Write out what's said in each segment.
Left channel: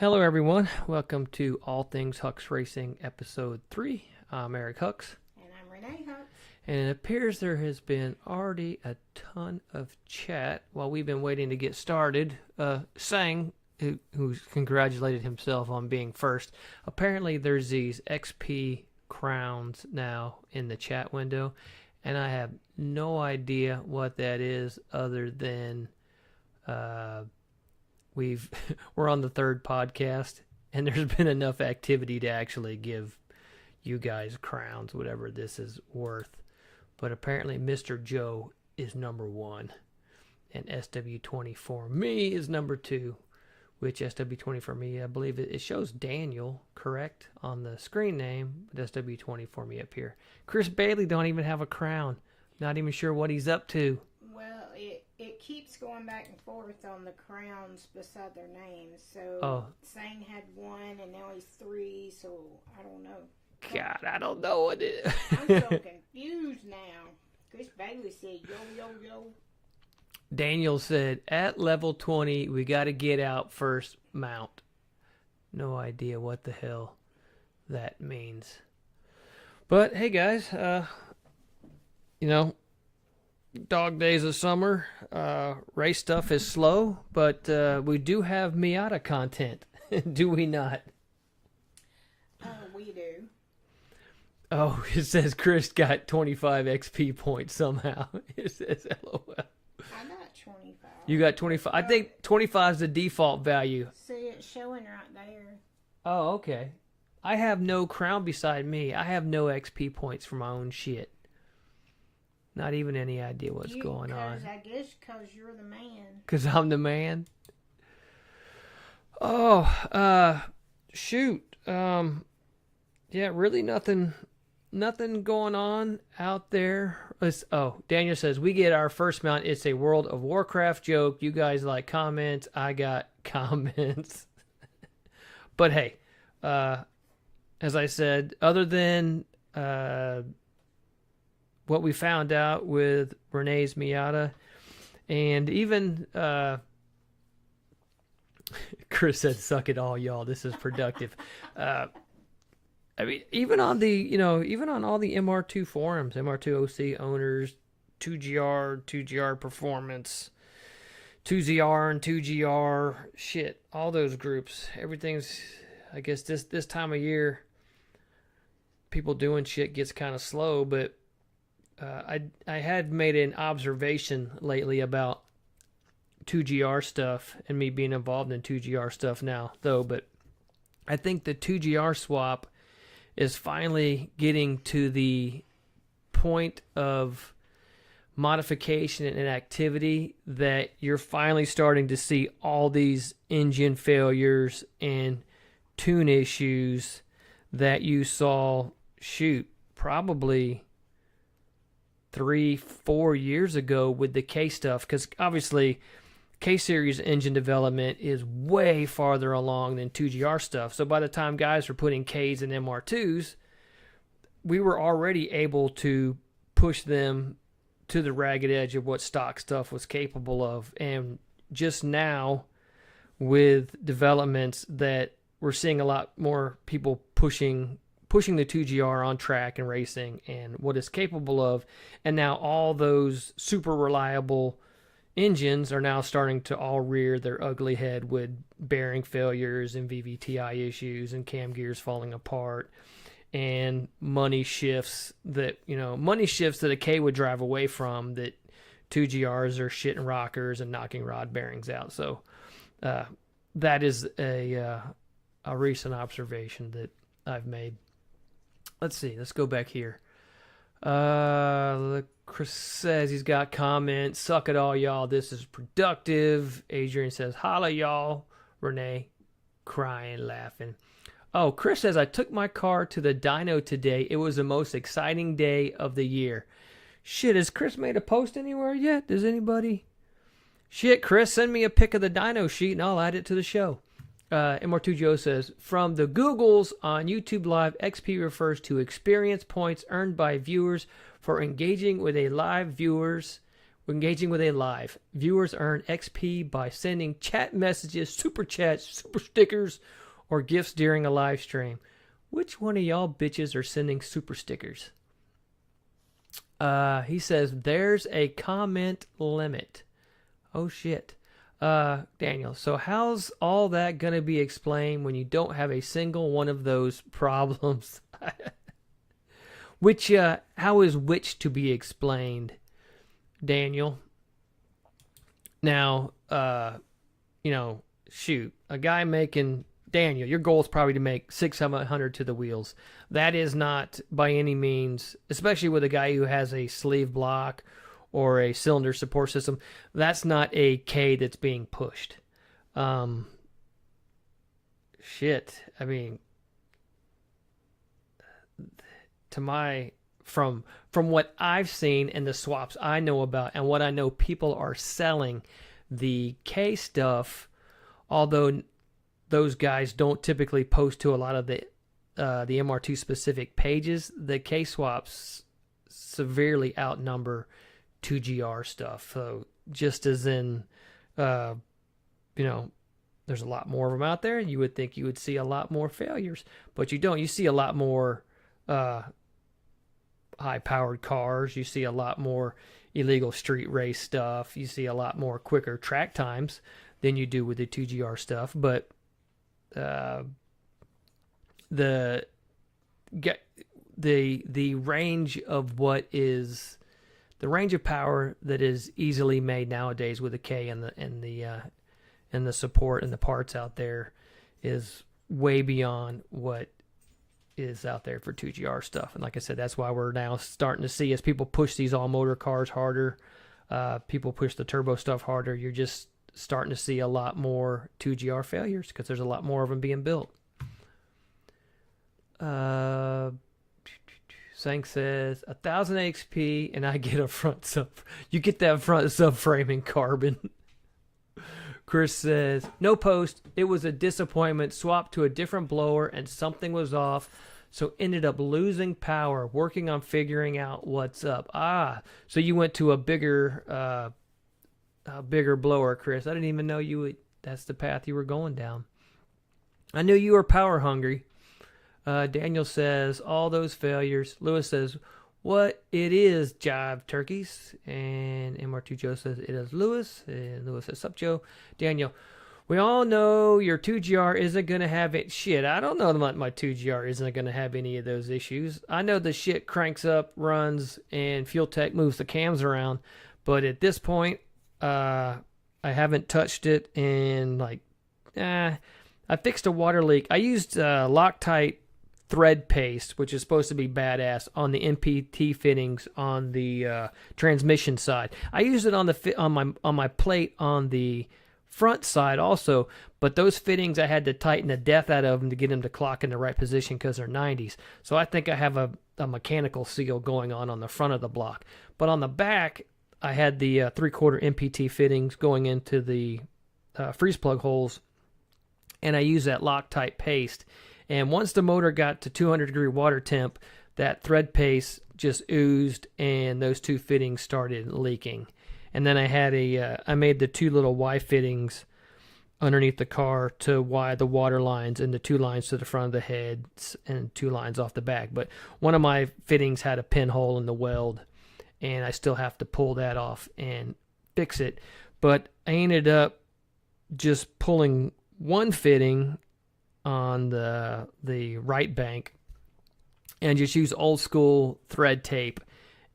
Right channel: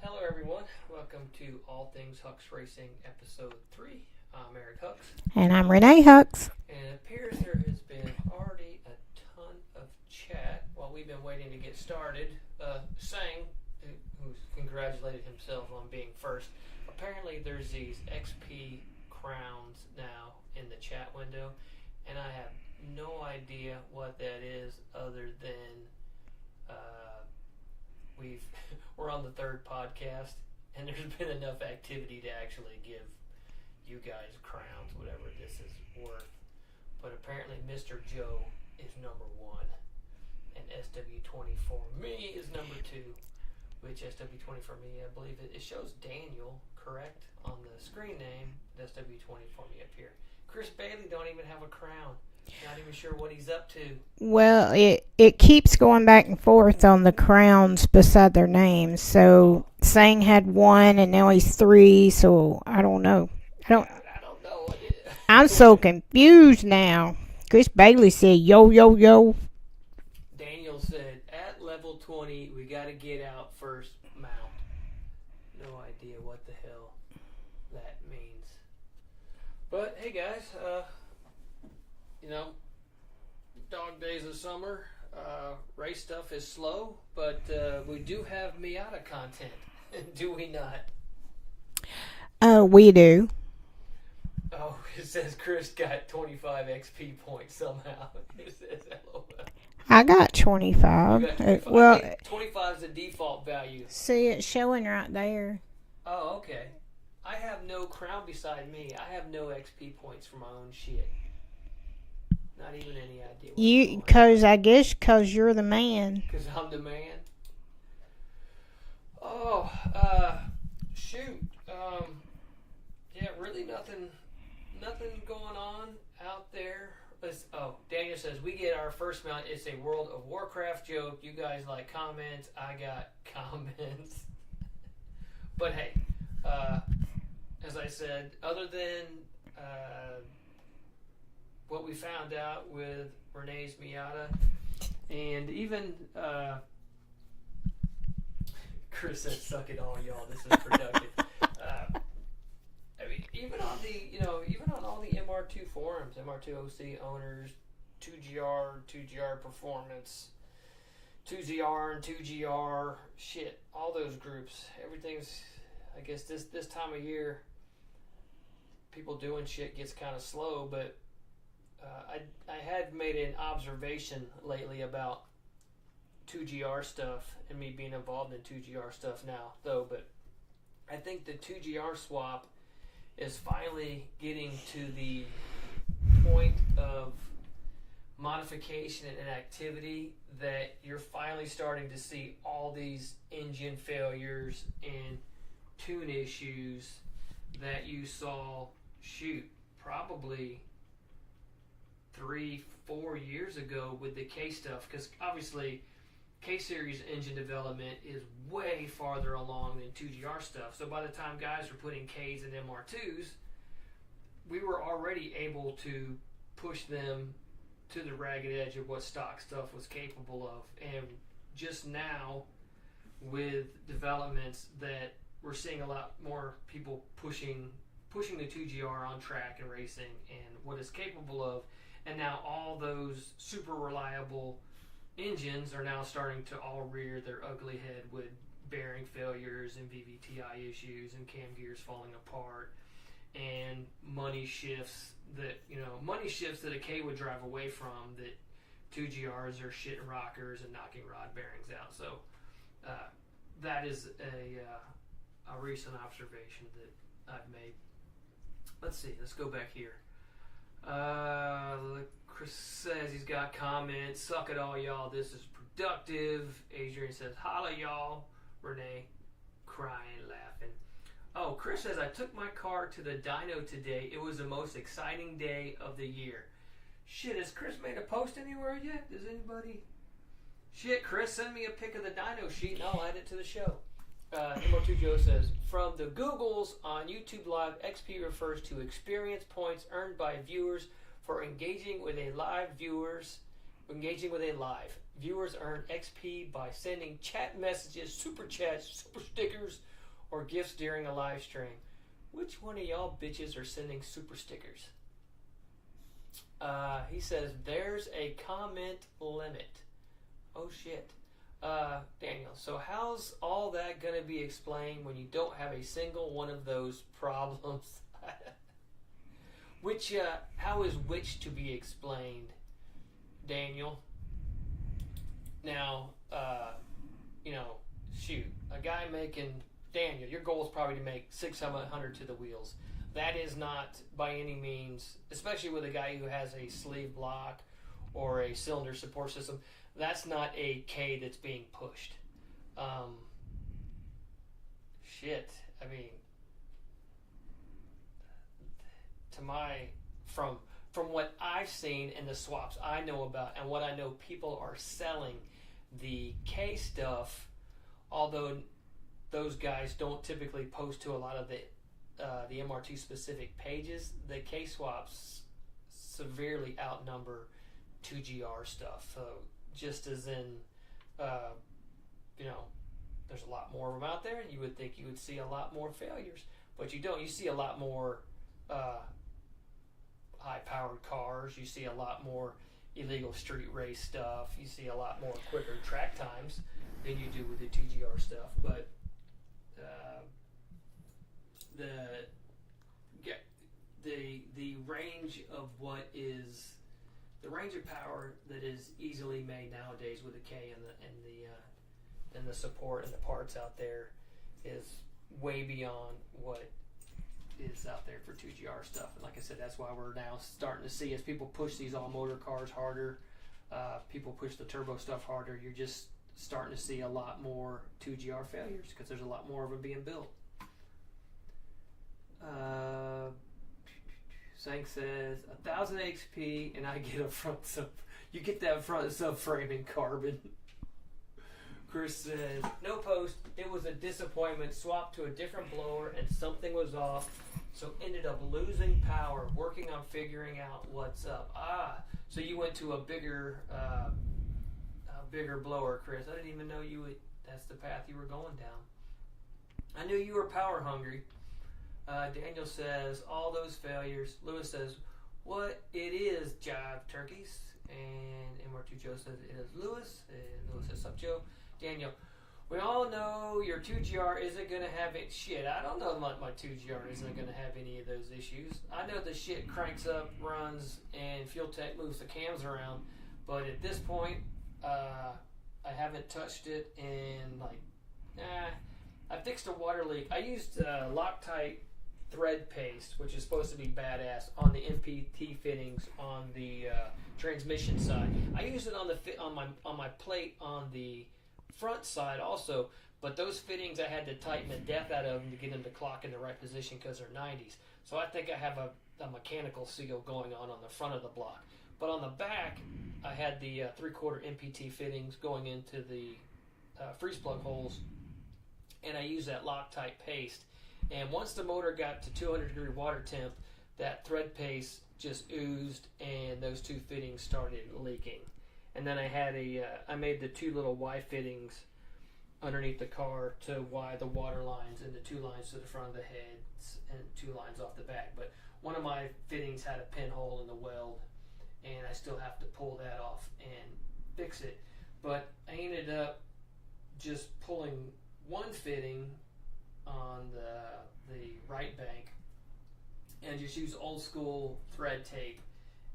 Hello, everyone. Welcome to All Things Hux Racing, Episode 3. I'm Eric Hux. And I'm Renee Hux. And it appears there has been already a ton of chat while we've been waiting to get started. Sang, who's congratulated himself on being first, apparently there's these XP crowns now in the chat window, and I have no idea what that is other than we're on the third podcast, and there's been enough activity to actually give you guys crowns, whatever this is worth. But apparently Mr. Joe is number 1, and SW20 for me is number 2, which SW20 for me, I believe it shows Daniel, correct, on the screen name, but SW20 for me up here. Chris Bailey don't even have a crown. Not even sure what he's up to. Well, it keeps going back and forth on the crowns beside their names. So Sang had 1 and now he's 3, so I don't know. I don't know what it is. I'm so confused now. Chris Bailey said, yo, yo, yo. Daniel said, at level 20, we got to get out first mount. No idea what the hell that means. But, hey, guys, dog days of summer, race stuff is slow, but we do have Miata content, do we not? We do. Oh, it says Chris got 25 XP points somehow. It says LOL. I got 25. You got 25. Well, I think 25 is the default value. See, it's showing right there. Oh, okay. I have no crown beside me. I have no XP points for my own shit. Not even any idea what's going on. I guess because you're the man. Because I'm the man. Oh, shoot. Yeah, really nothing going on out there. Daniel says, we get our first mount. It's a World of Warcraft joke. You guys like comments. I got comments. But hey, as I said, other than what we found out with Renee's Miata, and even Chris said, suck it all, y'all. This is productive. I mean, even on all the MR2 forums, MR2 OC owners, 2GR Performance, 2ZR and 2GR, shit, all those groups, everything's, I guess this time of year, people doing shit gets kind of slow, but I had made an observation lately about 2GR stuff and me being involved in 2GR stuff now, though, but I think the 2GR swap is finally getting to the point of modification and activity that you're finally starting to see all these engine failures and tune issues that you saw, probably 3-4 years ago with the K stuff, because obviously K-Series engine development is way farther along than 2GR stuff. So by the time guys were putting Ks and MR2s, we were already able to push them to the ragged edge of what stock stuff was capable of. And just now, with developments that we're seeing a lot more people pushing the 2GR on track and racing and what it's capable of. And now all those super reliable engines are now starting to all rear their ugly head with bearing failures and VVTi issues and cam gears falling apart and money shifts that a K would drive away from, that 2GRs are shitting rockers and knocking rod bearings out. So that is a recent observation that I've made. Let's see. Let's go back here. Chris says he's got comments. Suck it all, y'all. This is productive. Adrian says, holla, y'all. Renee, crying, laughing. Oh, Chris says, I took my car to the dyno today. It was the most exciting day of the year. Shit, has Chris made a post anywhere yet? Does anybody? Shit, Chris, send me a pic of the dyno sheet and I'll add it to the show. MR2 Joe says, from the Googles on YouTube Live, XP refers to experience points earned by viewers for engaging with a live viewers engaging with a live. Viewers earn XP by sending chat messages, super chats, super stickers, or gifts during a live stream. Which one of y'all bitches are sending super stickers? He says there's a comment limit. Oh shit. Daniel, so how's all that going to be explained when you don't have a single one of those problems? How is which to be explained, Daniel? Now, shoot, a guy making, Daniel, your goal is probably to make 600 to the wheels. That is not by any means, especially with a guy who has a sleeve block or a cylinder support system, that's not a K that's being pushed. Shit. I mean, from what I've seen in the swaps I know about and what I know people are selling, the K stuff, although those guys don't typically post to a lot of the MR2 specific pages, the K swaps severely outnumber 2GR stuff. So just as in, there's a lot more of them out there. You would think you would see a lot more failures, but you don't. You see a lot more high-powered cars. You see a lot more illegal street race stuff. You see a lot more quicker track times than you do with the 2GR stuff. But the range of what is the range of power that is easily made nowadays with the K and the support and the parts out there is way beyond what is out there for 2GR stuff. And like I said, that's why we're now starting to see, as people push these all motor cars harder, people push the turbo stuff harder, you're just starting to see a lot more 2GR failures because there's a lot more of them being built. Sang says 1,000 XP and I get a front sub. You get that front subframe in carbon. Chris says no post. It was a disappointment. Swapped to a different blower and something was off, so ended up losing power. Working on figuring out what's up. So you went to a bigger blower, Chris. I didn't even know that's the path you were going down. I knew you were power hungry. Daniel says, all those failures. Lewis says, what it is, jive turkeys. And MR2 Joe says, it is Lewis. And Lewis says, sup, Joe. Daniel, we all know your 2GR isn't going to have it. Shit, I don't know that my 2GR isn't going to have any of those issues. I know the shit cranks up, runs, and Fuel Tech moves the cams around. But at this point, I haven't touched it in I fixed a water leak. I used Loctite thread paste, which is supposed to be badass, on the MPT fittings on the transmission side. I used it on my plate on the front side also, but those fittings I had to tighten the death out of them to get them to clock in the right position because they're 90s. So I think I have a mechanical seal going on the front of the block, but on the back I had the 3/4 MPT fittings going into the freeze plug holes, and I used that Loctite paste. And once the motor got to 200-degree water temp, that thread paste just oozed, and those two fittings started leaking. And then I made the two little Y fittings underneath the car to Y the water lines, and the two lines to the front of the heads and two lines off the back. But one of my fittings had a pinhole in the weld, and I still have to pull that off and fix it. But I ended up just pulling one fitting on the right bank and just use old school thread tape,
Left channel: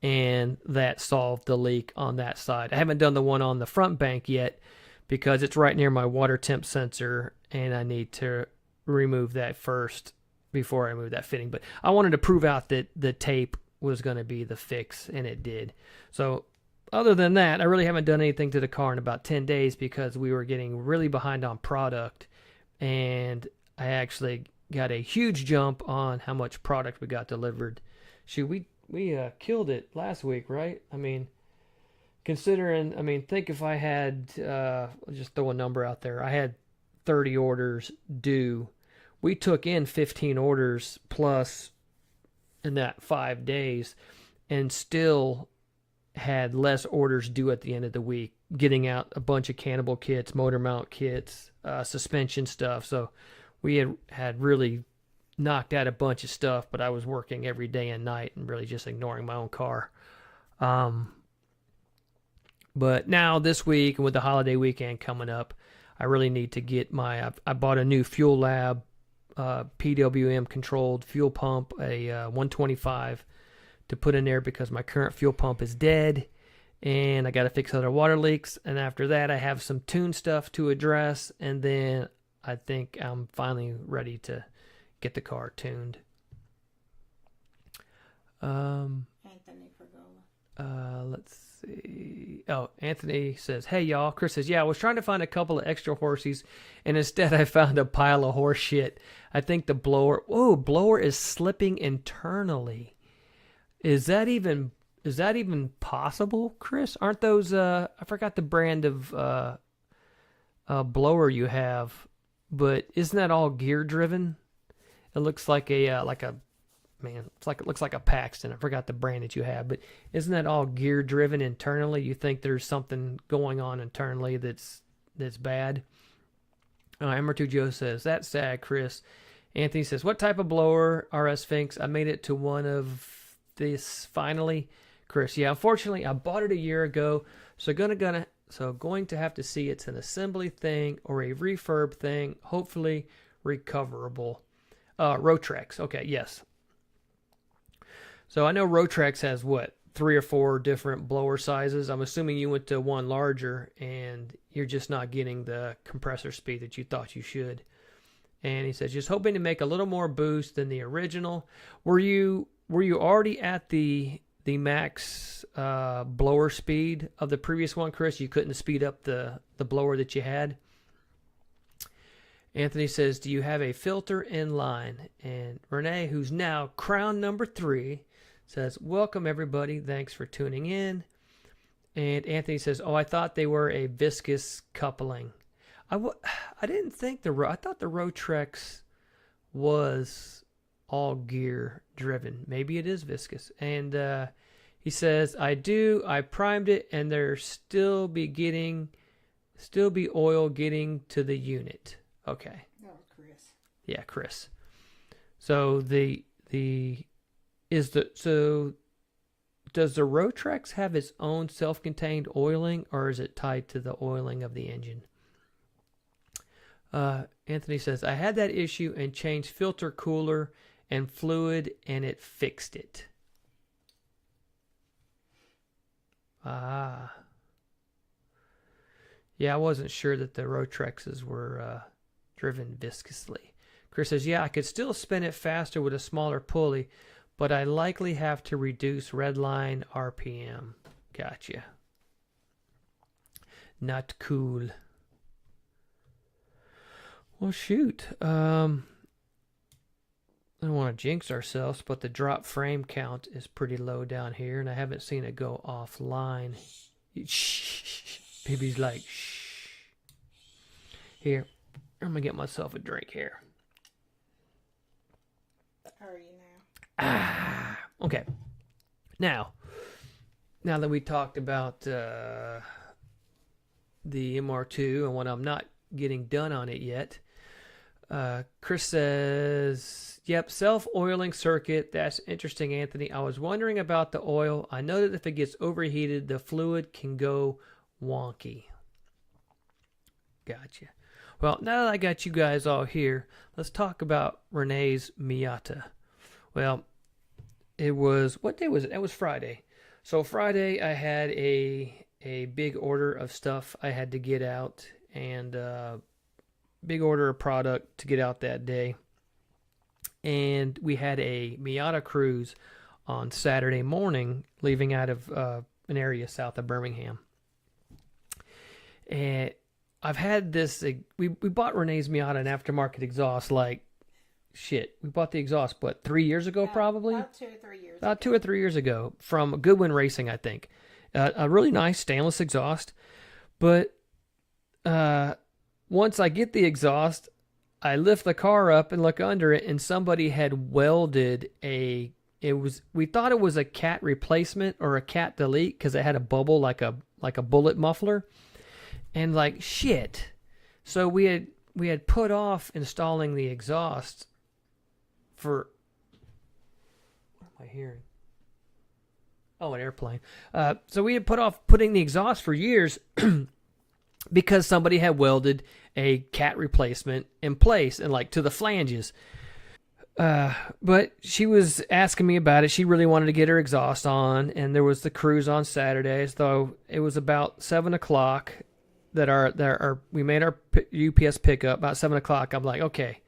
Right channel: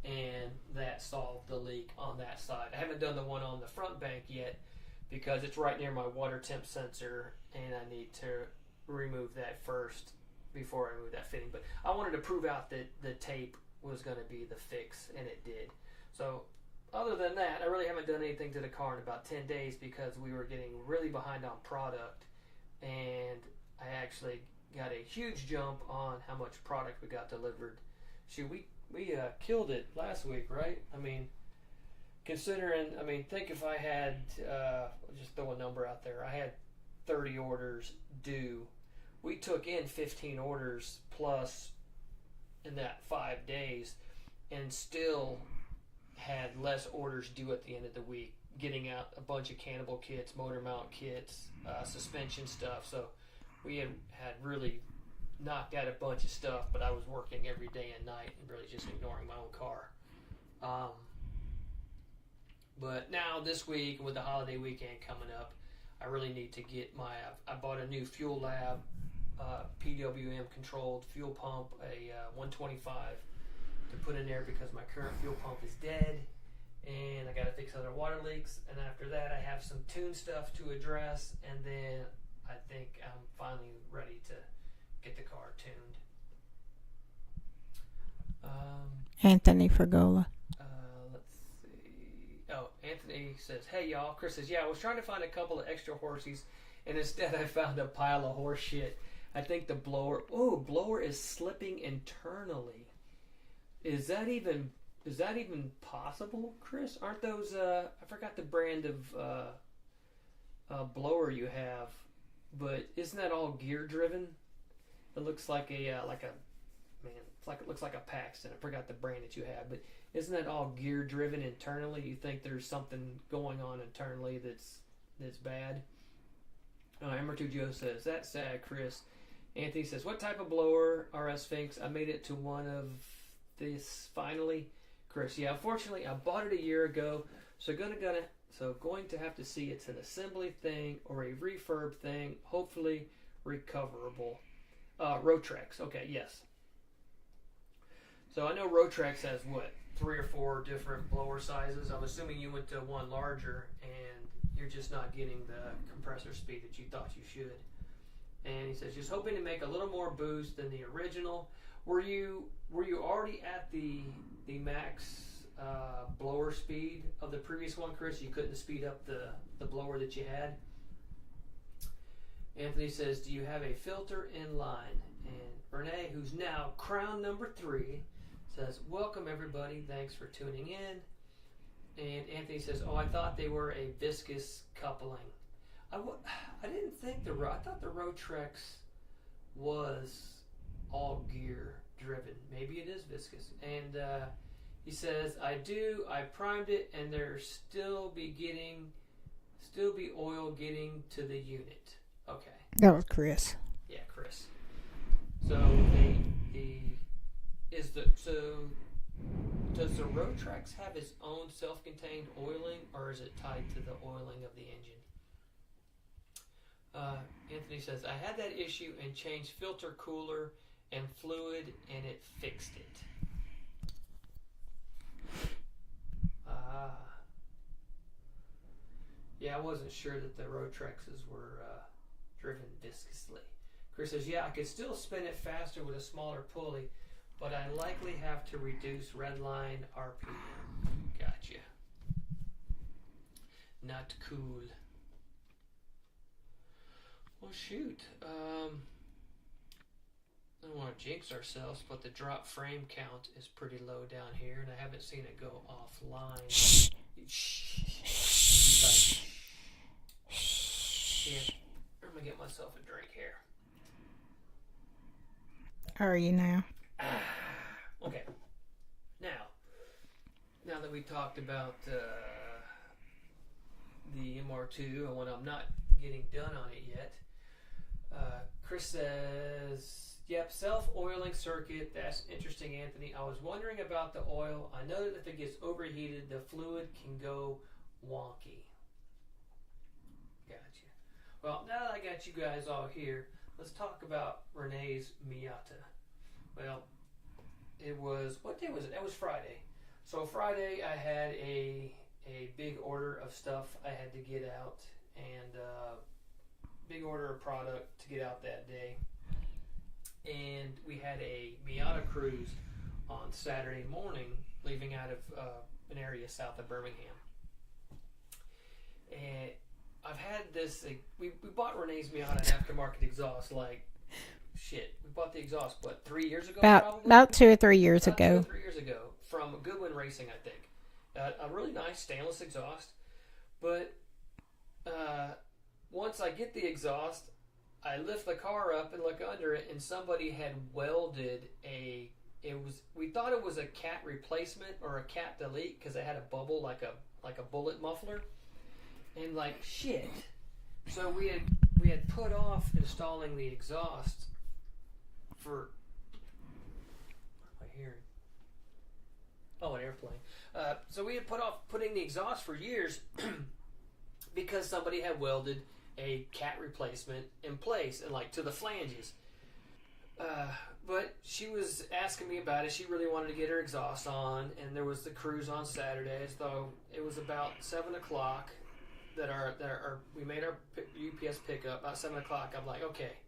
and that solved the leak on that side. I haven't done the one on the front bank yet because it's right near my water temp sensor, and I need to remove that first before I move that fitting. But I wanted to prove out that the tape was going to be the fix, and it did. So other than that, I really haven't done anything to the car in about 10 days because we were getting really behind on product, and I actually got a huge jump on how much product we got delivered. Shoot, we killed it last week, right? I mean, think if I had, just throw a number out there, I had 30 orders due. We took in 15 orders plus in that 5 days, and still had less orders due at the end of the week, getting out a bunch of cannibal kits, motor mount kits, suspension stuff. So we had really knocked out a bunch of stuff, but I was working every day and night and really just ignoring my own car. But now this week, and with the holiday weekend coming up, I really need to get I bought a new Fuel Lab PWM controlled fuel pump, a 125 to put in there because my current fuel pump is dead, and I got to fix other water leaks. And after that, I have some tune stuff to address, and then I think I'm finally ready to get the car tuned. Anthony Fragola. Let's see. Oh, Anthony says, "Hey y'all." Chris says, "Yeah, I was trying to find a couple of extra horsies, and instead I found a pile of horse shit. I think the blower is slipping internally. Is that even possible, Chris? Aren't those I forgot the brand of blower you have, but isn't that all gear driven? It looks like it looks like a Paxton. I forgot the brand that you have, but isn't that all gear driven internally? You think there's something going on internally that's bad?" Emmer2 Joe says, "That's sad, Chris." Anthony says, "What type of blower, RS Sphinx? I made it to one of this finally." Chris, "Yeah, unfortunately I bought it a year ago, so going to have to see it's an assembly thing or a refurb thing, hopefully recoverable." Rotrex. Okay, yes. So I know Rotrex has 3 or 4 different blower sizes. I'm assuming you went to one larger and you're just not getting the compressor speed that you thought you should. And he says, "Just hoping to make a little more boost than the original." Were you already at the max blower speed of the previous one, Chris? You couldn't speed up the blower that you had? Anthony says, "Do you have a filter in line?" And Renee, who's now crown number 3, says, "Welcome everybody. Thanks for tuning in." And Anthony says, "Oh, I thought they were a viscous coupling." I didn't think I thought the Rotrex was all gear driven. Maybe it is viscous. And he says, I primed it and there still be oil getting to the unit." Okay. That was Chris. Yeah, Chris. So does the Rotrex have its own self-contained oiling, or is it tied to the oiling of the engine? Anthony says, "I had that issue and changed filter, cooler, and fluid, and it fixed it." Yeah, I wasn't sure that the Rotrexes were driven viscously. Chris says, "Yeah, I could still spin it faster with a smaller pulley, but I likely have to reduce redline RPM." Gotcha. Not cool. Well, shoot. I don't want to jinx ourselves, but the drop frame count is pretty low down here, and I haven't seen it go offline. Shh. Baby's like, shh. Here, I'm going to get myself a drink here. Are you now? Okay. Now that we talked about the MR2 and when I'm not getting done on it yet, Chris says, "Yep, self-oiling circuit. That's interesting, Anthony. I was wondering about the oil. I know that if it gets overheated, the fluid can go wonky." Gotcha. Well, now that I got you guys all here, let's talk about Renee's Miata. Well, what day was it? That was Friday. So Friday I had a big order of stuff I had to get out, and big order of product to get out that day. And we had a Miata cruise on Saturday morning, leaving out of an area south of Birmingham. And I've had this. We bought Renee's Miata an aftermarket exhaust. Like, shit, we bought the exhaust 3 years ago, probably about 2 or 3 years ago. About 2 or 3 years ago, from Goodwin Racing, I think. A really nice stainless exhaust, but once I get the exhaust, I lift the car up and look under it, and somebody had welded a we thought it was a cat replacement or a cat delete because it had a bubble like a bullet muffler, and like shit. So we had put off installing the exhaust for. What am I hearing? Oh, an airplane. So we had put off putting the exhaust for years because somebody had welded a cat replacement in place and like to the flanges. But she was asking me about it. She really wanted to get her exhaust on, and there was the cruise on Saturday. So it was about 7 o'clock that we made our UPS pickup. About 7 o'clock, I'm like, okay,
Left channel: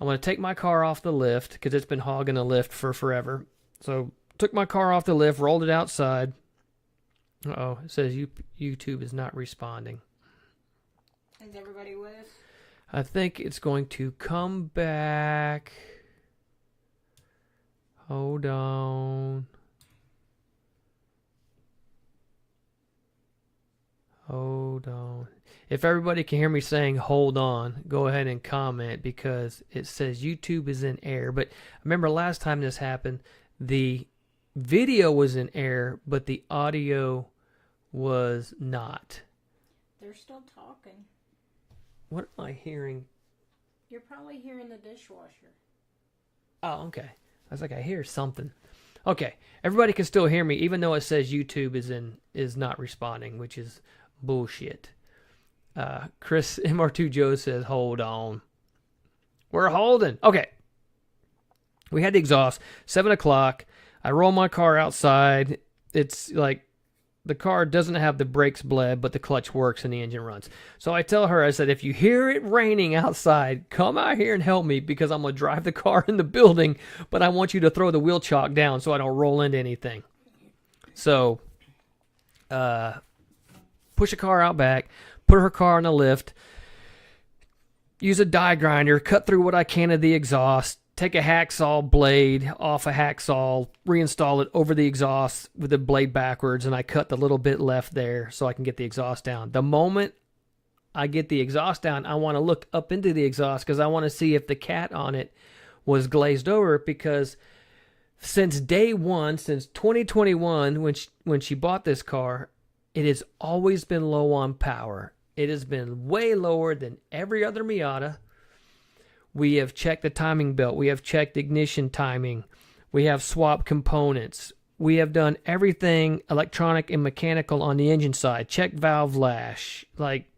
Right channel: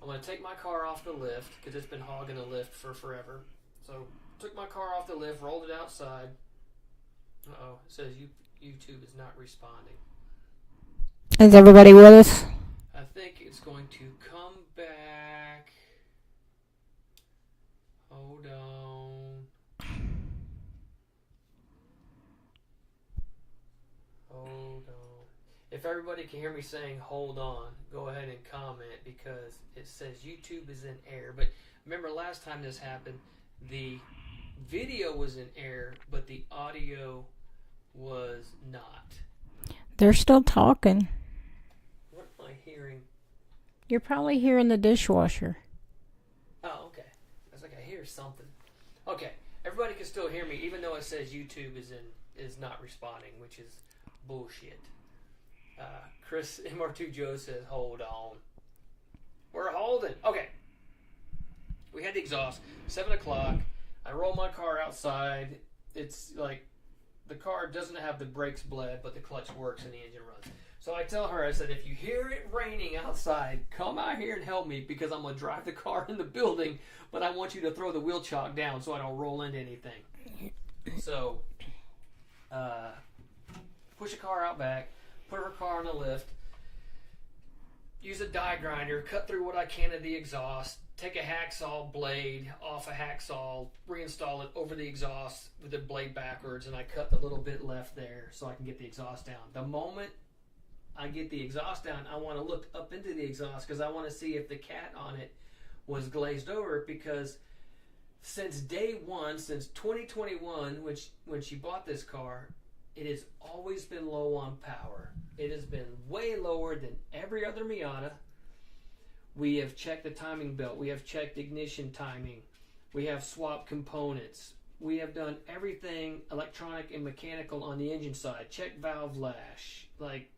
I'm going to take my car off the lift because it's been hogging the lift for forever. So took my car off the lift, rolled it outside. Uh-oh, it says YouTube is not responding. Is everybody with us? I think it's going to come back. Hold on. Hold on. If everybody can hear me saying hold on, go ahead and comment because it says YouTube is in error. But remember last time this happened, the video was in error, but the audio was not. They're still talking. What am I hearing? You're probably hearing the dishwasher. Oh, okay. I was like, I hear something. Okay, everybody can still hear me, even though it says YouTube is not responding, which is bullshit. Chris MR2 Joe says, hold on. We're holding. Okay. We had the exhaust. 7 o'clock. I roll my car outside. It's like the car doesn't have the brakes bled, but the clutch works and the engine runs. So I tell her, I said, if you hear it raining outside, come out here and help me because I'm going to drive the car in the building, but I want you to throw the wheel chock down so I don't roll into anything. So, push the car out back, put her car on the lift, use a die grinder, cut through what I can of the exhaust, take a hacksaw blade off a hacksaw, reinstall it over the exhaust with the blade backwards, and I cut the little bit left there so I can get the exhaust down. The moment I get the exhaust down, I want to look up into the exhaust because I want to see if the cat on it was glazed over, because since day one, since 2021, when she bought this car, it has always been low on power. It has been way lower than every other Miata. We have checked the timing belt. We have checked ignition timing. We have swapped components. We have done everything electronic and mechanical on the engine side. Check valve lash. Like,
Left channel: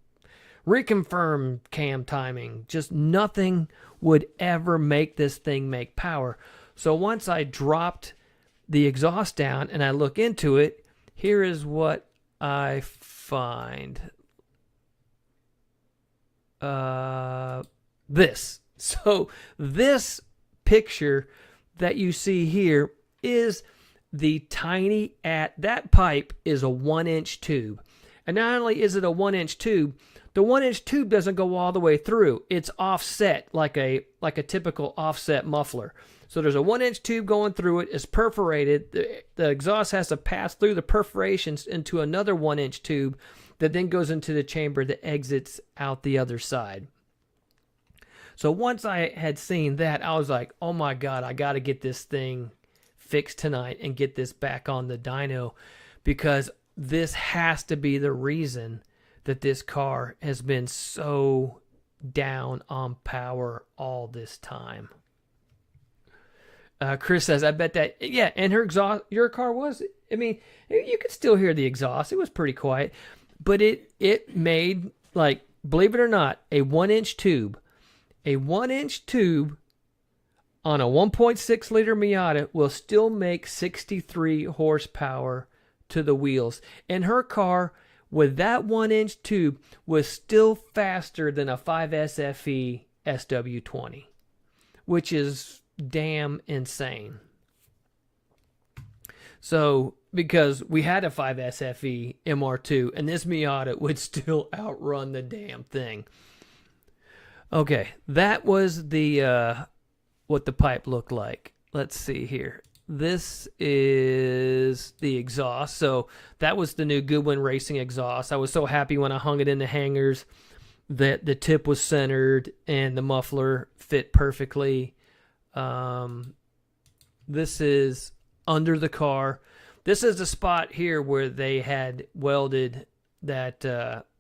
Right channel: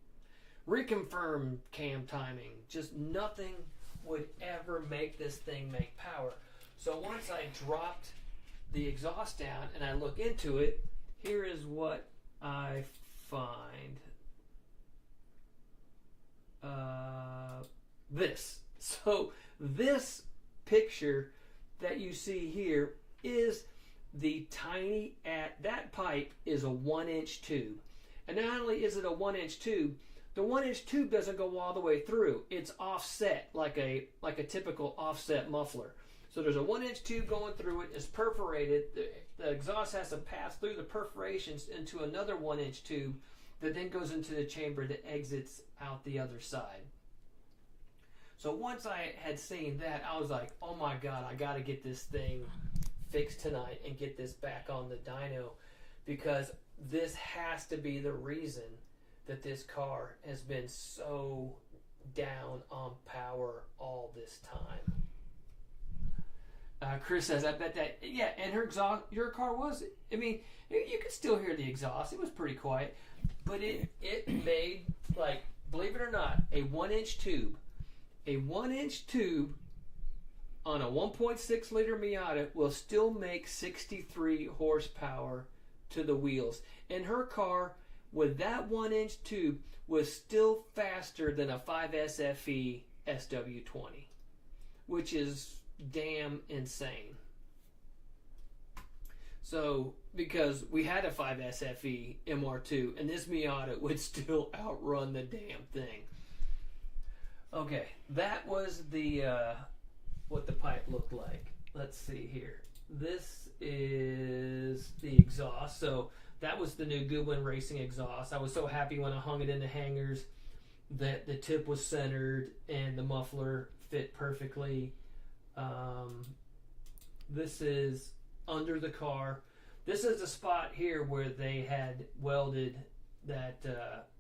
reconfirm cam timing. Just nothing would ever make this thing make power. So once I dropped the exhaust down and I look into it, here is what I find. This. So this picture that you see here is the tiny that pipe is a 1-inch tube. And not only is it a 1-inch tube, the 1-inch tube doesn't go all the way through. It's offset like a typical offset muffler. So there's a 1-inch tube going through it. It's perforated. The exhaust has to pass through the perforations into another 1-inch tube that then goes into the chamber that exits out the other side. So once I had seen that, I was like, oh my God, I got to get this thing fixed tonight and get this back on the dyno, because this has to be the reason that this car has been so down on power all this time. Chris says, I bet that, yeah, and her exhaust, your car was, I mean, you could still hear the exhaust. It was pretty quiet, but it made, like, believe it or not, a 1-inch tube. A 1-inch tube on a 1.6 liter Miata will still make 63 horsepower to the wheels. And her car with that 1-inch tube was still faster than a 5SFE SW20, which is damn insane. So, because we had a 5SFE MR2 and this Miata would still outrun the damn thing. Okay, that was the what the pipe looked like. Let's see here. This is the exhaust. So that was the new Goodwin Racing exhaust. I was so happy when I hung it in the hangers that the tip was centered and the muffler fit perfectly. This is under the car. This is the spot here where they had welded that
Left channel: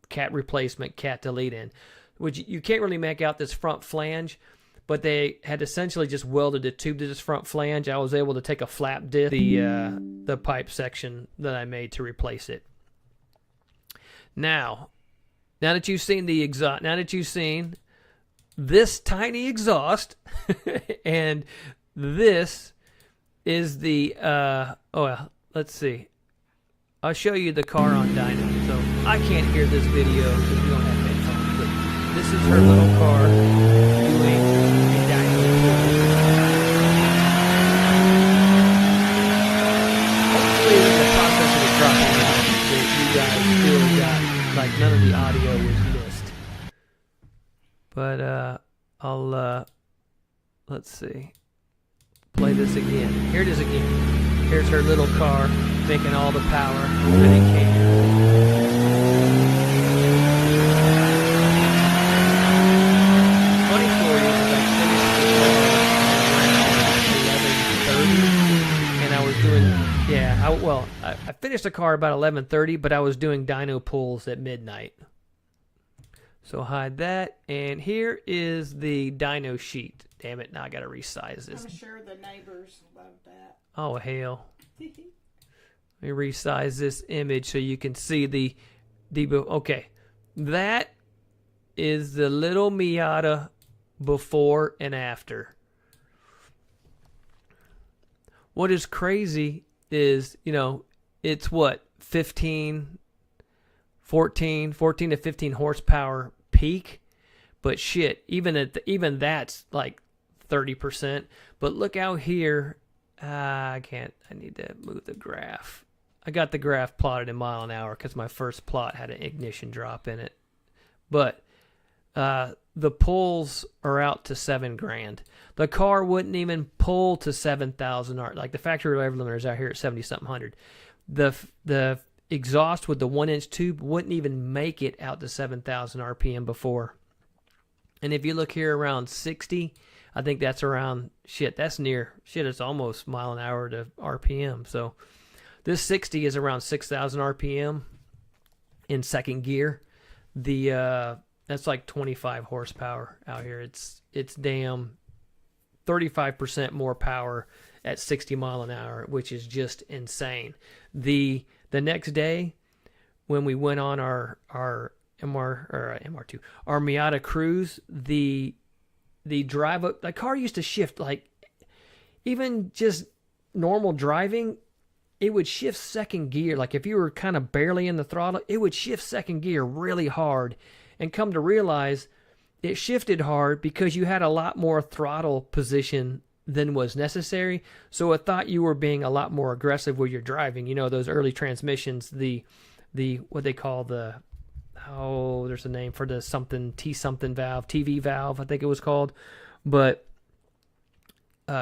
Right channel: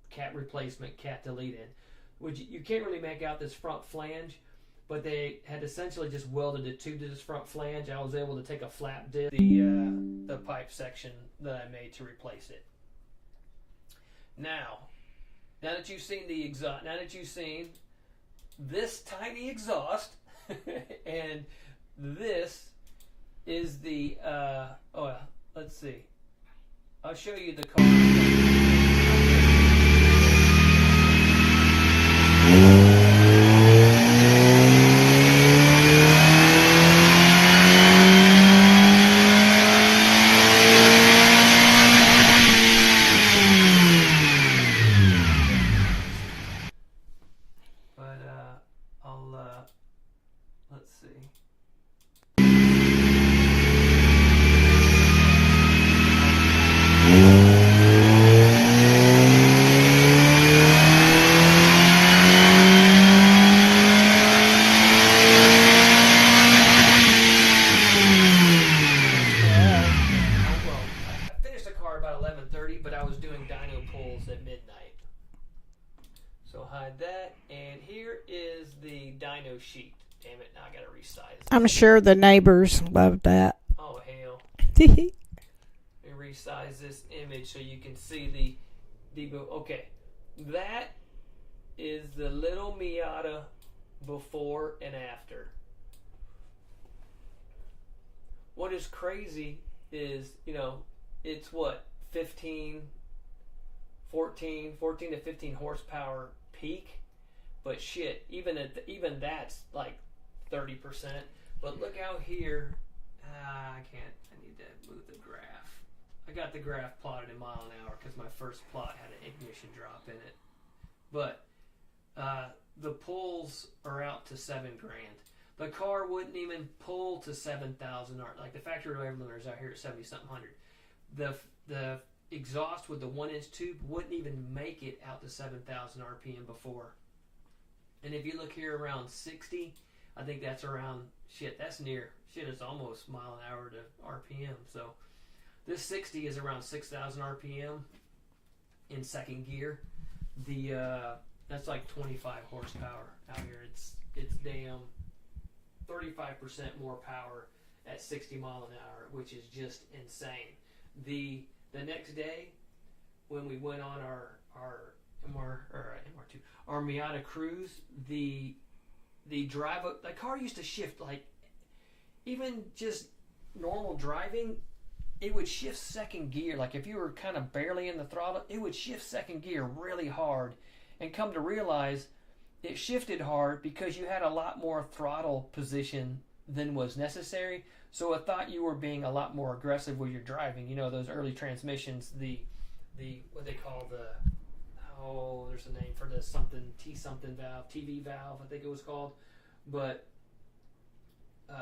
cat replacement cat delete in, which you can't really make out this front flange, but they had essentially just welded a tube to this front flange. I was able to take a flap disc, the pipe section that I made to replace it. Now that you've seen the exhaust, now that you've seen this tiny exhaust, and this is the let's see. I'll show you the car on dyno. So I can't hear this video. This is the little car. None of the audio is missed. But I'll let's see. Play this again. Here it is again. Here's their little car making all the power. I finished the car about 11:30, but I was doing dyno pulls at midnight. So hide that. And here is the dyno sheet. Damn it, now I gotta resize this. I'm sure the neighbors loved that. Oh, hell. Let me resize this image so you can see the debug. Okay, that is the little Miata before and after. What is crazy is, it's what, 14 to 15 horsepower peak, but shit, even that's like 30%. But look out here. I need to move the graph. I got the graph plotted in mile an hour because my first plot had an ignition drop in it. But the pulls are out to $7,000. The car wouldn't even pull to 7,000 R. Like the factory rev limiter is out here at 70-something hundred. The exhaust with the 1-inch tube wouldn't even make it out to 7,000 RPM before. And if you look here around 60, I think that's around, it's almost mile an hour to RPM. So this 60 is around 6,000 RPM in second gear. That's like 25 horsepower out here. It's damn 35% more power at 60 mile an hour, which is just insane. The next day when we went on our MR2, our Miata Cruise, the drive up, the car used to shift, like even just normal driving, it would shift second gear. Like if you were kind of barely in the throttle, it would shift second gear really hard, and come to realize it shifted hard because you had a lot more throttle position than was necessary. So it thought you were being a lot more aggressive with your driving. Those early transmissions, the what they call there's a name for the something T something valve, TV valve, I think it was called. But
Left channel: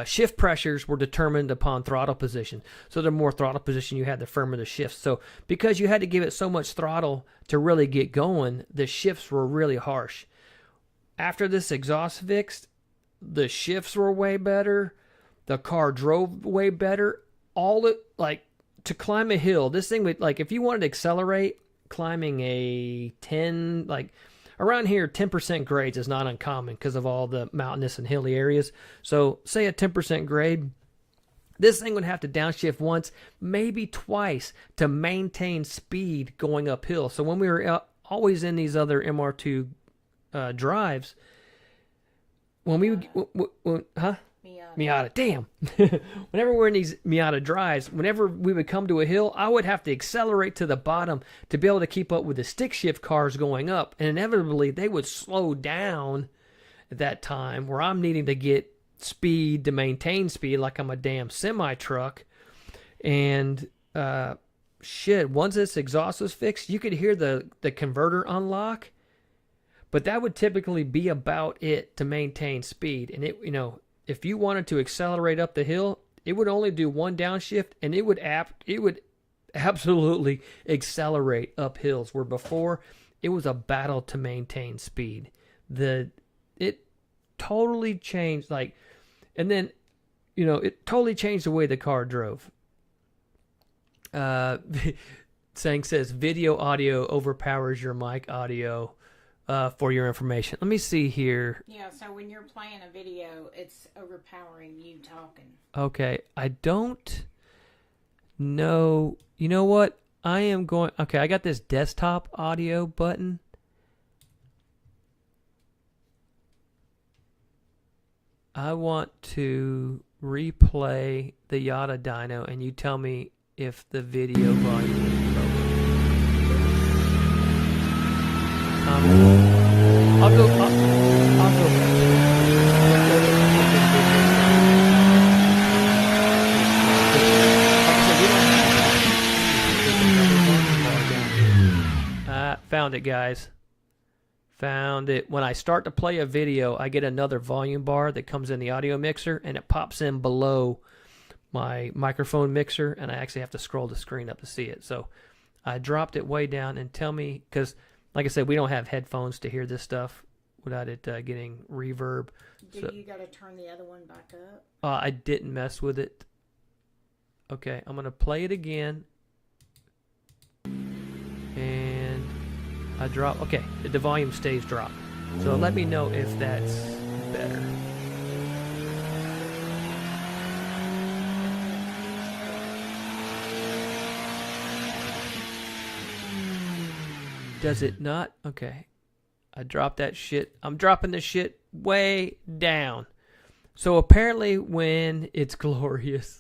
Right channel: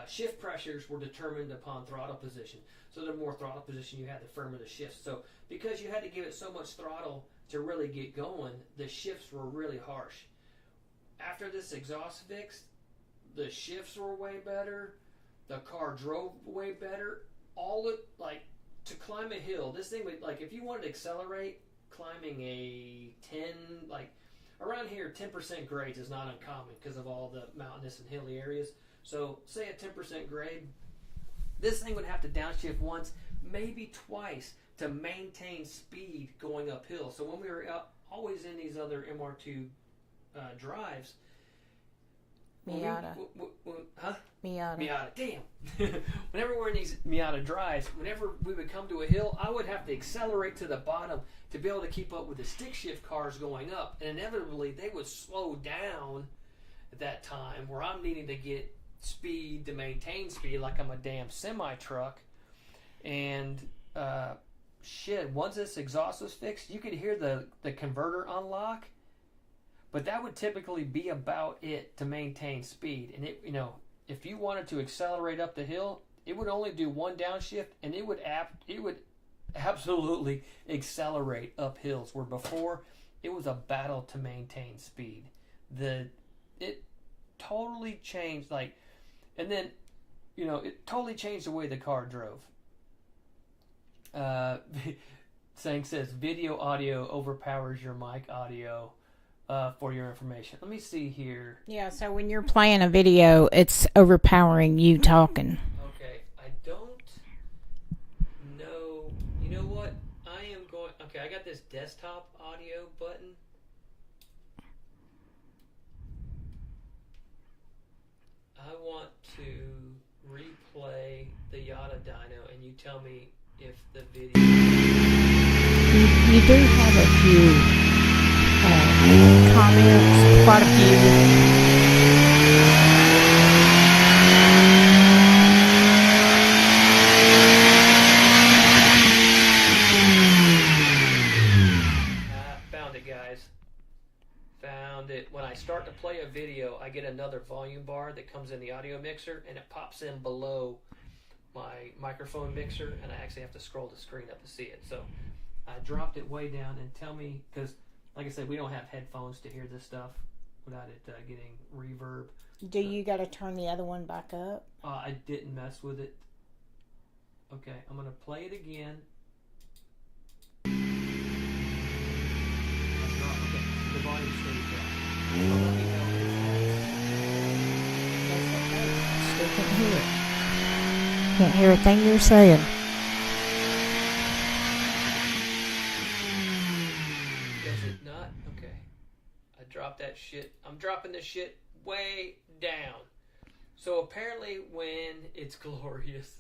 shift pressures were determined upon throttle position. So the more throttle position you had, the firmer the shifts. So because you had to give it so much throttle to really get going, the shifts were really harsh. After this exhaust fixed, the shifts were way better. The car drove way better. To climb a hill, this thing would, like, if you wanted to accelerate, climbing a 10, like around here, 10% grades is not uncommon because of all the mountainous and hilly areas. So say a 10% grade, this thing would have to downshift once, maybe twice, to maintain speed going uphill. So when we were always in these other MR2 drives, when Miata, damn. Whenever we're in these Miata drives, whenever we would come to a hill, I would have to accelerate to the bottom to be able to keep up with the stick shift cars going up. And inevitably, they would slow down at that time where I'm needing to get speed to maintain speed like I'm a damn semi-truck. And once this exhaust was fixed, you could hear the converter unlock. But that would typically be about it to maintain speed. And it, if you wanted to accelerate up the hill, it would only do one downshift, and it would absolutely accelerate up hills. Where before, it was a battle to maintain speed. It totally changed. And then, it totally changed the way the car drove. Saying says video audio overpowers your mic audio. For your information, let me see here. Yeah, so when you're playing a video, it's overpowering you talking. Okay, I don't know. You know what? I am going. Okay, I got this desktop audio button. I want to replay the Yada Dyno, and you tell me if the video. You do have a few comments. I'll do Quite a Found it, guys. Found it. When I start to play a video, I get another volume bar that comes in the audio mixer, and it pops in below my microphone mixer, and I actually have to scroll the screen up to see it. So I dropped it way down, and tell me, because like I said, we don't have headphones to hear this stuff without it getting reverb. Do you got to turn the other one back up? I didn't mess with it. Okay, I'm going to play it again. I drop. Okay, the volume stays dropped. So let me know if that's better. Still can't hear a thing you're saying. Does it not? Okay. I dropped that shit. I'm dropping this shit way down. So apparently when it's glorious.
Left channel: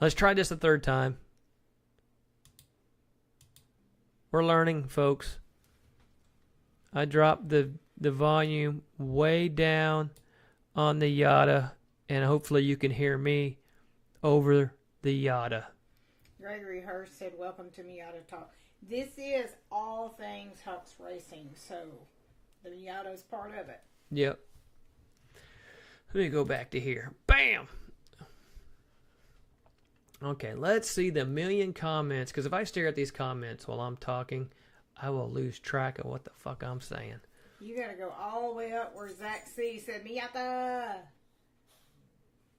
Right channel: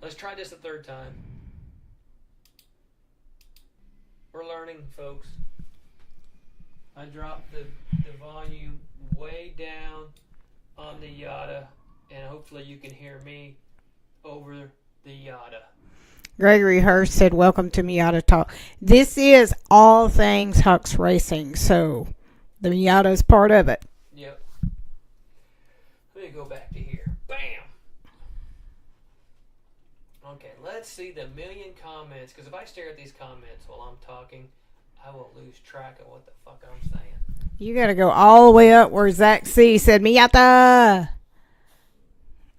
Let's try this a third time. We're learning, folks. I dropped the volume way down on the Yada, and hopefully you can hear me over the Yada. Gregory Hurst said, welcome to Miata Talk. This is all things Hux Racing, so the Miata is part of it. Yep. Let me go back to here. Bam! Okay, let's see the million comments, because if I stare at these comments while I'm talking, I will lose track of what the fuck I'm saying. You got to go all the way up where Zach C. said, Miata!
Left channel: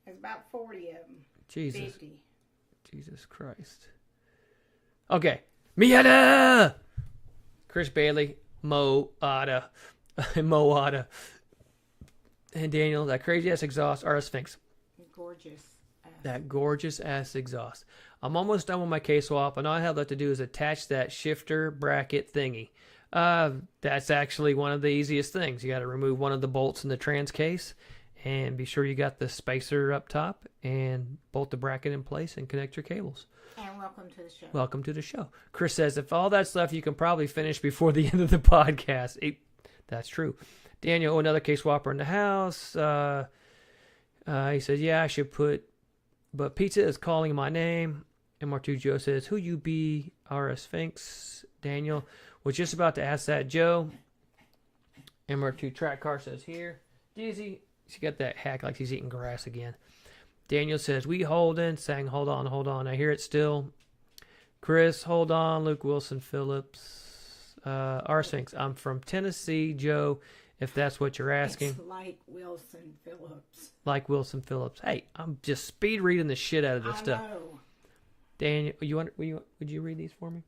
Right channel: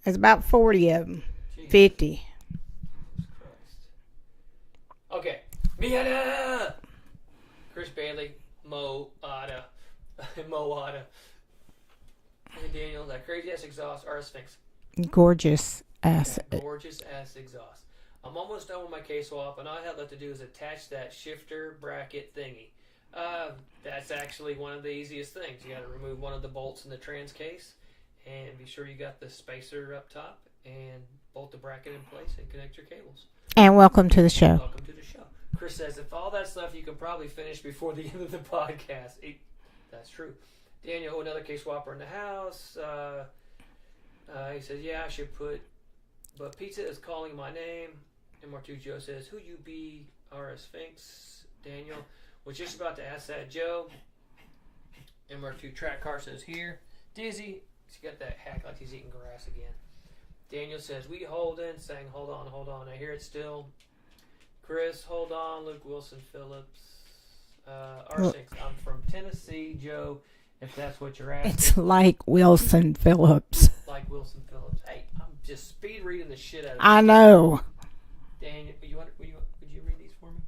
There's about 40 of them. Jesus. 50. Jesus Christ. Okay. Miata! Chris Bailey, Mo Ada, Mo Ada, and Daniel, that crazy ass exhaust, RS Sphinx. Gorgeous ass. That gorgeous ass exhaust. I'm almost done with my K-swap, and all I have left to do is attach that shifter bracket thingy. That's actually one of the easiest things. You got to remove one of the bolts in the trans case, and be sure you got the spacer up top, and bolt the bracket in place and connect your cables. And welcome to the show. Welcome to the show. Chris says, if all that stuff you can probably finish before the end of the podcast. That's true. Daniel, another K-swapper in the house. He says, yeah, I should put, but Pizza is calling my name. MR2 Joe says, who you be, RS Sphinx. Daniel was just about to ask that, Joe. MR2 Track Car says, here. Dizzy, she got that hack like he's eating grass again. Daniel says, we holding, saying, hold on. I hear it still. Chris, hold on. Luke Wilson Phillips. RS Sphinx, I'm from Tennessee, Joe, if that's what you're asking. It's like Wilson Phillips. Like Wilson Phillips. Hey, I'm just speed reading the shit out of this I stuff. know. Daniel, would you read these for me?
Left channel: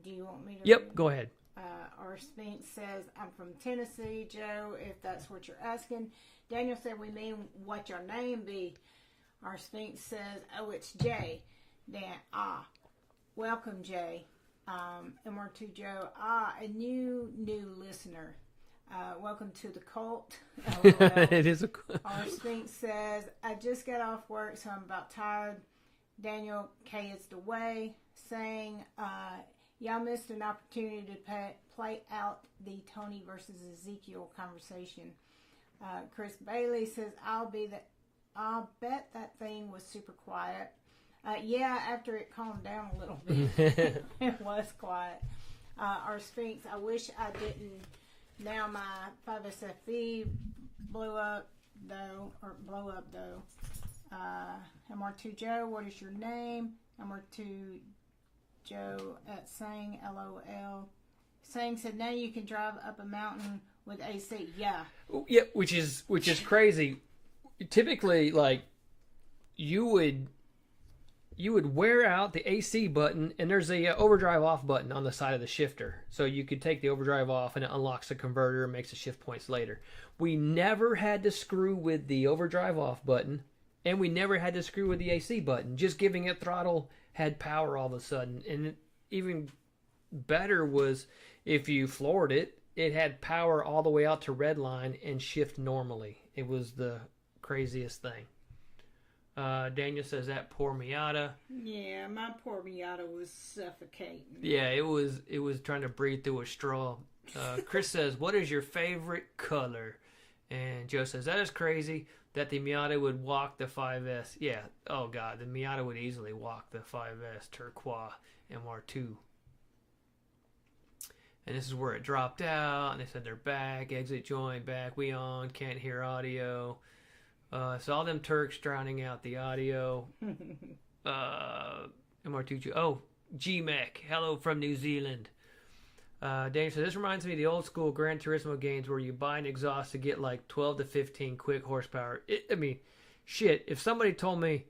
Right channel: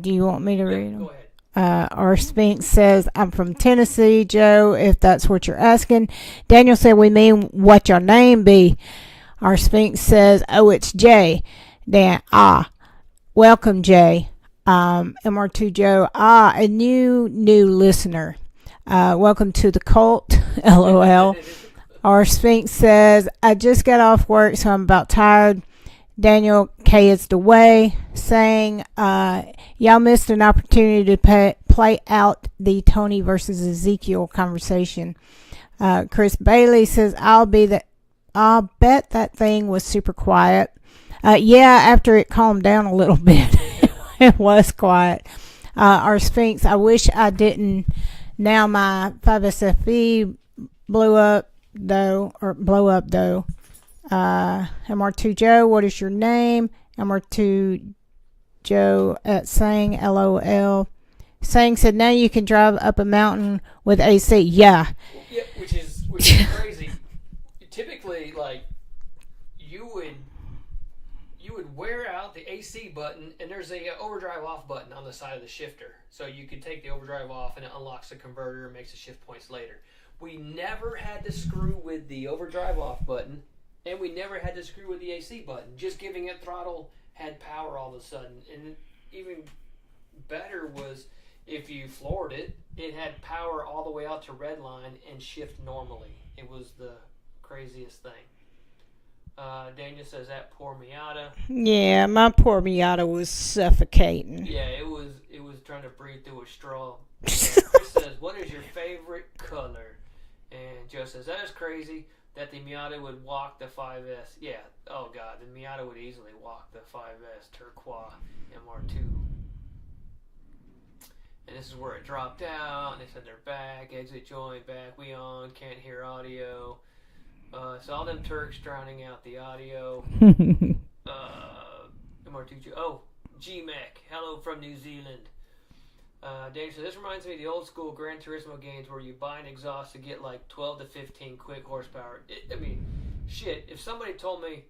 Do you want me to read them? Yep, go ahead. Our Sphinx says, I'm from Tennessee, Joe, if that's what you're asking. Daniel said, we mean what your name be. Our Sphinx says, oh, it's Jay. Dan, welcome, Jay. MR2 Joe, a new listener. Welcome to the cult, LOL. It is Our Sphinx says, I just got off work, so I'm about tired. Daniel K is the way, saying, y'all missed an opportunity to play out the Tony versus Ezekiel conversation. Chris Bailey says, I'll bet that thing was super quiet. Yeah, after it calmed down a little bit, it was quiet. Our Sphinx, I wish I didn't. Now my 5SFE blew up though. MR2 Joe, what is your name? MR2 Joe at Sang, LOL. Sang said, now you can drive up a mountain with AC. Yeah. Yeah, which is crazy. typically, like, you would wear out the AC button, and there's a overdrive off button on the side of the shifter. So you could take the overdrive off, and it unlocks the converter and makes the shift points later. We never had to screw with the overdrive off button, and we never had to screw with the AC button. Just giving it throttle had power all of a sudden. And even better was if you floored it, it had power all the way out to red line and shift normally. It was the craziest thing. Daniel says that poor Miata. Yeah, my poor Miata was suffocating. Yeah, it was trying to breathe through a straw. Chris says, what is your favorite color? And Joe says, that is crazy that the Miata would walk the 5S. Yeah, oh God, the Miata would easily walk the 5S Turquoise MR2. And this is where it dropped out, and they said they're back, exit joint, back, we on, can't hear audio. So all them Turks drowning out the audio. MR2, oh, GMAC, hello from New Zealand. Dave says, this reminds me of the old school Gran Turismo games where you buy an exhaust to get like 12 to 15 quick horsepower. Shit, if somebody told me,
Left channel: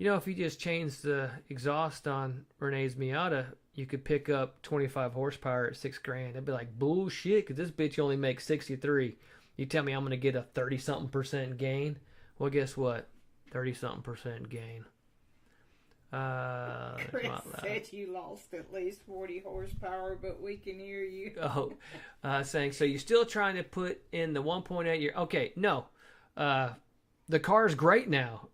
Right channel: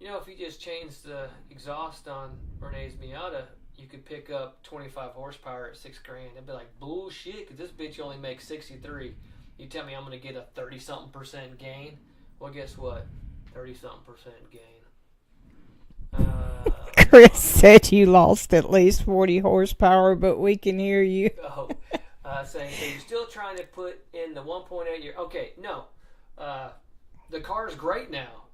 if you just changed the exhaust on Renee's Miata, you could pick up 25 horsepower at $6,000. I'd be like, bullshit, because this bitch only makes 63. You tell me I'm going to get a 30-something% gain? Well, guess what? 30-something% gain. Chris said you lost at least 40 horsepower, but we can hear you. Saying, so you're still trying to put in the 1.8 year. Okay, no. The car's great now.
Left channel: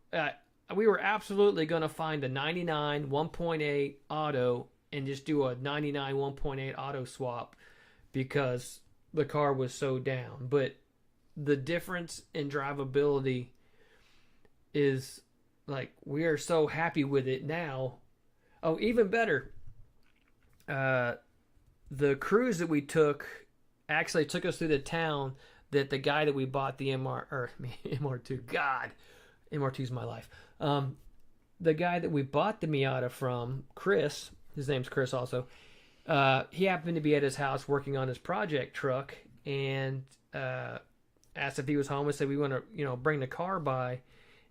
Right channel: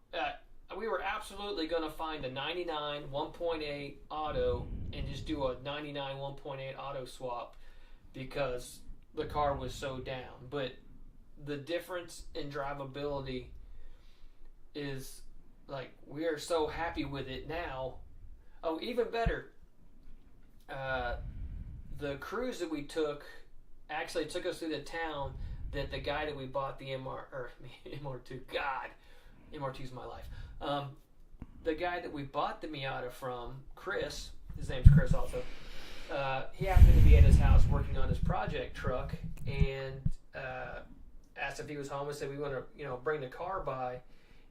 We were absolutely going to find a 99 1.8 auto and just do a 99 1.8 auto swap because the car was so down. But the difference in drivability is, like, we are so happy with it now. Oh, even better. The cruise that we took actually took us through the town that the guy that we bought the MR2, God, MR2's my life. The guy that we bought the Miata from, Chris, his name's Chris also, he happened to be at his house working on his project truck and asked if he was home and said, we want to, bring the car by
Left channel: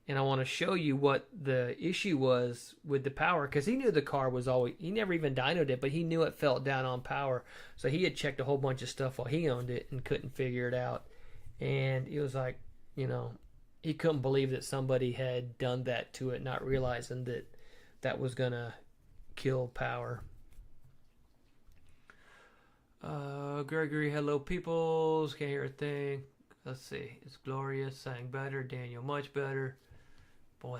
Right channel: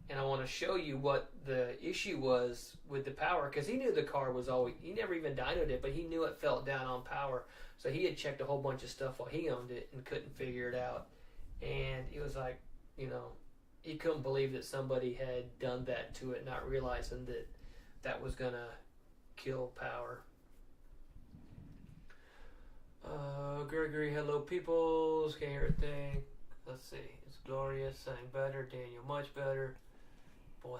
and I want to show you what the issue was with the power, because he knew the car was always, he never even dynoed it, but he knew it felt down on power. So he had checked a whole bunch of stuff while he owned it and couldn't figure it out. And he was like, he couldn't believe that somebody had done that to it, not realizing that that was going to kill power. Gregory, hello peoples, can't hear a thing. Let's see, it's Glorious, sang better, Daniel much better. Boy,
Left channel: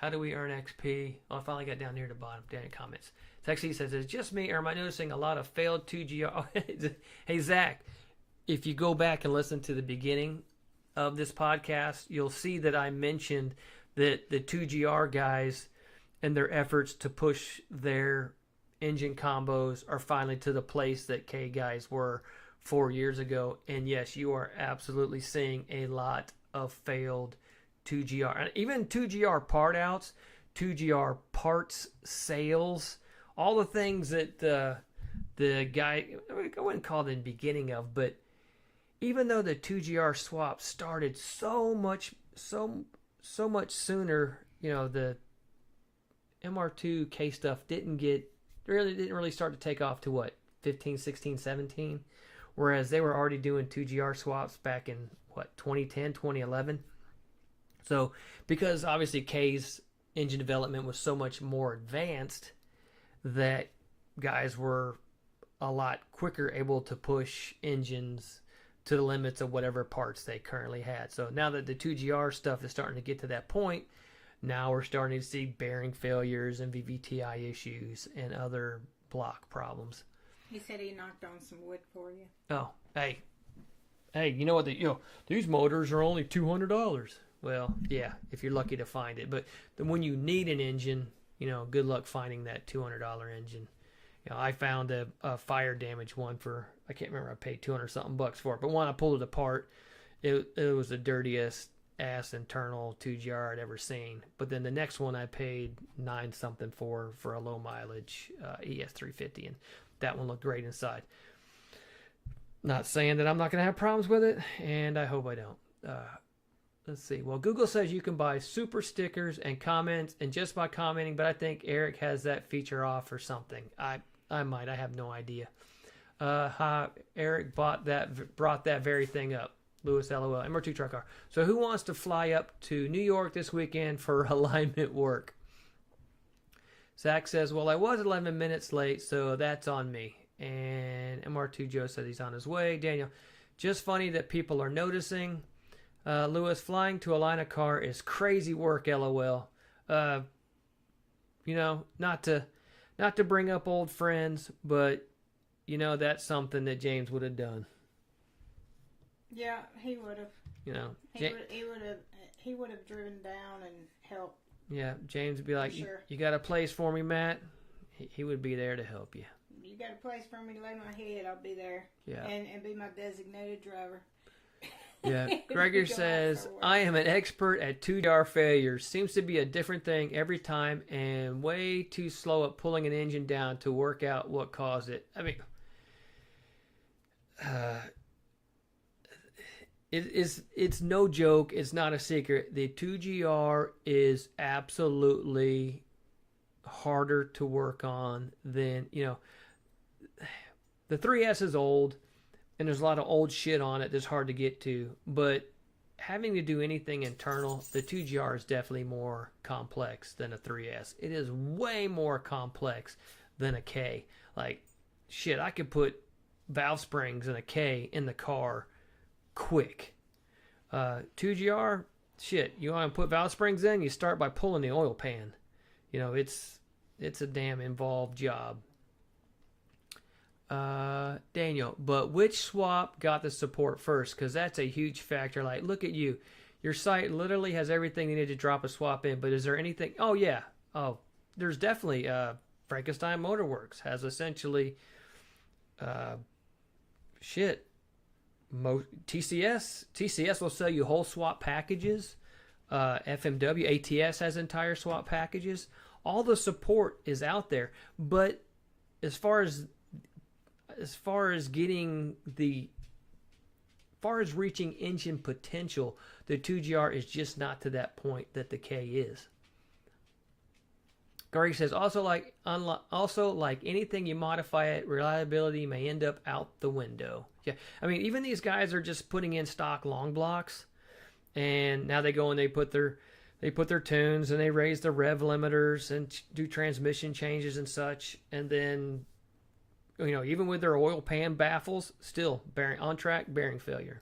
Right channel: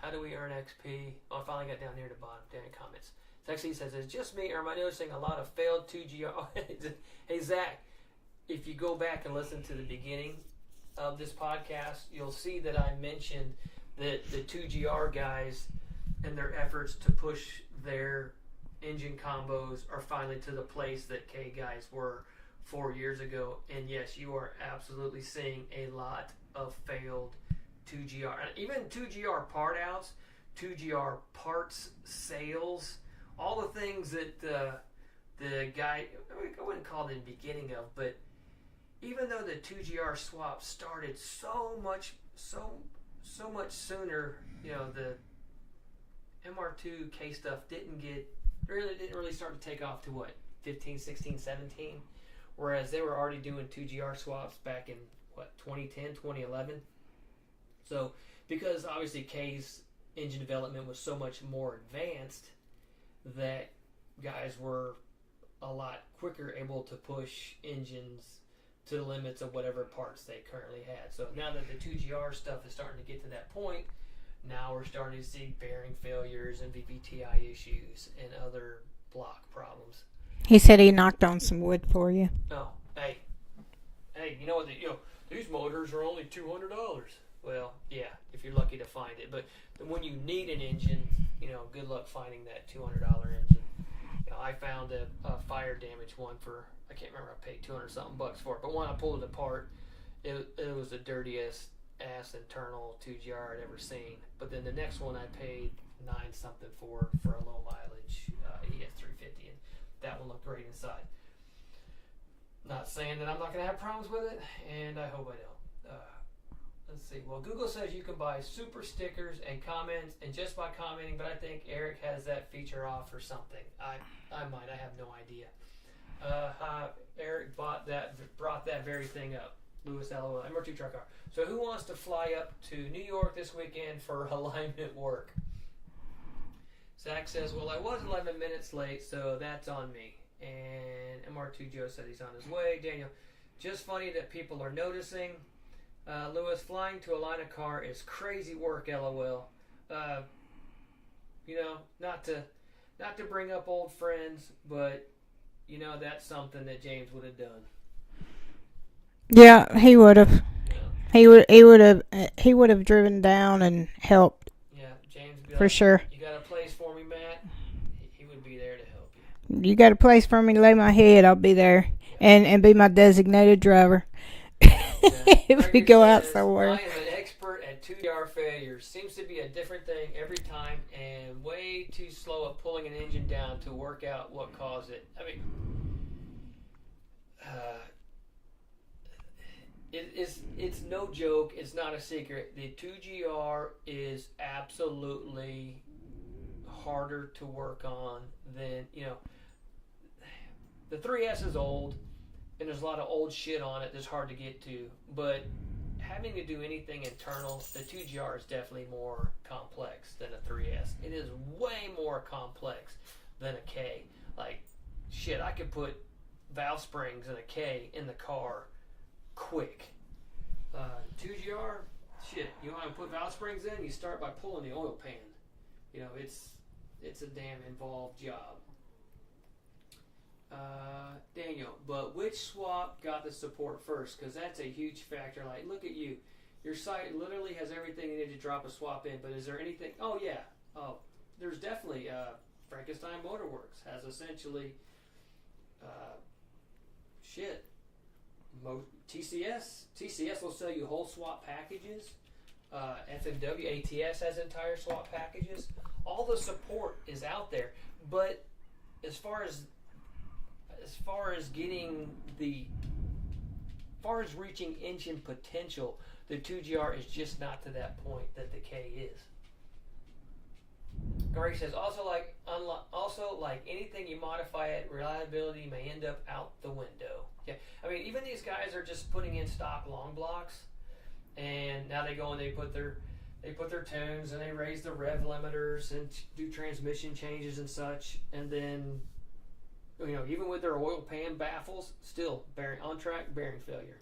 how do we earn XP? Oh, I finally got down near the bottom. Daniel comments. Sexy says, it's just me, or am I noticing a lot of failed 2GR? Hey, Zach, if you go back and listen to the beginning of this podcast, you'll see that I mentioned that the 2GR guys and their efforts to push their engine combos are finally to the place that K guys were 4 years ago. And yes, you are absolutely seeing a lot of failed 2GR, and even 2GR part outs, 2GR parts sales, all the things that the guy, I wouldn't call it in the beginning of, but even though the 2GR swap started so much sooner, the MR2 K stuff didn't really start to take off to 15, 16, 17, whereas they were already doing 2GR swaps back in 2010, 2011. So because obviously K's engine development was so much more advanced that guys were a lot quicker able to push engines to the limits of whatever parts they currently had. So now that the 2GR stuff is starting to get to that point, now we're starting to see bearing failures and VVTi issues and other block problems. He said he knocked on some wood for you. Oh, hey, you know what? These motors are only $200. Well, yeah, if you're lucky to find it. But when you need an engine, good luck finding that $200 engine. I found a fire damage one for, I can't remember, I paid $200-something for it. But when I pulled it apart, it was the dirtiest ass internal 2GR I'd ever seen. But then the next one I paid $9-something for a low mileage ES350, and that one looked great inside. Not saying that I'm not going to have problems with it, and I hope I don't. Let's see. Well, Google says you can buy super stickers and comments and just by commenting, but I think Eric has that feature off or something. I might. I have no idea. Eric brought that very thing up. Lewis, LOL. MR2 truck car. So who wants to fly up to New York this weekend for alignment work? Zach says, well, I was 11 minutes late, so that's on me. And MR2 Joe says he's on his way. Daniel, just funny that people are noticing. Lewis, flying to align a car is crazy work, LOL. You know, not to bring up old friends, but you know that's something that James would have done. Yeah, he would have. You know, He would have driven down and helped. Yeah, James would be for like, sure. You got a place for me, Matt? He would be there to help you. You got a place for me to lay my head? I'll be there, Yeah. and be my designated driver. Yeah. If we Gregor go out says, somewhere. I am an expert at 2DR failures. Seems to be a different thing every time and way too slow at pulling an engine down to work out what caused it. I mean, it's no joke. It's not a secret. The 2GR is absolutely harder to work on than, you know, the 3S is old. And there's a lot of old shit on it that's hard to get to. But having to do anything internal, the 2GR is definitely more complex than a 3S. It is way more complex than a K. Like, shit, I could put valve springs and a K in the car quick. 2GR, shit, you want to put valve springs in, you start by pulling the oil pan. You know, it's a damn involved job. Daniel, but which swap got the support first? Because that's a huge factor. Like, look at you. Your site literally has everything you need to drop a swap in, but is there anything? Oh, yeah. Oh, there's definitely Frankenstein Motorworks has essentially TCS will sell you whole swap packages. FMW, ATS has entire swap packages. All the support is out there, but as far as reaching engine potential, the 2GR is just not to that point that the K is. Greg says also like anything you modify it, reliability may end up out the window. Yeah, I mean even these guys are just putting in stock long blocks, and now they go and they put their tunes and they raise the rev limiters and do transmission changes and such, and then, you know, even with their oil pan baffles, still on track bearing failure.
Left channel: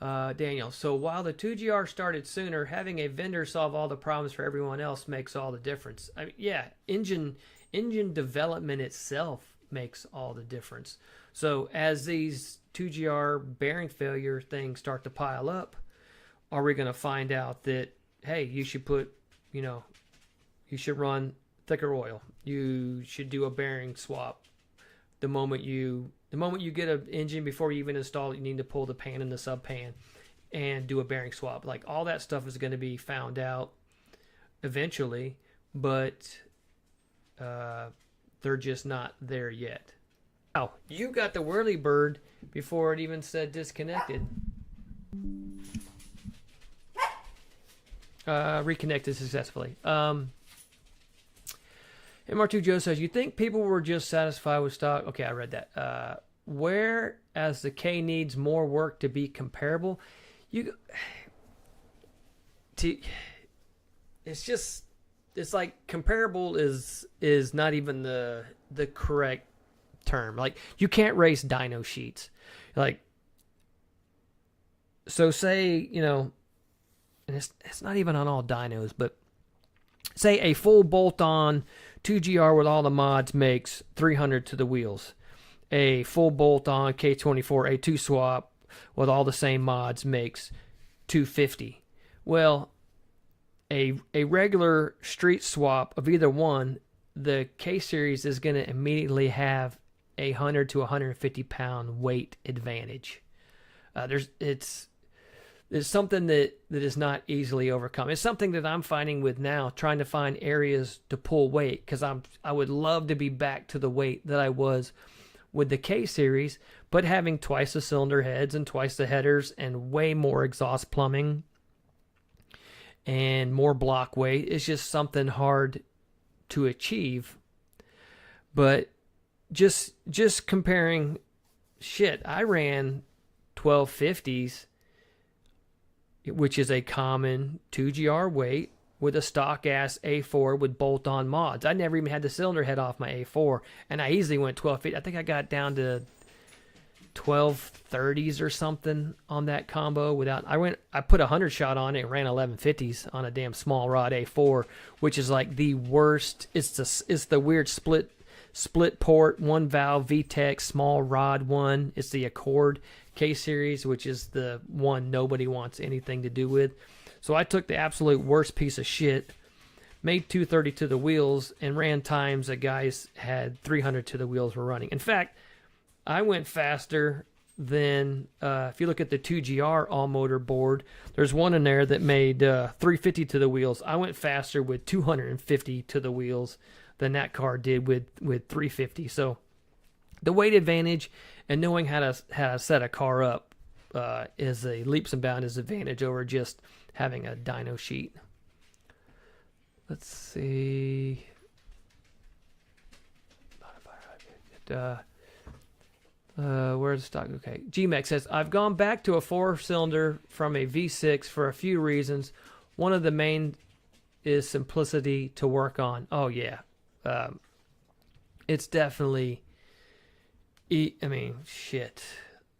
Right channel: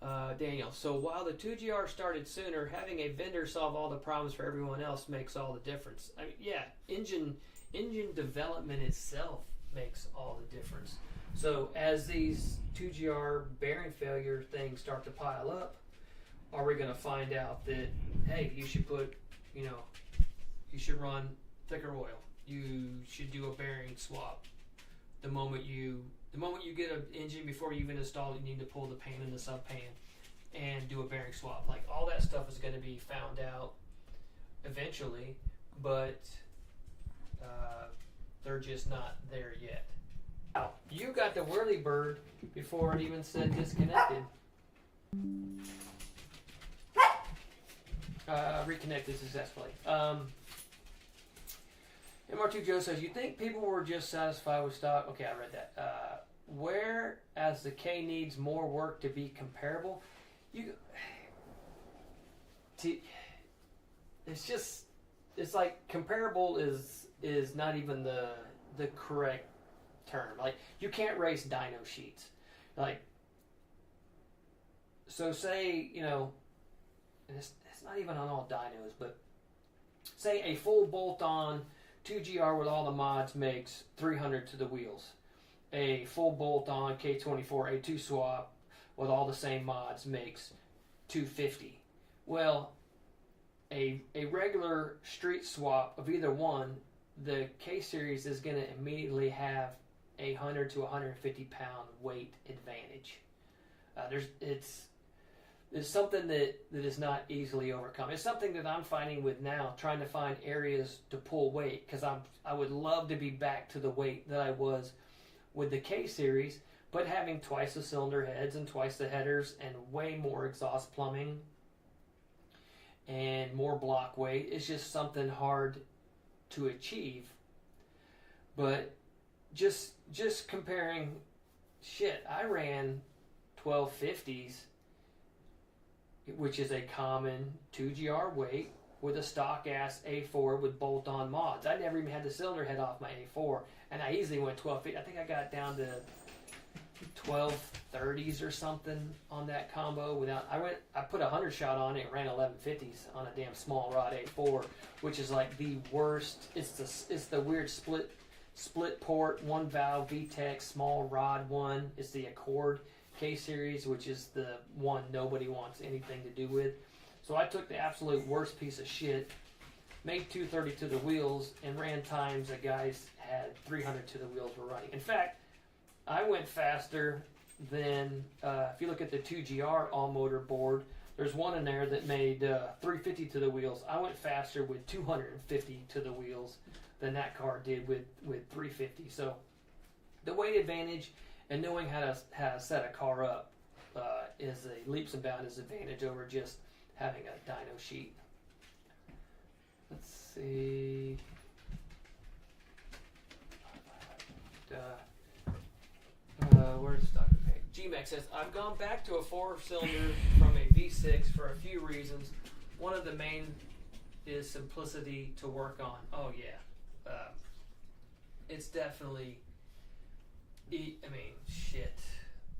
Daniel, so while the 2GR started sooner, having a vendor solve all the problems for everyone else makes all the difference. I mean, yeah, engine development itself makes all the difference. So as these 2GR bearing failure things start to pile up, are we going to find out that, hey, you should run thicker oil. You should do a bearing swap. The moment you get an engine, before you even install it, you need to pull the pan and the sub pan and do a bearing swap. Like, all that stuff is going to be found out eventually, but they're just not there yet. Oh, you got the whirly bird before it even said disconnected. Reconnected successfully. MR2 Joe says, you think people were just satisfied with stock? Okay, I read that. Whereas the K needs more work to be comparable, it's like comparable is not even the correct term. Like, you can't race dyno sheets. Like, so say, you know, and it's not even on all dynos, but say a full bolt-on 2GR with all the mods makes 300 to the wheels. A full bolt-on K24 A2 swap with all the same mods makes 250. Well, a regular street swap of either one, the K series is going to immediately have a 100 to 150 pound weight advantage. It's something that is not easily overcome. It's something that I'm finding with now, trying to find areas to pull weight, because I would love to be back to the weight that I was with the K series, but having twice the cylinder heads and twice the headers and way more exhaust plumbing and more block weight is just something hard to achieve. But just comparing, shit, I ran 1250s, which is a common 2GR weight, with a stock ass A4 with bolt-on mods. I never even had the cylinder head off my A4, and I easily went 1250. I think I got down to 1230s or something on that combo without. I put a 100 shot on it and ran 1150s on a damn small rod A4, which is like the worst. It's the weird split port, one valve VTEC small rod one. It's the Accord K series, which is the one nobody wants anything to do with. So I took the absolute worst piece of shit, made 230 to the wheels, and ran times that guys had 300 to the wheels were running. In fact, I went faster than, if you look at the 2GR all-motor board, there's one in there that made 350 to the wheels. I went faster with 250 to the wheels than that car did with 350. So the weight advantage and knowing how to set a car up is a leaps and bounds advantage over just having a dyno sheet. Let's see. Where's the stock? Okay. GMEX says, I've gone back to a 4-cylinder from a V6 for a few reasons. One of the main is simplicity to work on. Oh, yeah. It's definitely, I mean, shit.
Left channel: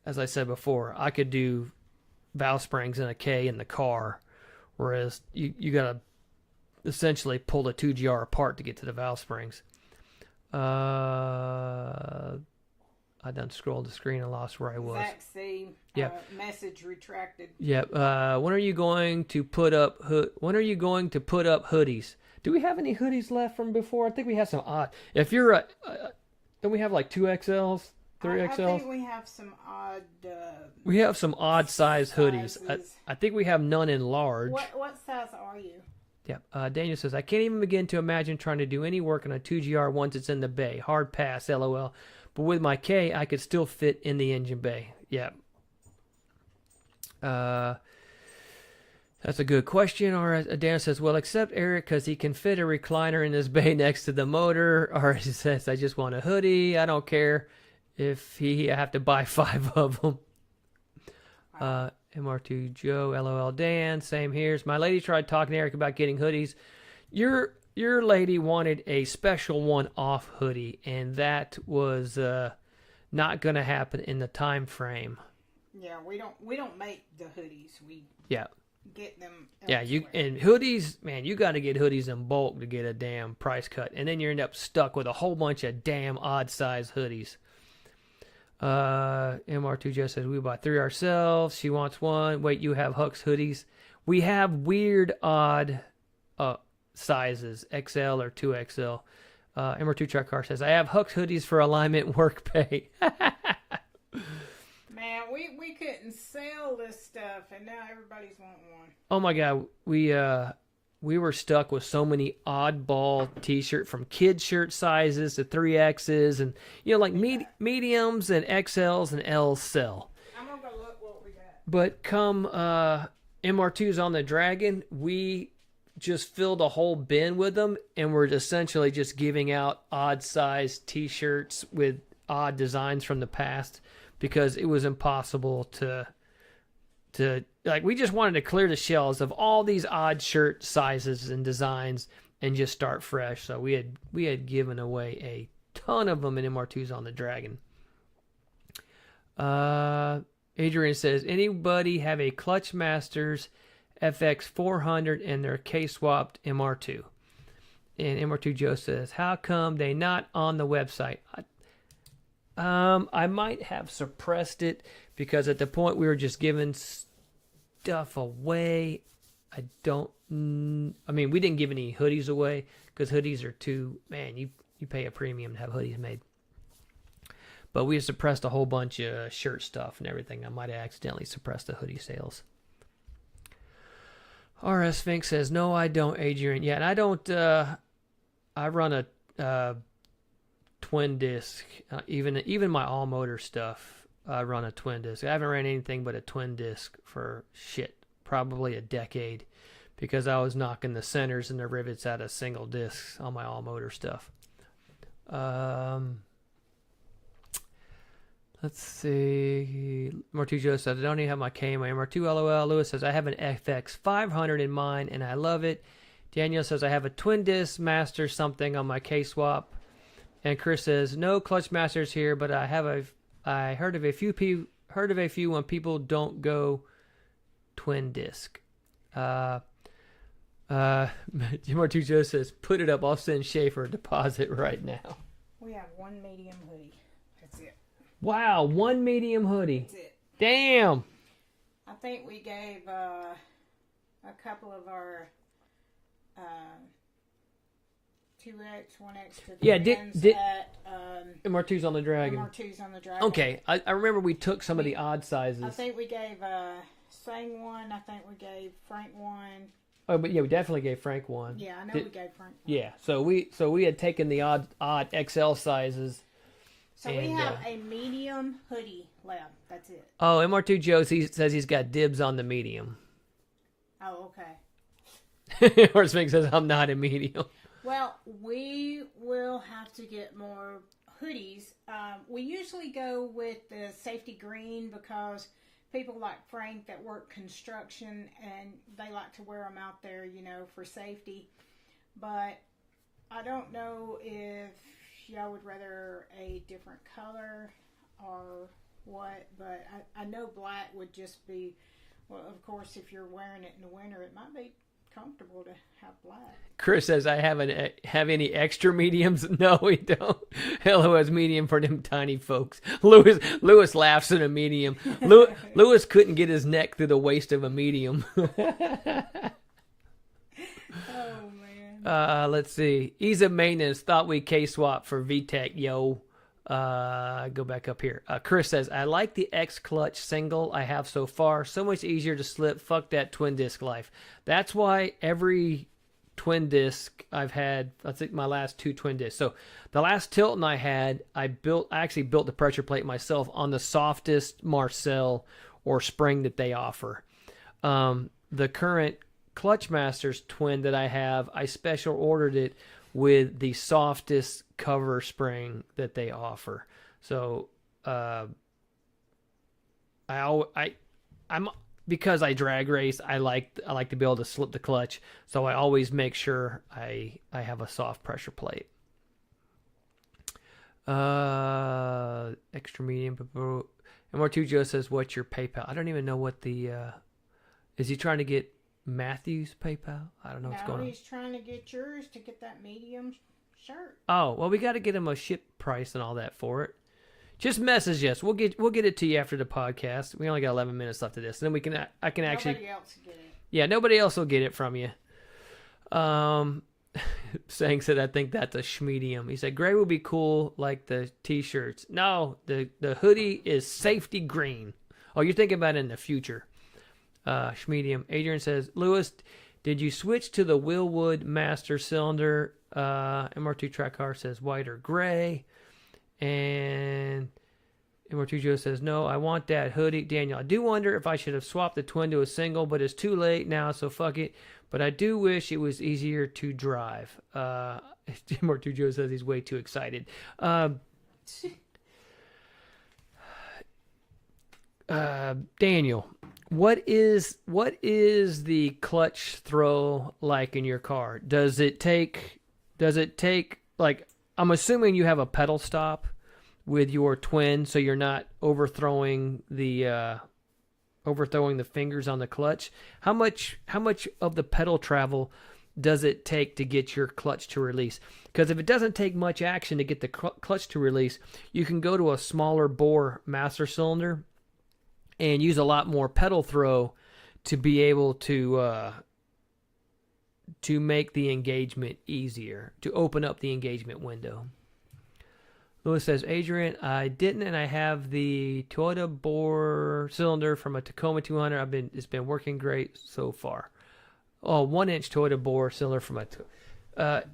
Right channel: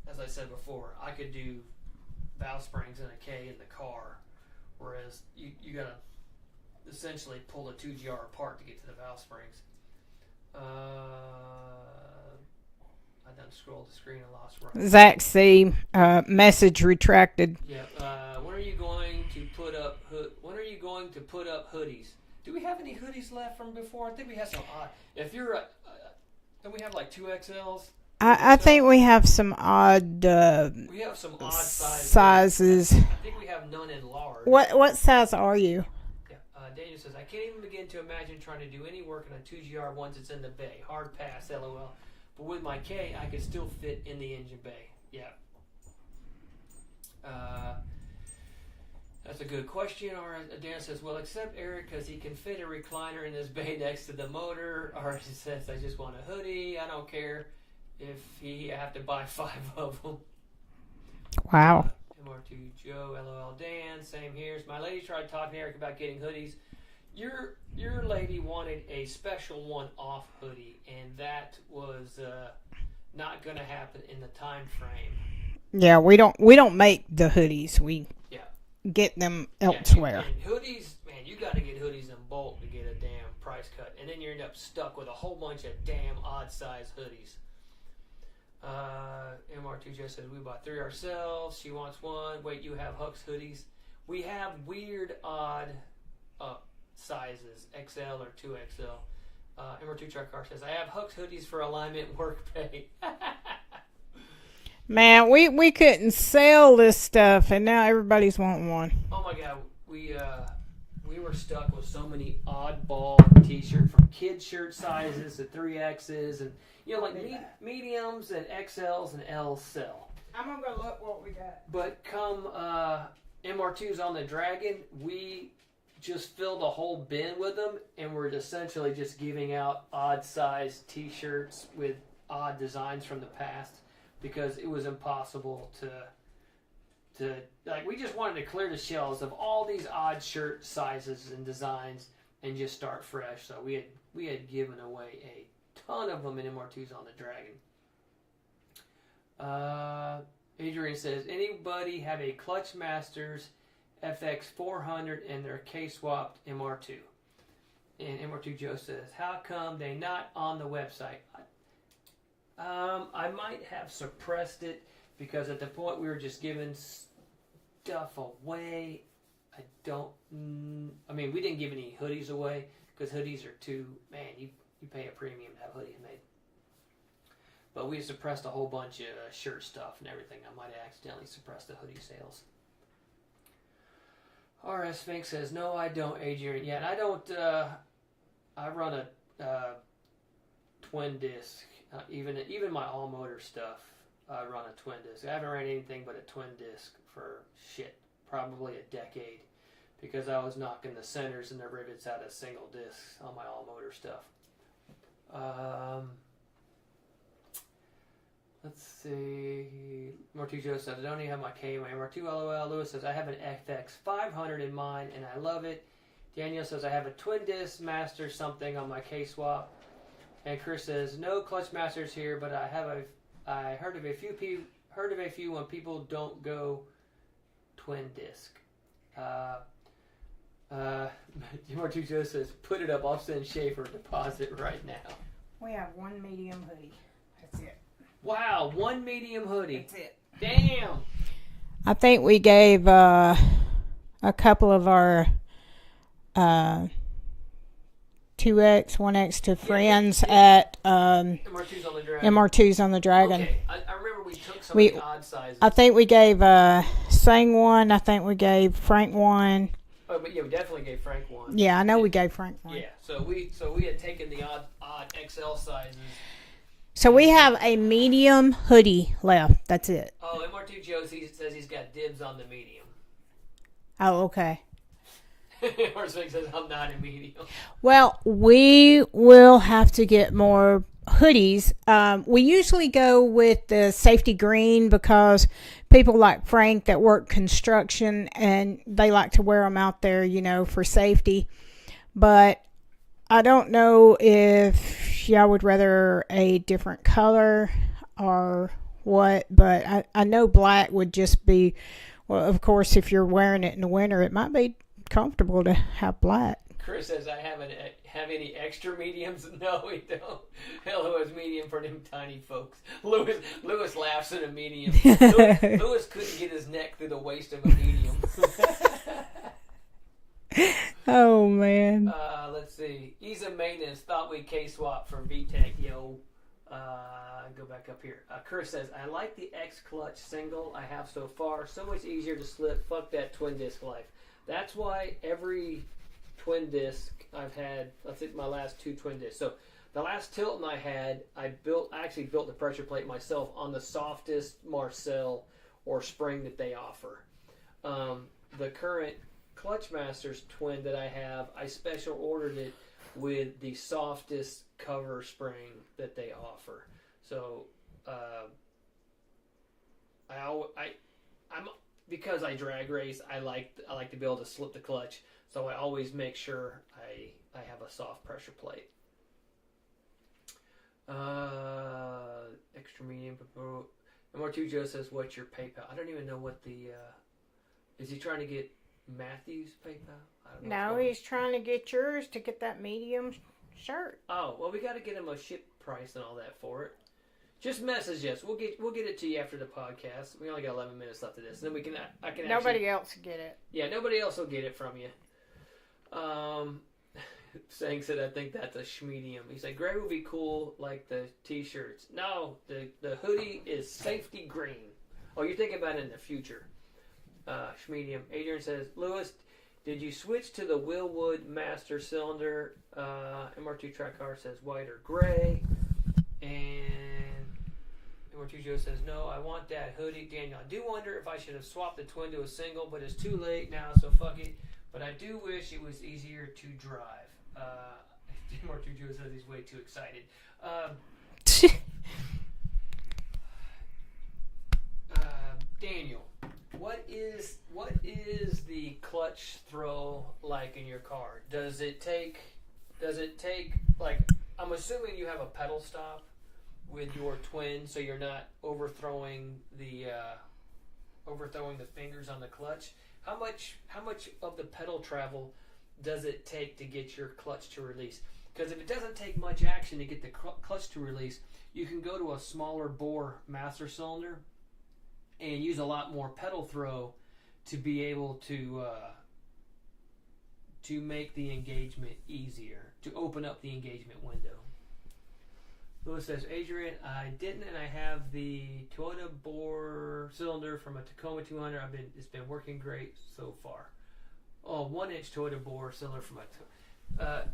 As I said before, I could do valve springs in a K in the car, whereas you got to essentially pull the 2GR apart to get to the valve springs. I done scrolled the screen and lost where I was. Zach C. Message retracted. Yep. When are you going to put up hoodies? Do we have any hoodies left from before? I think we have some odd. If you're don't we have like 2XLs? I think we have some odd. We have some odd sizes. I think we have none in large. What size are you? Yeah. Daniel says, I can't even begin to imagine trying to do any work on a 2GR once it's in the bay. Hard pass, LOL. But with my K, I could still fit in the engine bay. Yeah. That's a good question. Or Dan says, well, except Eric, because he can fit a recliner in his bay next to the motor. Or he says, I just want a hoodie. I don't care if I have to buy 5 of them. Wow. MR2 Joe, LOL Dan, same here. My lady tried talking to Eric about getting hoodies. Your lady wanted a special one-off hoodie, and that was not going to happen in the time frame. Yeah, we don't make the hoodies. We get them elsewhere. And hoodies, man, you got to get hoodies in bulk to get a damn price cut, and then you end up stuck with a whole bunch of damn odd-sized hoodies. MR2 just says we bought 3 ourselves. She wants 1. Wait, you have Hux hoodies? We have weird, odd sizes, XL or 2XL. MR2 Truck Car says I have Hux hoodies for alignment work pay. Man, we couldn't sell this stuff, and now everybody's wanting one. Oh my God, we were stuck with so many oddball T-shirt from kid shirt sizes to 3Xs, and like mediums and XLs and Ls sell. I'm gonna go look what we got. But come MR2s on the Dragon, we just filled a whole bin with them, and we're essentially just giving out odd sized T-shirts with odd designs from the past because it was impossible to we just wanted to clear the shelves of all these odd shirt sizes and designs and just start fresh. So we had given away a ton of them in MR2s on the Dragon. Adrian says, anybody have a Clutch Masters FX 400 and their K-swapped MR2? And MR2 Joe says, how come they not on the website? I might have suppressed it because at the point we were just giving stuff away. We didn't give any hoodies away because hoodies are too, man, you pay a premium to have hoodies made. But we suppressed a whole bunch of shirt stuff and everything. I might have accidentally suppressed the hoodie sales. RS Sphinx says, no, I don't, Adrian. Yeah, and I don't, I run a twin disc. Even my all-motor stuff I run a twin disc. I haven't ran anything but a twin disc for probably a decade, because I was knocking the centers and the rivets out of single discs on my all motor stuff. Let's see. Martujo says, I don't even have my K and my MR2 LOL. Lewis says, I have an FX 500 in mine and I love it. Daniel says, I have a twin disc master something on my K swap. And Chris says, no clutch masters here, but I heard of a few when people don't go twin disc. Martujo says, put it up. I'll send Schaefer a deposit right now. We have one medium hoodie. That's it. Wow, one medium hoodie. That's it. Damn. I think we gave a couple of our 2X, 1X to friends at MR2's on the Dragon. MR2's on the Dragon. Okay, I remember we took some of the odd sizes. I think we gave Sang one. I think we gave Frank one. Oh, but yeah, we definitely gave Frank one. Yeah, I know we gave Frank one. Yeah, so we had taken the odd XL sizes. So we have a medium hoodie left. That's it. Oh, MR2 Joe says he's got dibs on the medium. Oh, okay. Horseman says I'm not a medium. Well, we will have to get more hoodies. We usually go with the safety green because people like Frank that work construction and they like to wear them out there, for safety. But I don't know if y'all would rather a different color or what, but I know black would just be, well, of course, if you're wearing it in the winter, it might be comfortable to have black. Chris says, I haven't have any extra mediums. No, we don't. Hello has medium for them tiny folks. Lewis laughs at a medium. Lewis couldn't get his neck through the waist of a medium. Oh, man. Let's see. Ease of maintenance. Thought we K-swap for VTEC, yo. Go back up here. Chris says, I like the X-Clutch single I have so far. So much easier to slip. Fuck that twin disc life. That's why every twin disc I've had, I think my last 2 twin discs. So the last Tilton I had, I actually built the pressure plate myself on the softest Marcel or spring that they offer. The current Clutch Masters twin that I have, I special ordered it with the softest cover spring that they offer. So I'm because I drag race, I like to be able to slip the clutch, so I always make sure I have a soft pressure plate. Extra medium. MR2 Joe says, what's your PayPal? I don't even know what the is he trying to get Matthew's PayPal? I don't know. No, he's trying to get yours to get that medium shirt. Oh, well, we got to get him a ship price and all that for it. Just message us. We'll get it to you after the podcast. We only got 11 minutes left of this, and then I can actually. Nobody else will get it. Yeah, nobody else will get it from you. Sang said, I think that's a schmedium. He said, gray would be cool like the t-shirts. No, the hoodie is safety green. Oh, you're thinking about it in the future. Schmedium. Adrian says, Lewis, did you switch to the Willwood master cylinder? MR2 track car says white or gray. And MR2 Joe says, no, I want that hoodie. Daniel, I do wonder if I should have swapped the twin to a single, but it's too late now, so fuck it. But I do wish it was easier to drive. MR2 Joe says he's way too excited. Daniel, what is the clutch throw like in your car? Does it take like, I'm assuming you have a pedal stop with your twin, so you're not overthrowing the fingers on the clutch. How much of the pedal travel does it take to get your clutch to release? Because if it doesn't take much action to get the clutch to release, you can go to a smaller bore master cylinder and use a lot more pedal throw to be able to make the engagement easier, to open up the engagement window. Lewis says, Adrian, I didn't, and I have the Toyota bore cylinder from a Tacoma 200. It's been working great so far. Oh, 1-inch Toyota bore cylinder from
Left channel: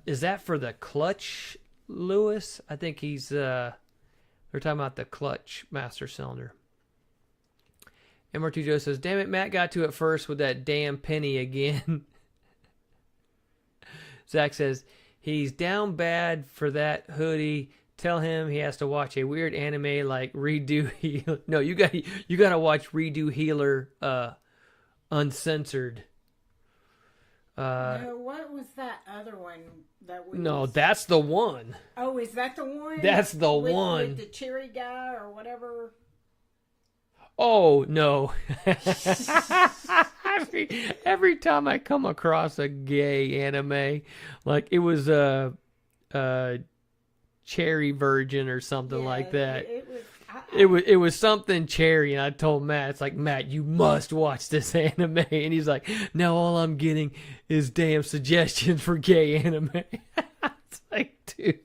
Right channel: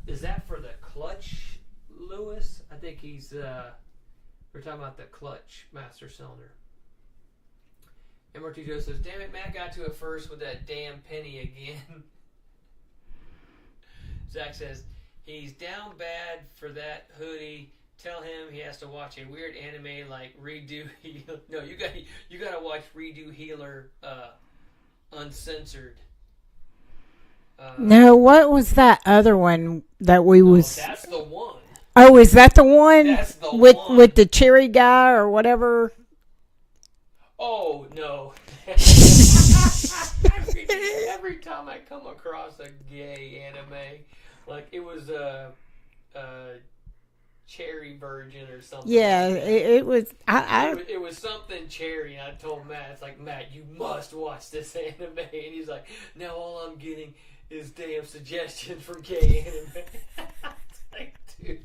is that for the clutch, Lewis? I think they're talking about the clutch master cylinder. MR2 Joe says, damn it, Matt got to it first with that damn penny again. Zach says, he's down bad for that hoodie. Tell him he has to watch a weird anime like Redo Healer. No, you gotta watch Redo Healer uncensored. No, what was that other one that we No, was? that's the one. Oh, is that the one? That's the with one. the cherry guy or whatever. Oh no! every time I come across a gay anime, like it was a Cherry Virgin or something Yeah, like that. it was. It was something cherry, and I told Matt, it's like, Matt, you must watch this anime, and he's like, no, all I'm getting is damn suggestions for gay anime. It's like, dude.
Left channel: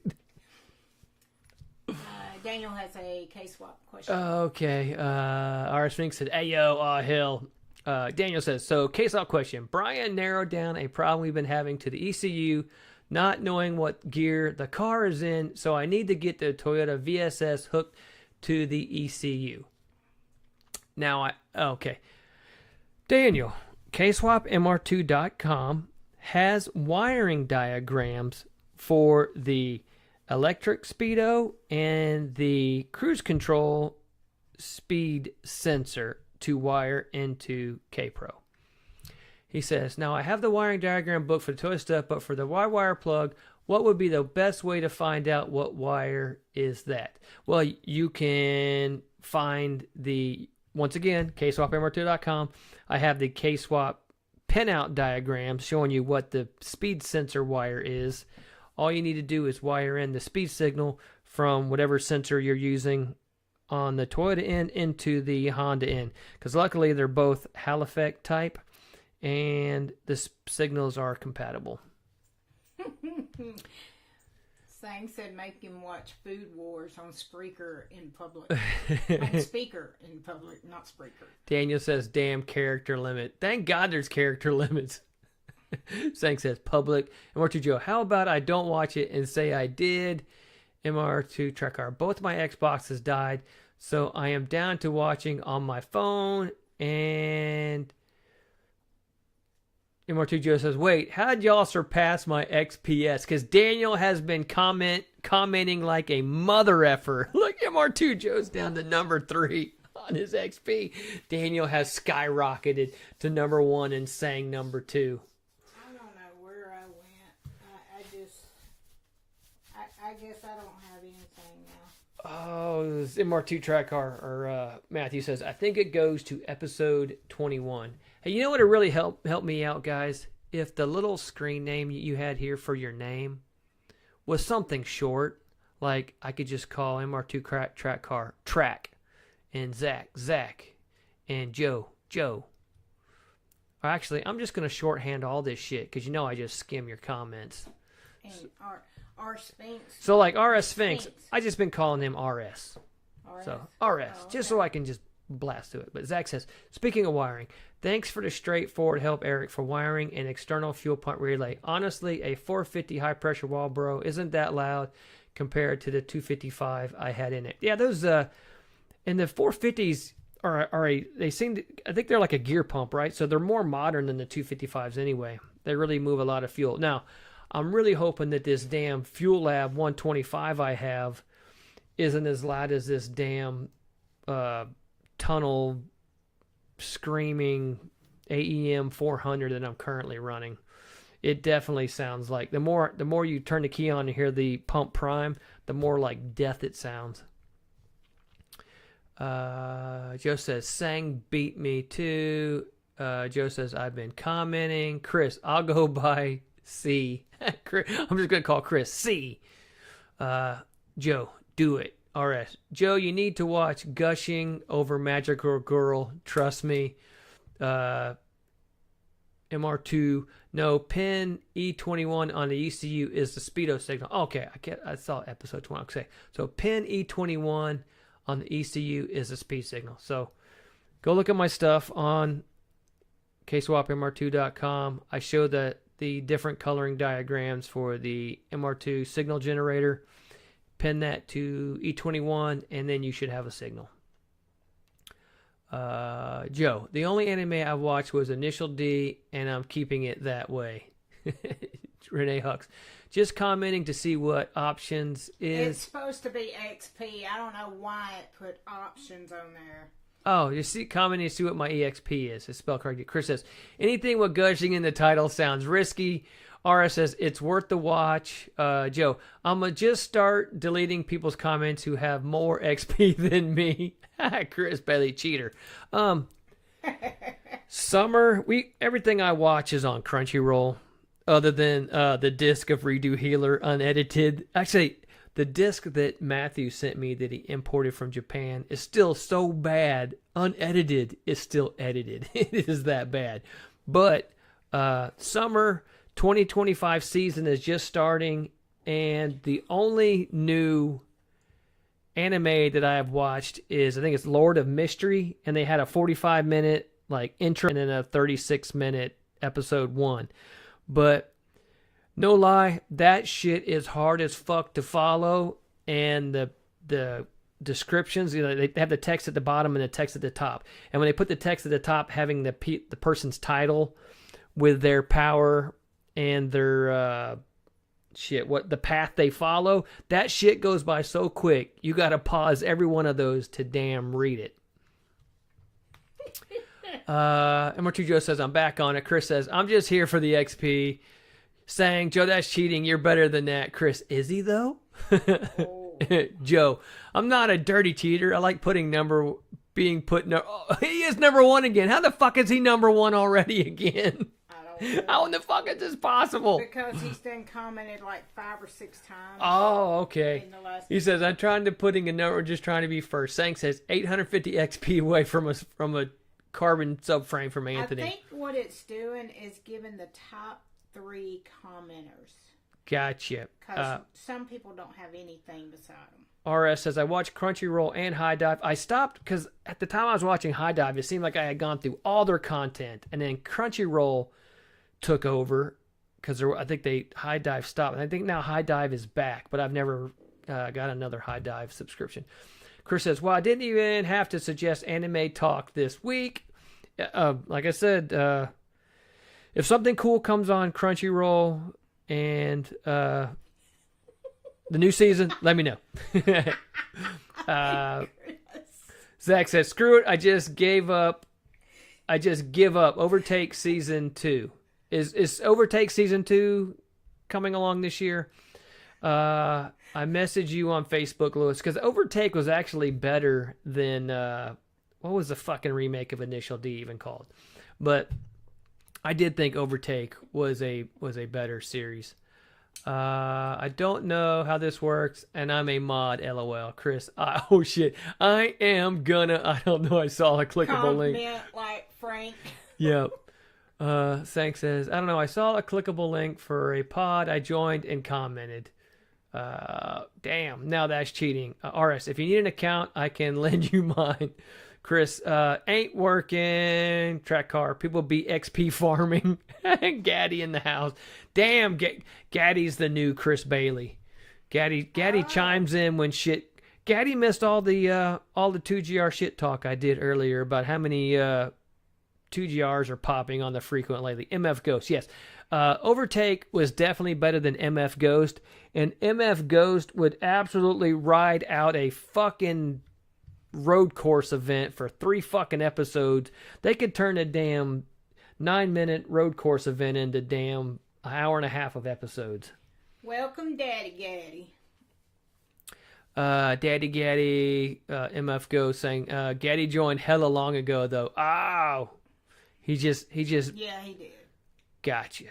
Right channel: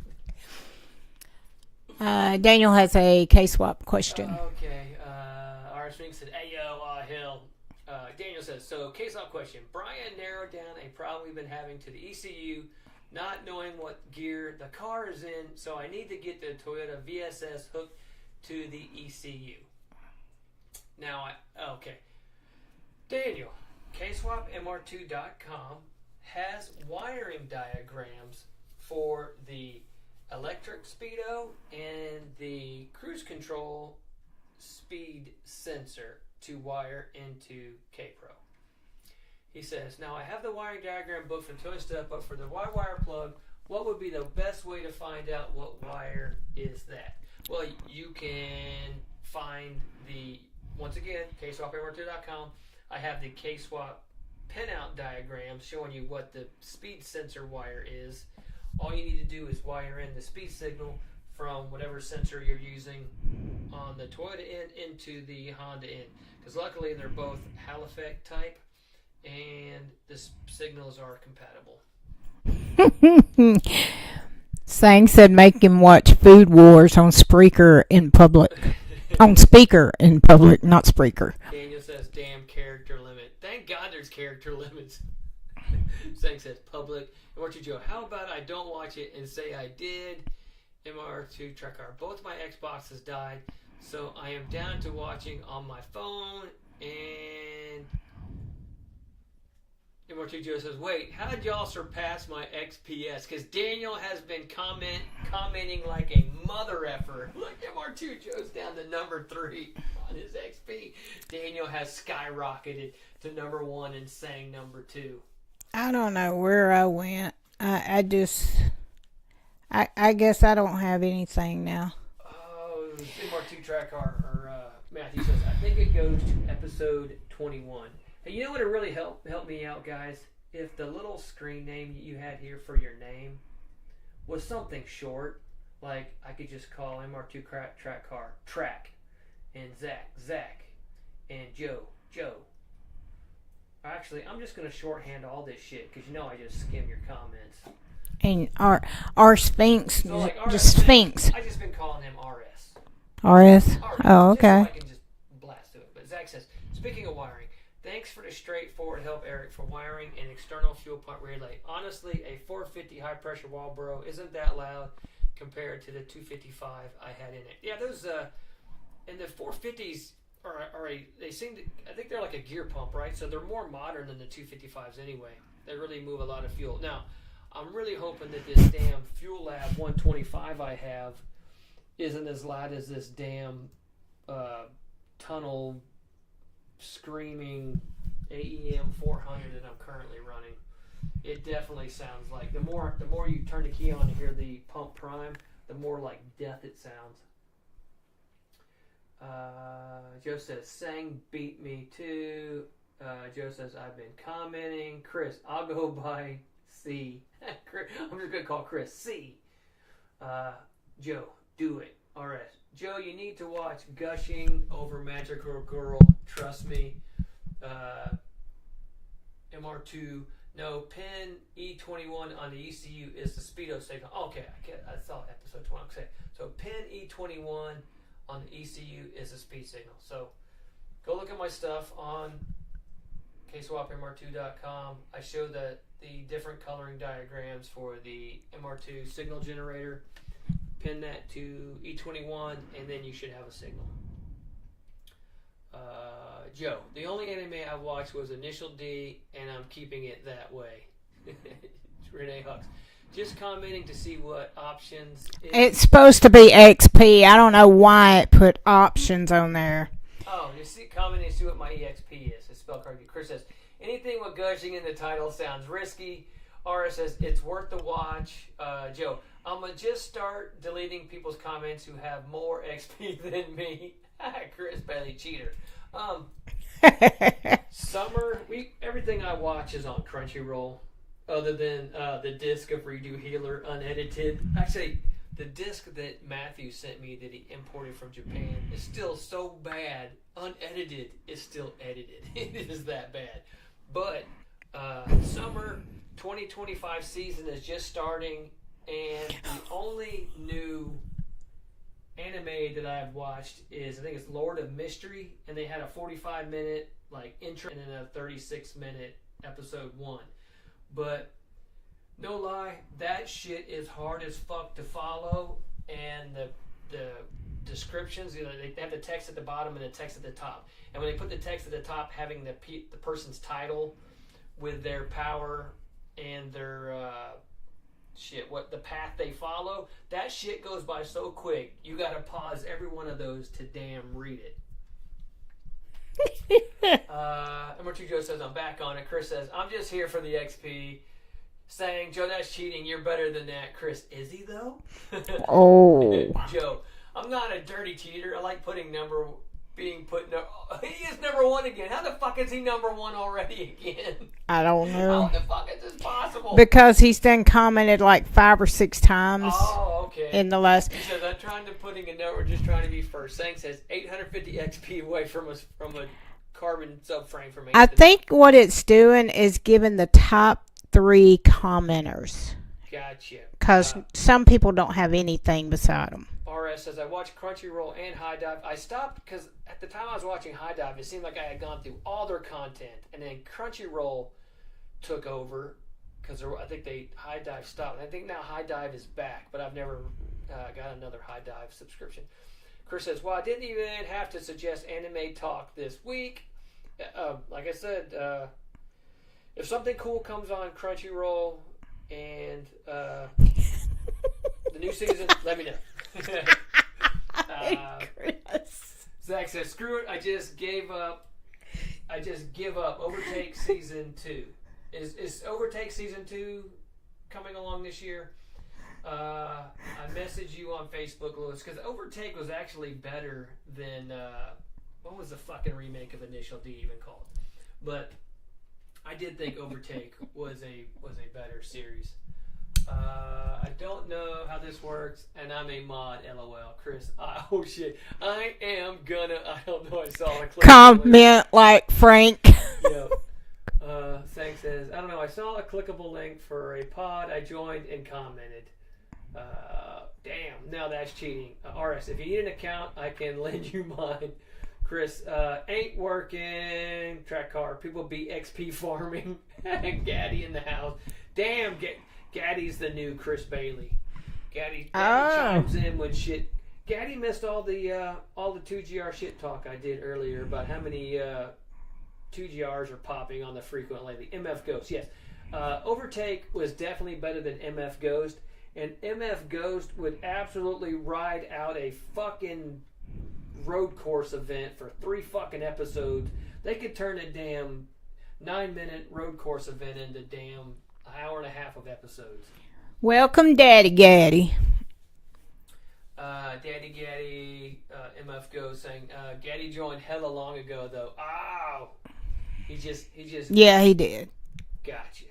Daniel has a K-swap question. Okay. Our Sphinx said, hey, yo, hell. Daniel says, so K-swap question. Brian narrowed down a problem we've been having to the ECU, not knowing what gear the car is in, so I need to get the Toyota VSS hooked to the ECU. Now, okay. Daniel, kswapmr2.com has wiring diagrams for the electric speedo and the cruise control speed sensor to wire into K-Pro. He says, now I have the wiring diagram book for the Toyota stuff, but for the Y-wire plug, what would be the best way to find out what wire is that? Well, you can find once again, kswapmr2.com. I have the K-swap pinout diagram showing you what the speed sensor wire is. All you need to do is wire in the speed signal from whatever sensor you're using on the Toyota end into the Honda end. Because luckily they're both Hall effect type and the signals are compatible. Sang said make him watch Food Wars on Spreaker in public. On speaker in public, not Spreaker. Daniel says, damn character limit. Thank God there's character limits. Sang says, public. MR2 Joe, how about I don't watch it and say I did? MR2 Trekar, both my Xboxes died, so I am down to watching on my phone. And MR2 Joe says, wait, how did y'all surpass my XPS? Because Daniel has been commenting like a mother effer. Look, MR2 Joe's down to number 3 on his XP. Daniel has skyrocketed to number 1 and sang number 2. I don't know where I went. I guess I don't have anything now. Oh, MR2 track car, or Matthew says, I think it goes to episode 21. Hey, you know what would really help me out, guys? If the little screen name you had here for your name was something short, like I could just call MR2 track car Track, and Zach, and Joe. Actually, I'm just going to shorthand all this shit because you know I just skim your comments. And our Sphinx. So like RS Sphinx, I just been calling him RS. RS? Oh, okay. Just so I can just blast through it. But Zach says, speaking of wiring, thanks for the straightforward help, Eric, for wiring an external fuel pump relay. Honestly, a 450 high pressure Walbro isn't that loud compared to the 255 I had in it. Yeah, those and the 450s they seem to, I think they're like a gear pump, right? So they're more modern than the 255s anyway. They really move a lot of fuel. Now, I'm really hoping that this damn Fuel Lab 125 I have isn't as loud as this damn tunnel screaming AEM 400 that I'm currently running. It definitely sounds like the more you turn the key on to hear the pump prime, the more like death it sounds. Joe says, Sang beat me too. Joe says, I've been commenting. Chris, I'll go by C. I'm just going to call Chris C. Joe, do it. RS. Joe, you need to watch Gushing Over Magical Girl. Trust me. MR2. No, pin E21 on the ECU is the speedo signal. Okay, I saw episode 20. Okay, so pin E21 on the ECU is the speed signal. So go look at my stuff on kswapmr2.com. I show the different coloring diagrams for the MR2 signal generator. Pin that to E21 and then you should have a signal. Joe, the only anime I watched was Initial D, and I'm keeping it that way. Renee Hux. Just commenting to see what options is. It's supposed to be XP. I don't know why it put options on there. Oh, just commenting to see what my EXP is. It's spelled correctly. Chris says, anything with gushing in the title sounds risky. RS says, it's worth the watch. Joe, I'm going to just start deleting people's comments who have more XP than me. Chris Bailey, cheater. Summer, everything I watch is on Crunchyroll. Other than the disc of Redo Healer unedited. Actually, the disc that Matthew sent me that he imported from Japan is still so bad. Unedited is still edited. It is that bad. But summer 2025 season is just starting, and the only new anime that I have watched is, I think it's Lord of Mystery, and they had a 45-minute like intro and then a 36-minute episode 1. But no lie, that shit is hard as fuck to follow, and the descriptions, they have the text at the bottom and the text at the top. And when they put the text at the top, having the person's title with their power and their what the path they follow, that shit goes by so quick. You got to pause every one of those to damn read it. MR2 Joe says, I'm back on it. Chris says, I'm just here for the XP. Saying, Joe, that's cheating. You're better than that. Chris, is he though? Oh. Joe, I'm not a dirty cheater. I like being put. He is number 1 again. How the fuck is he number 1 already again? I don't know. How in the fuck is this possible? Because he's done commented like 5 or 6 times. Oh, okay. In the last. He says, I'm trying to putting a number, just trying to be first. Sang says 850 XP away from a carbon subframe from Anthony. I think what it's doing is giving the top 3 commenters. Gotcha. Because some people don't have anything beside them. RS says, I watched Crunchyroll and High Dive. I stopped because at the time I was watching High Dive, it seemed like I had gone through all their content. And then Crunchyroll took over because I think High Dive stopped. And I think now High Dive is back, but I've never got another High Dive subscription. Chris says, well, I didn't even have to suggest anime talk this week. Like I said, if something cool comes on Crunchyroll and the new season, let me know. Zach says, screw it, I just give up. Overtake season 2. Is Overtake season 2 coming along this year? I messaged you on Facebook, Lewis, because Overtake was actually better than what was the fucking remake of Initial D even called? But I did think Overtake was a better series. I don't know how this works, and I'm a mod. LOL, Chris. Oh shit! I don't know. I saw a clip. Comment like Frank. Yep. Sang says, I don't know. I saw a clickable link for a pod. I joined and commented. Damn. Now that's cheating. RS, if you need an account, I can lend you mine. Chris, ain't working. Track car. People be XP farming. Gaddy in the house. Damn, Gaddy's the new Chris Bailey. Gaddy chimes in when shit. Gaddy missed all the 2GR shit talk I did earlier about how many 2GRs are popping on the frequent lately. MF Ghost, yes. Overtake was definitely better than MF Ghost, and MF Ghost would absolutely ride out a fucking road course event for 3 fucking episodes. They could turn a damn 9-minute road course event into damn an hour and a half of episodes. Welcome, Daddy Gaddy. Daddy Gaddy, MF Go saying, Gaddy joined hella long ago though. Oh, he just. Yeah, he did. Gotcha.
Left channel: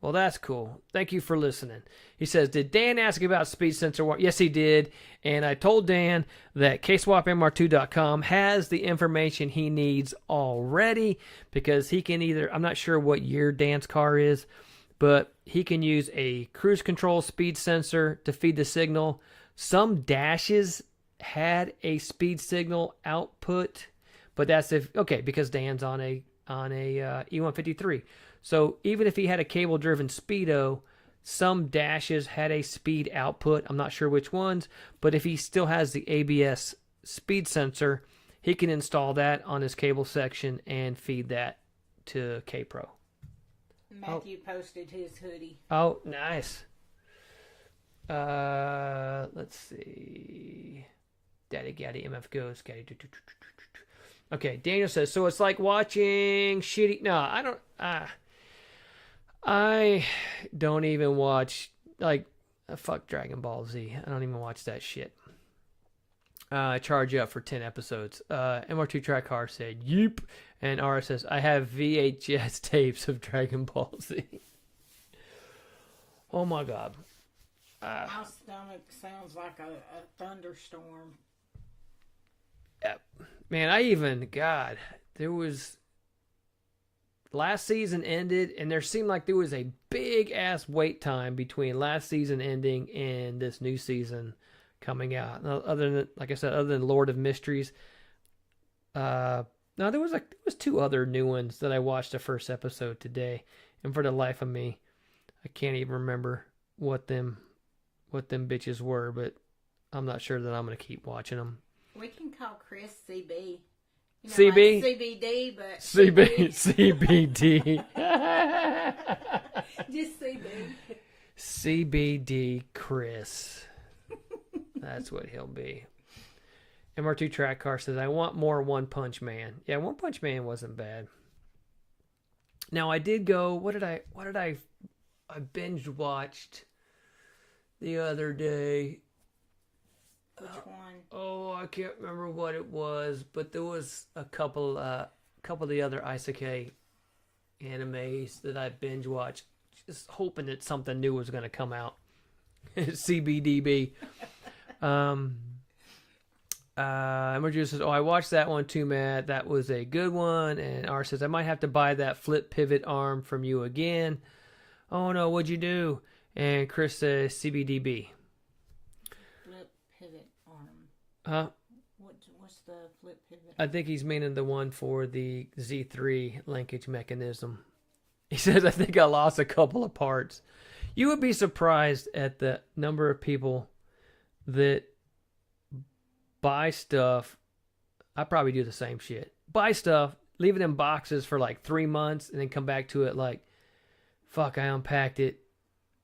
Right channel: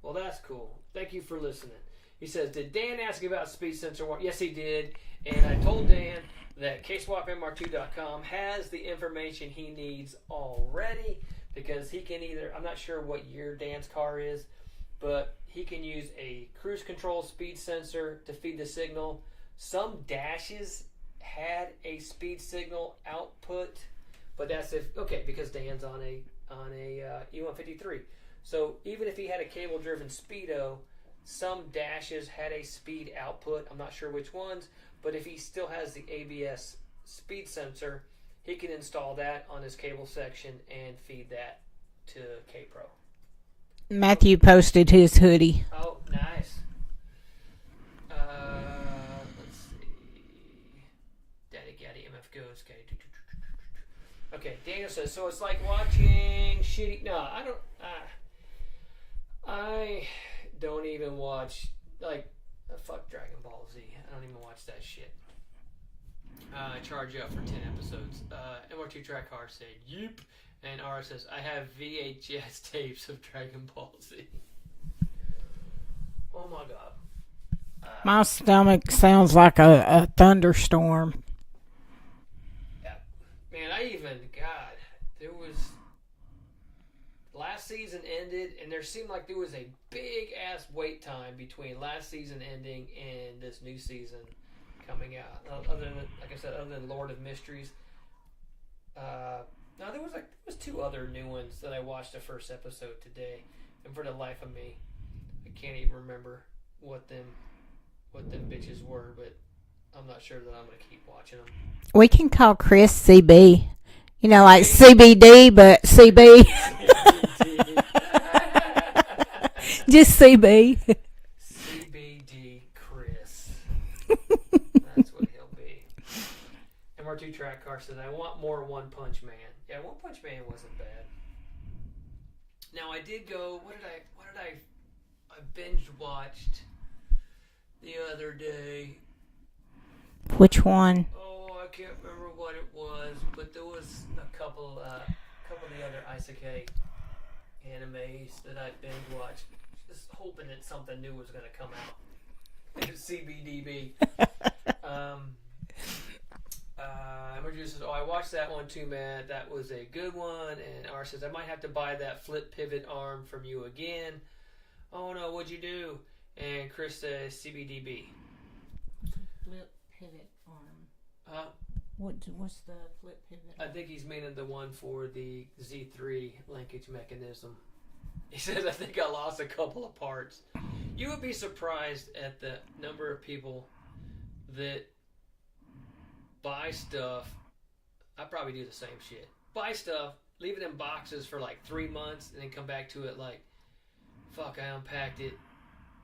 Well, that's cool. Thank you for listening. He says, did Dan ask about speed sensor? Yes, he did. And I told Dan that kswapmr2.com has the information he needs already, because he can either, I'm not sure what year Dan's car is, but he can use a cruise control speed sensor to feed the signal. Some dashes had a speed signal output, but that's because Dan's on a E153. So even if he had a cable driven Speedo, some dashes had a speed output. I'm not sure which ones, but if he still has the ABS speed sensor, he can install that on his cable section and feed that to K-Pro. Matthew posted his hoodie. Oh, nice. Let's see. Daddy Gaddy MF goes. Gaddy. Okay, Daniel says, so it's like watching shitty. No, I don't. I don't even watch fuck Dragon Ball Z. I don't even watch that shit. I charge you up for 10 episodes. MR2 Track Car said, "Yeep," and RS says, "I have VHS tapes of Dragon Ball Z." Oh my god. My stomach sounds like a thunderstorm. Man, there was last season ended, and there seemed like there was a big ass wait time between last season ending and this new season coming out. Other than, like I said, other than Lord of Mysteries, no, there was two other new ones that I watched the first episode today, and for the life of me, I can't even remember what them bitches were, but I'm not sure that I'm gonna keep watching them. We can call Chris CB. You know, CB? like CBD, but CB. CBD. Just CB. CBD Chris. That's what he'll be. MR2 Track Car says, I want more One Punch Man. Yeah, One Punch Man wasn't bad. Now I did go, what did I binge watched the other day. Which one? Oh, I can't remember what it was, but there was a couple of the other isekai animes that I binge watched, just hoping that something new was going to come out. CBDB. Emergy says, "Oh, I watched that one too, Matt. That was a good one." And R says, "I might have to buy that flip pivot arm from you again." Oh no, what'd you do? And Chris says, "CBDB." Huh? What's the flip pivot? I think he's meaning the one for the Z3 linkage mechanism. He says, I think I lost a couple of parts. You would be surprised at the number of people that buy stuff. I probably do the same shit. Buy stuff, leave it in boxes for like 3 months, and then come back to it like, fuck, I unpacked it.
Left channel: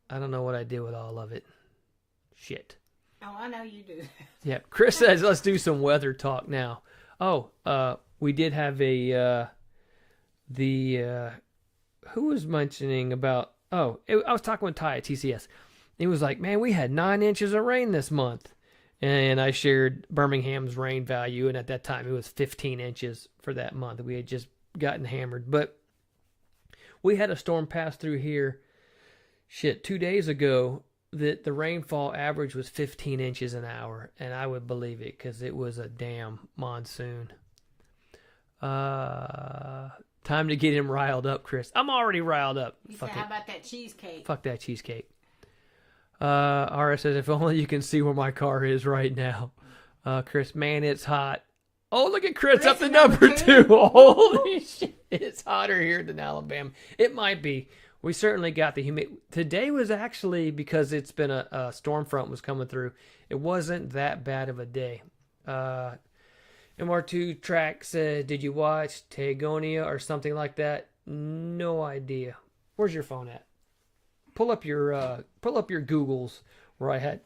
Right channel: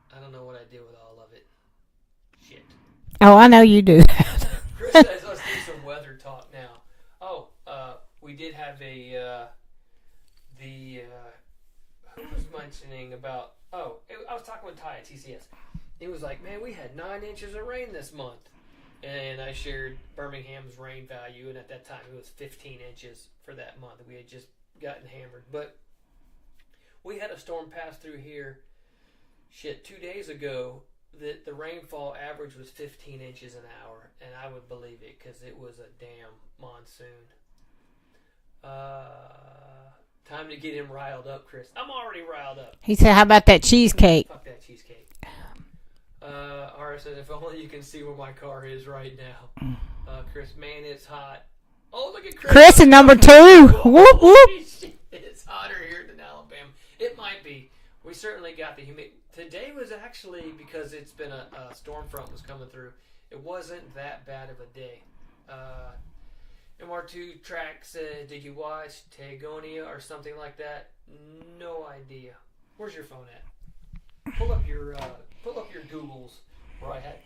I don't know what I did with all of it. Shit. Oh, I know you do that. Yeah, Chris says, let's do some weather talk now. Oh, we did have who was mentioning about, I was talking with Ty at TCS. He was like, man, we had 9 inches of rain this month. And I shared Birmingham's rain value, and at that time it was 15 inches for that month. We had just gotten hammered. But we had a storm pass through here, 2 days ago, that the rainfall average was 15 inches an hour, and I would believe it because it was a damn monsoon. Time to get him riled up, Chris. I'm already riled up. He said, how about that cheesecake? Fuck that cheesecake. RS says, if only you can see where my car is right now. Chris, man, it's hot. Oh, look at Chris. Chris at number 2. Holy shit. It's hotter here than Alabama. It might be. We certainly got the humidity. Today was actually, because it's been a storm front was coming through, it wasn't that bad of a day. MR2 Track said, did you watch Tegonia or something like that? No idea. Where's your phone at? Pull up your Googles where I had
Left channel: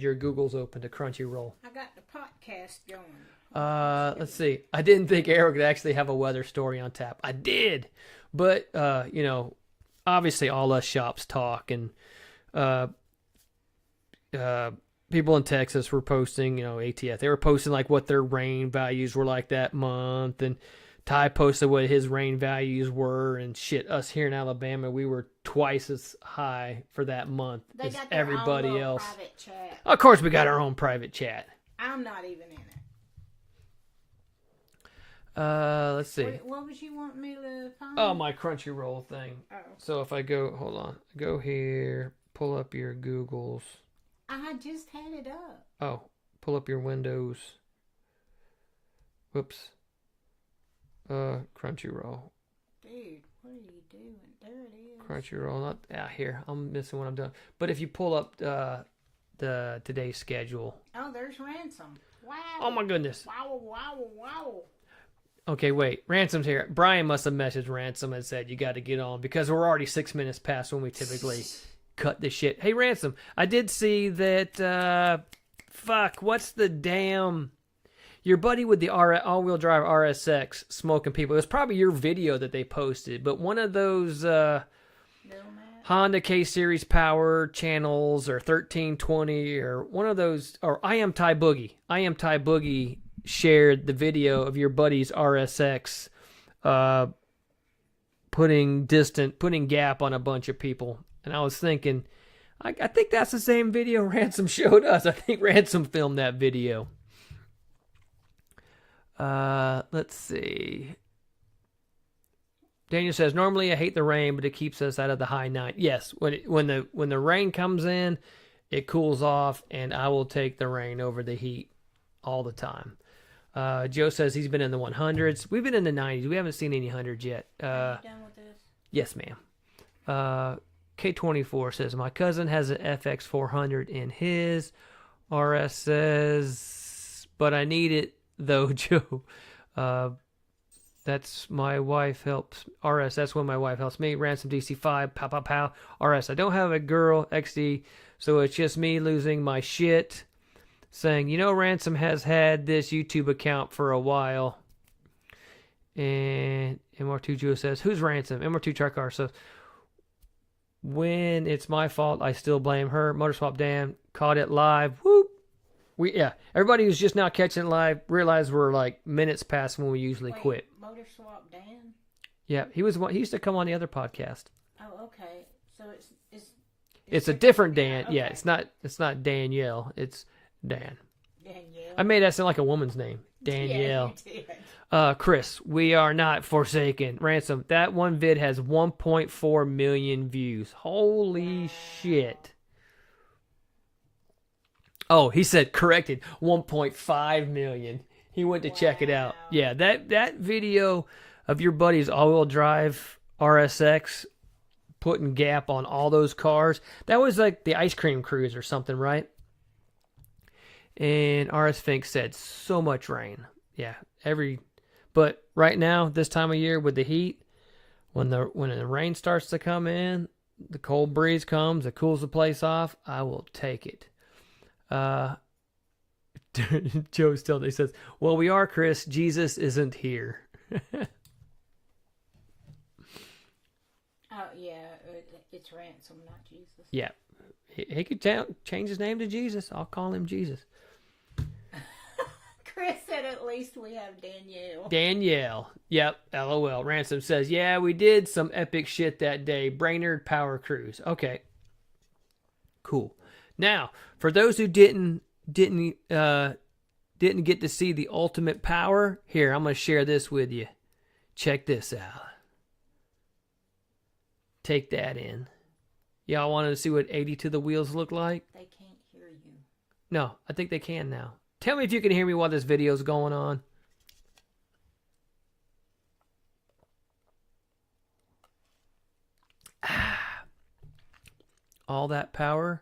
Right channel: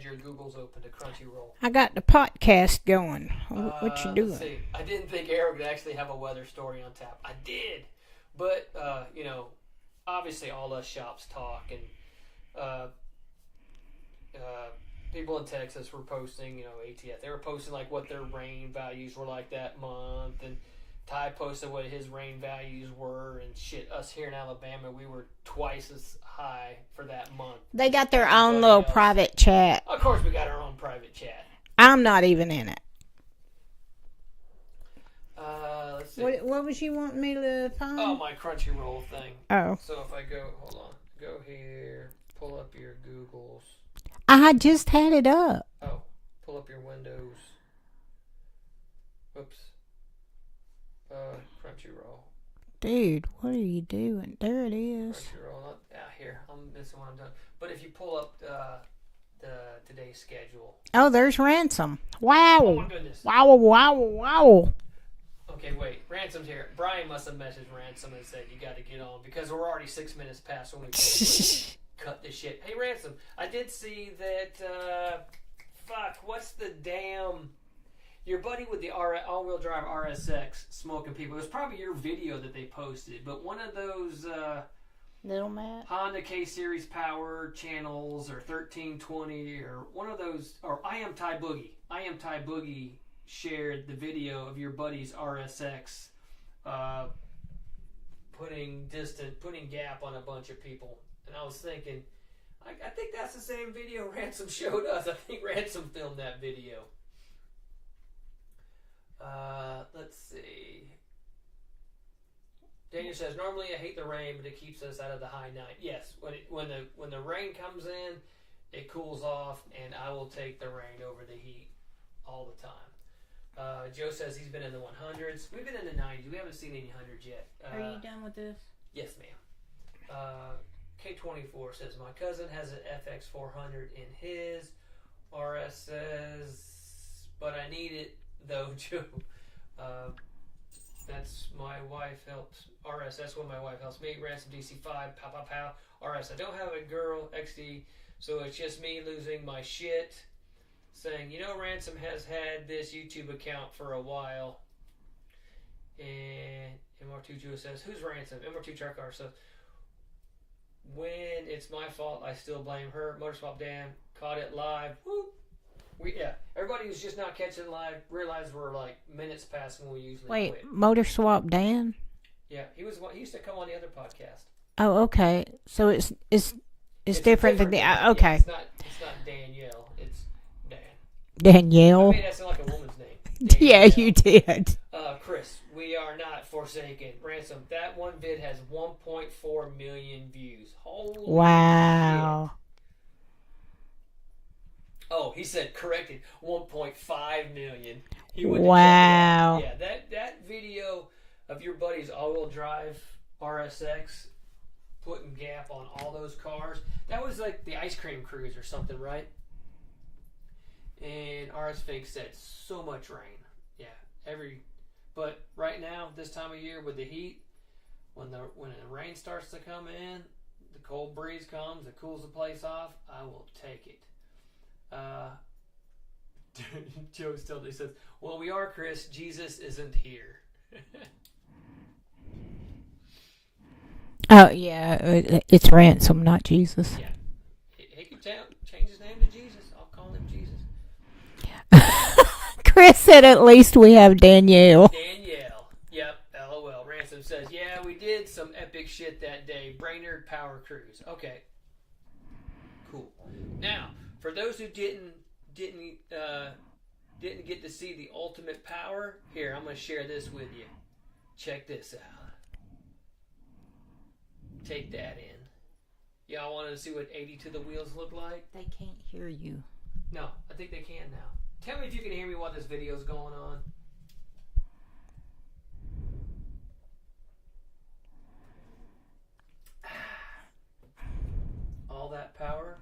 your Googles open to Crunchyroll. I got the podcast going. What you doing? Let's see. I didn't think Arrow could actually have a weather story on tap. I did. But, obviously all us shops talk, and people in Texas were posting, ATF. They were posting like what their rain values were like that month, and Ty posted what his rain values were, and shit, us here in Alabama, we were twice as high for that month. They as got their own everybody little else. private chat. Of course, we got our own private chat. I'm not even in it. Let's see. What was you wanting me to find? Oh, my Crunchyroll thing. Oh. So if I go here, pull up your Googles. I just had it up. Oh, pull up your Windows. Whoops. Crunchyroll. Dude, what are you doing? There it is. Crunchyroll. Here. I'm missing what I'm doing. But if you pull up today's schedule. Oh, there's Ransom. Wow. Oh my goodness. Wow. Okay, wait. Ransom's here. Brian must have messaged Ransom and said you got to get on because we're already 6 minutes past when we typically cut this shit. Hey, Ransom, I did see that. What's the damn? Your buddy with the all-wheel drive RSX smoking people. It was probably your video that they posted, but one of those Little Matt. Honda K-Series Power channels or 1320 or one of those, or I Am Ty Boogie shared the video of your buddy's RSX putting gap on a bunch of people. And I was thinking, I think that's the same video Ransom showed us. I think Ransom filmed that video. Let's see. Daniel says, normally I hate the rain, but it keeps us out of the high 90s. Yes, when the rain comes in, it cools off, and I will take the rain over the heat all the time. Joe says he's been in the 100s. We've been in the 90s. We haven't seen any 100s yet. Are you done with this? Yes, ma'am. K24 says, my cousin has an FX400 in his. RS says, but I need it, though, Joe. That's my wife helps. RS, that's when my wife helps me. Ransom DC5, pow. RS, I don't have a girl, XD, so it's just me losing my shit. Saying, Ransom has had this YouTube account for a while. And MR2 Joe says, who's Ransom? MR2 Trucker says, when it's my fault, I still blame her. Motorswap Dan caught it live. Whoop. Everybody who's just now catching it live realized we're like minutes past when we usually quit. Motorswap Dan? Yeah, he used to come on the other podcast. Oh, okay. So it's a different. different Dan. Okay. Yeah, it's not Danielle. It's Dan. Danielle. I made that sound like a woman's name. Yeah, Danielle. you did. Chris, we are not forsaken. Ransom, that one vid has 1.4 million views. Holy shit. Oh, he said corrected 1.5 million. He went to check it out. Yeah, that video of your buddy's all-wheel drive RSX putting gap on all those cars, that was like the ice cream cruise or something, right? And RS Fink said so much rain. Yeah, but right now, this time of year with the heat, when the rain starts to come in, the cold breeze comes, it cools the place off, I will take it. Joe still he says, well, we are, Chris, Jesus isn't here. Oh yeah, it's Ransom, not Jesus. Yeah, he could change his name to Jesus. I'll call him Jesus. Chris said at least we have Danielle. Yep, LOL. Ransom says, yeah, we did some epic shit that day. Brainerd Power Cruise. Okay, cool. Now, for those who didn't get to see the ultimate power, here, I'm going to share this with you. Check this out. Take that in. Y'all wanted to see what 80 to the wheels look like? They can't hear you. No, I think they can now. Tell me if you can hear me while this video's going on. All that power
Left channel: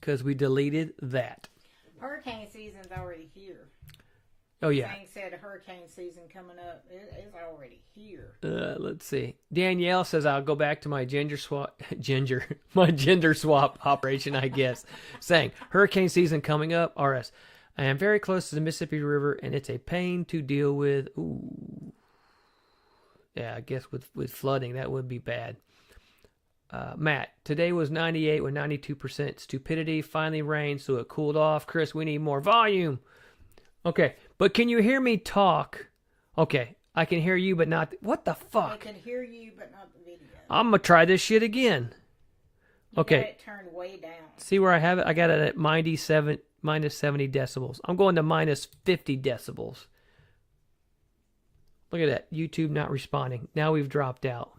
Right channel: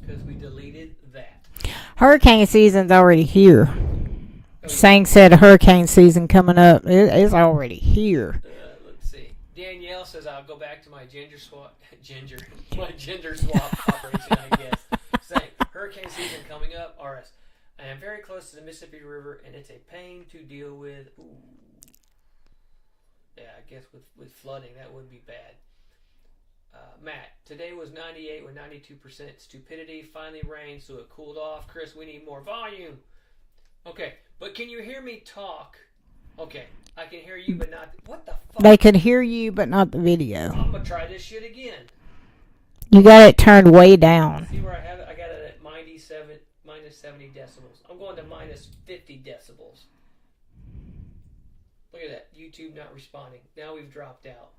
because we deleted that. Hurricane season's already here. Oh, yeah. Sang said hurricane season coming up. It's already here. Let's see. Danielle says I'll go back to my gender swap operation, I guess. Saying hurricane season coming up. RS. I am very close to the Mississippi River, and it's a pain to deal with. Ooh. Yeah, I guess with flooding, that would be bad. Matt, today was 98 with 92% stupidity. Finally rained, so it cooled off. Chris, we need more volume. Okay, but can you hear me talk? Okay, I can hear you, but not... What the fuck? They can hear you, but not the video. I'm going to try this shit again. You got it turned way down. See where I have it? I got it at minus 70 decibels. I'm going to minus 50 decibels. Look at that. YouTube not responding. Now we've dropped out.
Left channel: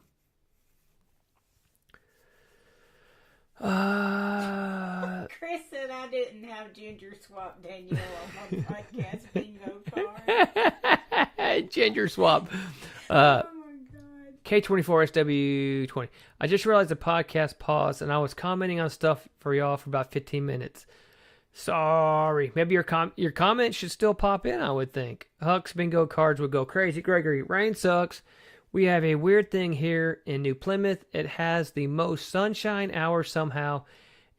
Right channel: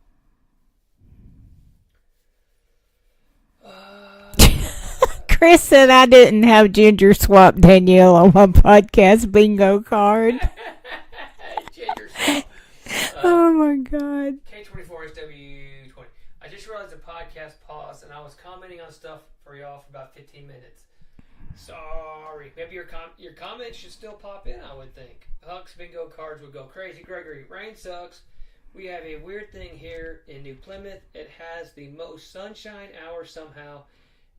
Chris said I didn't have Ginger Swap Danielle on my podcast bingo card. Ginger Swap. Oh my God. K24SW20. I just realized the podcast paused and I was commenting on stuff for y'all for about 15 minutes. Sorry. Maybe your comment should still pop in, I would think. Huck's bingo cards would go crazy. Gregory, rain sucks. We have a weird thing here in New Plymouth. It has the most sunshine hours somehow,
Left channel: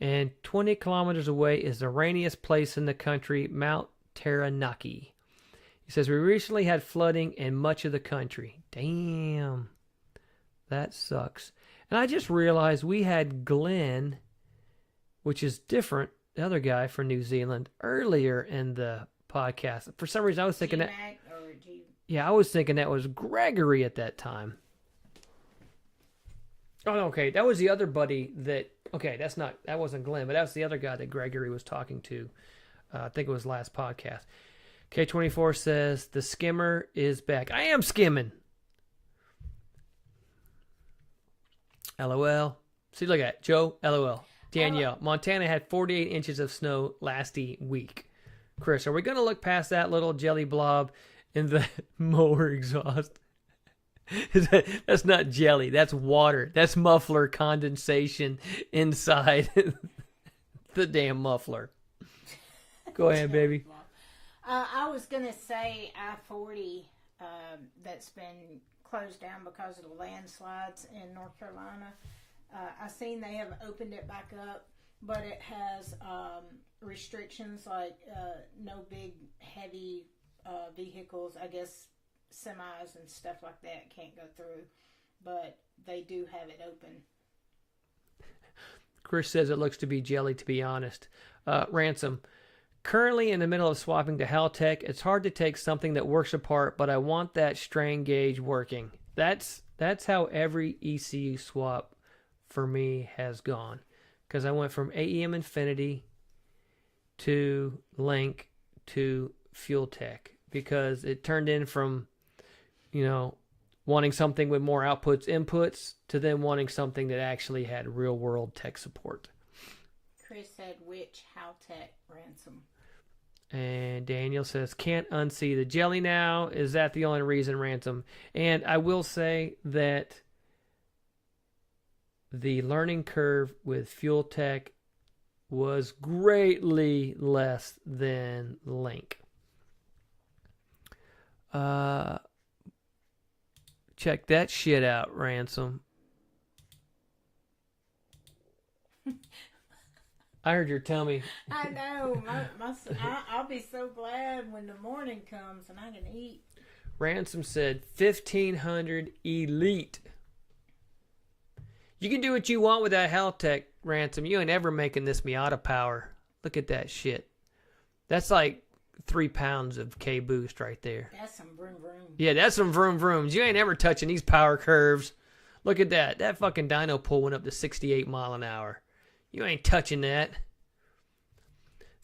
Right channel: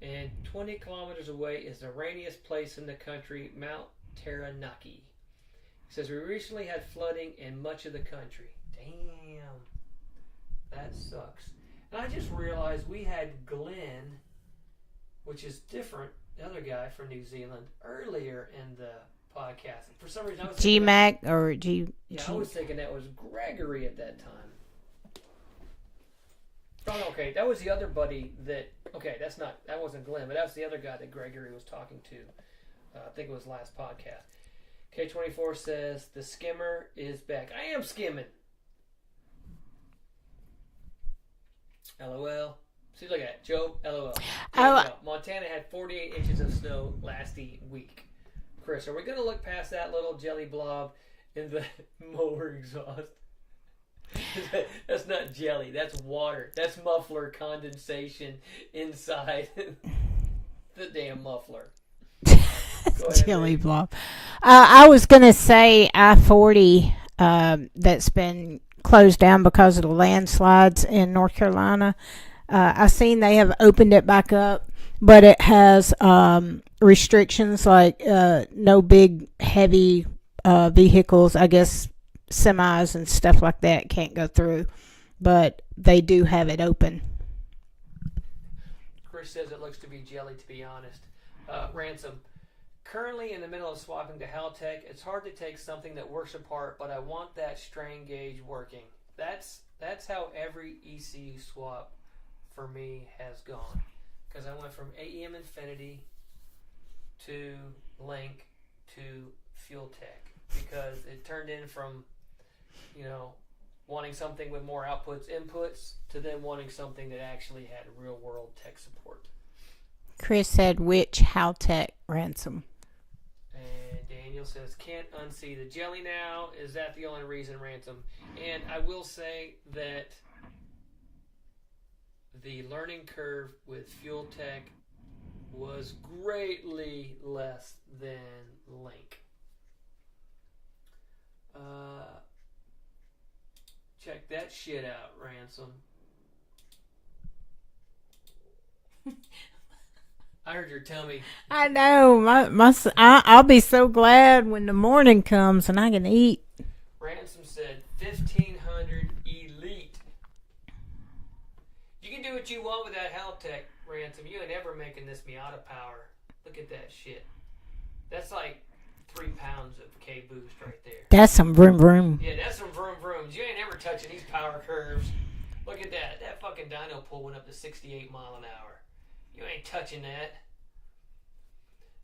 and 20 kilometers away is the rainiest place in the country, Mount Taranaki. He says, we recently had flooding in much of the country. Damn. That sucks. And I just realized we had Glenn, which is different, the other guy from New Zealand, earlier in the podcast. For some reason, I was thinking G-Mac or G... Yeah, I was thinking that was Gregory at that time. Oh, okay. That was the other buddy that... Okay, that wasn't Glenn, but that was the other guy that Gregory was talking to. I think it was last podcast. K24 says, the skimmer is back. I am skimming. LOL. See, look at it. Joe, LOL. Danielle, Montana had 48 inches of snow last week. Chris, are we going to look past that little jelly blob in the mower exhaust? That's not jelly. That's water. That's muffler condensation inside the damn muffler. Go ahead, jelly baby. blob. I was going to say I-40 that's been closed down because of the landslides in North Carolina. I seen they have opened it back up, but it has restrictions like no big heavy vehicles. I guess semis and stuff like that can't go through, but they do have it open. Chris says it looks to be jelly, to be honest. Ransom. Currently in the middle of swapping to Haltech. It's hard to take something that works apart, but I want that strain gauge working. That's how every ECU swap for me has gone. Because I went from AEM Infinity to Link to Fuel Tech. Because it turned in from, wanting something with more inputs, to then wanting something that actually had real world tech support. Chris said, which Haltech Ransom? And Daniel says, can't unsee the jelly now. Is that the only reason, Ransom? And I will say that the learning curve with Fuel Tech was greatly less than Link. Check that shit out, Ransom. I heard your tummy. I know. I'll be so glad when the morning comes and I can eat. Ransom said 1500 Elite. You can do what you want with that Haltech, Ransom. You ain't ever making this Miata power. Look at that shit. That's like 3 pounds of K boost right there. That's some vroom vroom. Yeah, that's some vroom vrooms. You ain't ever touching these power curves. Look at that. That fucking dyno pull went up to 68 mile an hour. You ain't touching that.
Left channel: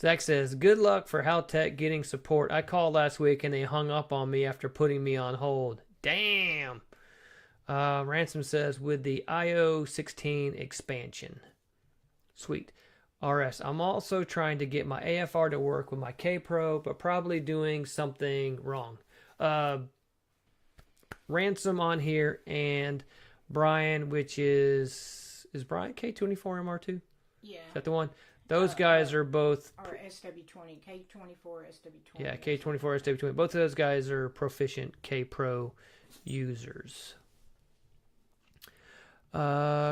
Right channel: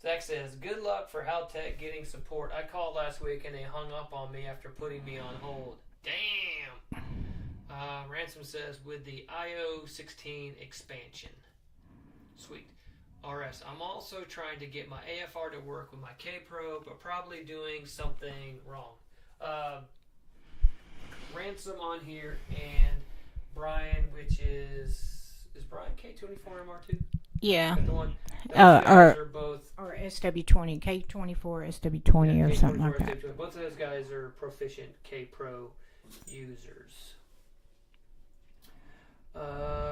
Zach says, good luck for Haltech getting support. I called last week and they hung up on me after putting me on hold. Damn. Ransom says, with the IO16 expansion. Sweet. RS, I'm also trying to get my AFR to work with my K-Pro, but probably doing something wrong. Ransom on here and Brian, which is Brian K24 MR2? Yeah. Is that the one? Those guys are both... Or SW20, K24, SW20 or something like that. SW20. Both of those guys are proficient K-Pro users.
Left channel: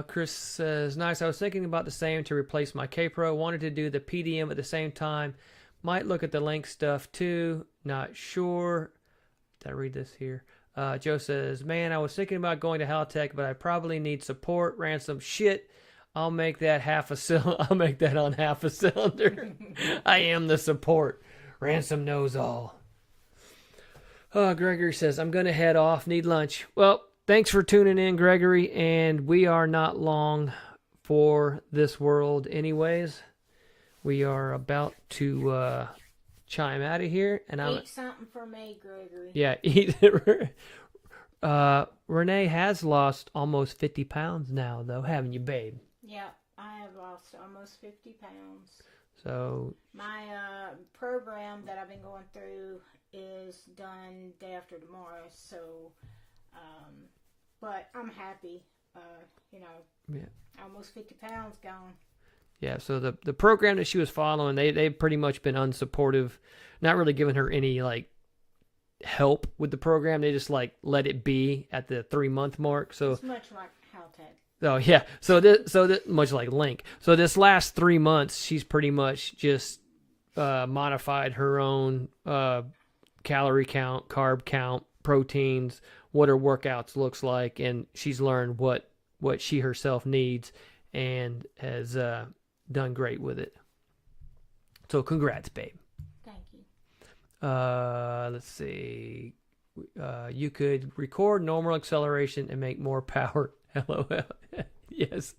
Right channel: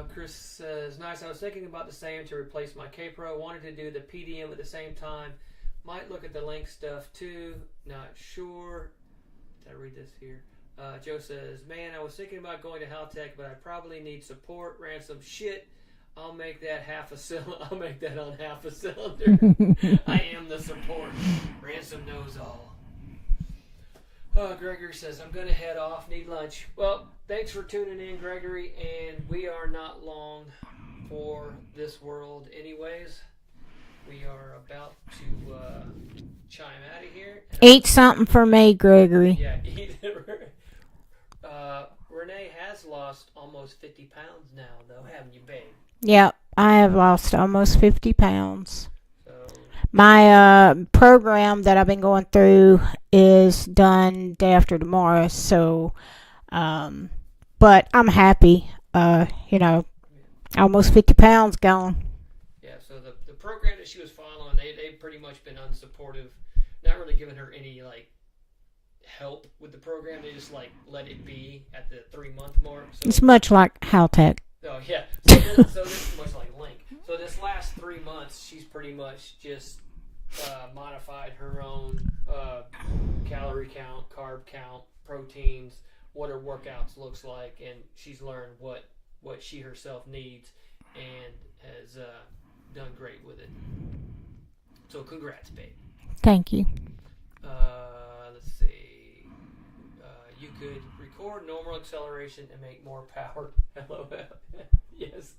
Chris says, nice. I was thinking about the same to replace my K-Pro. Wanted to do the PDM at the same time. Might look at the Link stuff too. Not sure. Did I read this here? Joe says, man, I was thinking about going to Haltech, but I probably need support. Ransom shit. I'll make that I'll make that on half a cylinder. I am the support. Ransom knows all. Gregory says, I'm going to head off. Need lunch. Well, thanks for tuning in, Gregory, and we are not long for this world anyways. We are about to chime out of here. And eat something for me, Gregory. Yeah, eat. Renee has lost almost 50 pounds now, though, haven't you, babe? Yep, I have lost almost 50 pounds. So my program that I've been going through is done day after tomorrow, so but I'm happy. Almost 50 pounds gone. Yeah, so the program that she was following, they've pretty much been unsupportive, not really giving her any like help with the program. They just like let it be at the 3-month mark. So It's much like Haltech. oh yeah, so this much like Link. So this last 3 months, she's pretty much just modified her own calorie count, carb count, proteins, what her workouts looks like, and she's learned what she herself needs, and has done great with it. So congrats, babe. Thank you. Let's see. You could record normal acceleration and make more power. LOL. Yes.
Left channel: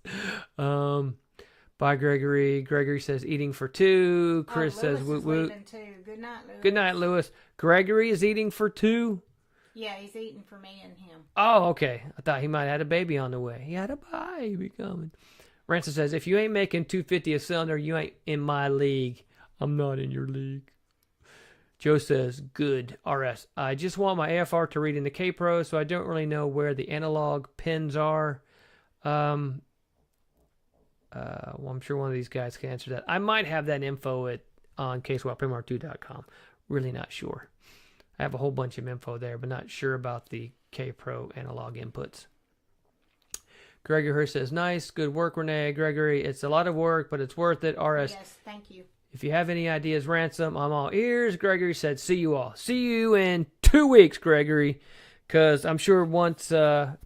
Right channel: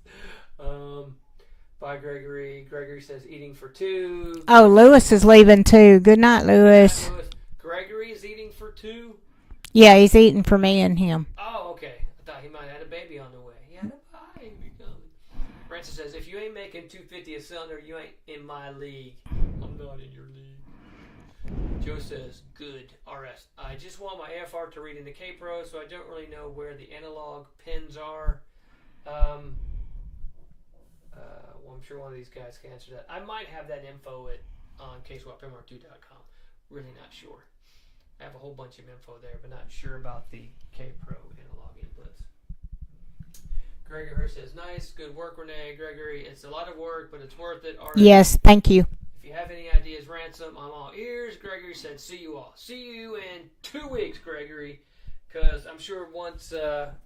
Bye, Gregory. Gregory says eating for two. Oh, Chris Lewis says, is leaving too. Good night, Good Lewis. night, Lewis. Gregory is eating for two. Yeah, he's eating for me and him. Oh, okay. I thought he might have had a baby on the way. He had a baby coming. Ransom says, if you ain't making 250 a cylinder, you ain't in my league. I'm not in your league. Joe says, good, RS. I just want my AFR to read in the K-Pro, so I don't really know where the analog pins are. Well, I'm sure one of these guys can answer that. I might have that info on kswapmr2.com. Really not sure. I have a whole bunch of info there, but not sure about the K-Pro analog inputs. Gregory Hurst says, nice, good work, Renee. Gregory, it's a lot of work, but it's worth it. RS. Yes, thank you. If you have any ideas, Ransom, I'm all ears. Gregory said, see you all. See you in 2 weeks, Gregory, because I'm sure once we're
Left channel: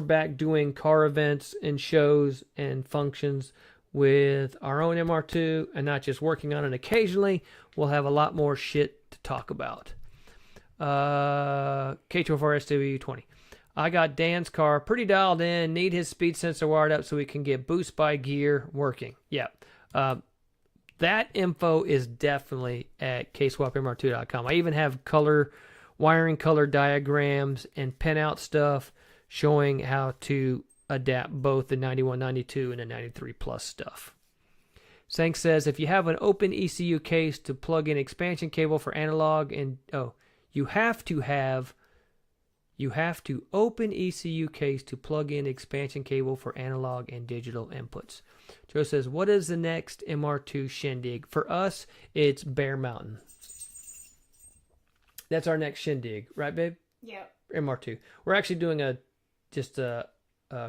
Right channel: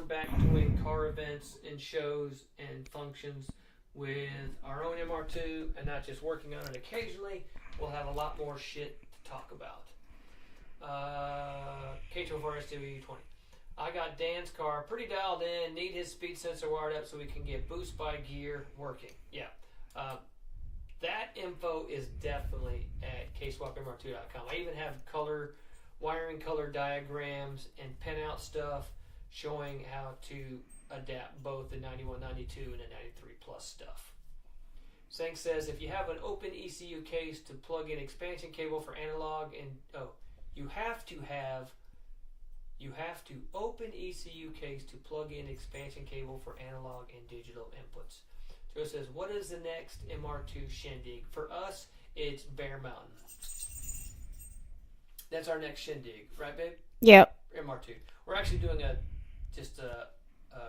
back doing car events and shows and functions with our own MR2 and not just working on it occasionally, we'll have a lot more shit to talk about. K24SW20. I got Dan's car pretty dialed in. Need his speed sensor wired up so we can get boost by gear working. Yeah. That info is definitely at kswapmr2.com. I even have wiring color diagrams and pinout stuff showing how to adapt both the 9192 and the 93 plus stuff. Sank says, if you have an open ECU case to plug in expansion cable for analog and you have to open ECU case to plug in expansion cable for analog and digital inputs. Joe says, what is the next MR2 shindig? For us, it's Bear Mountain. That's our next shindig, right, babe? Yep. MR2. We're actually doing a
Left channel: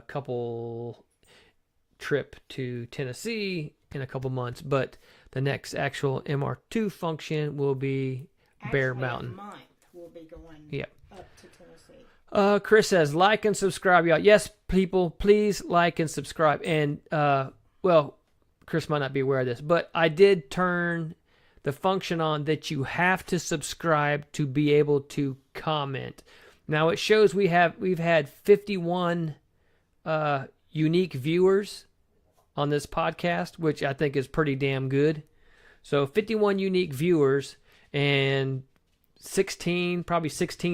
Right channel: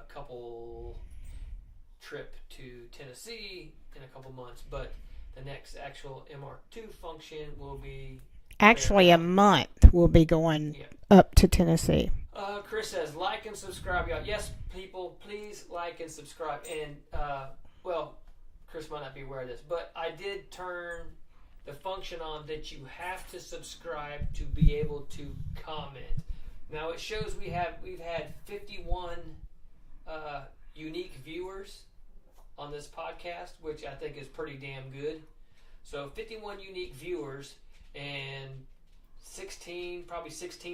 couple trip to Tennessee in a couple months, but the next actual MR2 function will be Actually, a month we'll be going up to Tennessee. Chris says, like and subscribe, y'all. Yes, people, please like and subscribe. And, well, Chris might not be aware of this, but I did turn the function on that you have to subscribe to be able to comment. Now, it shows we've had 51 unique viewers on this podcast, which I think is pretty damn good. So 51 unique viewers and 16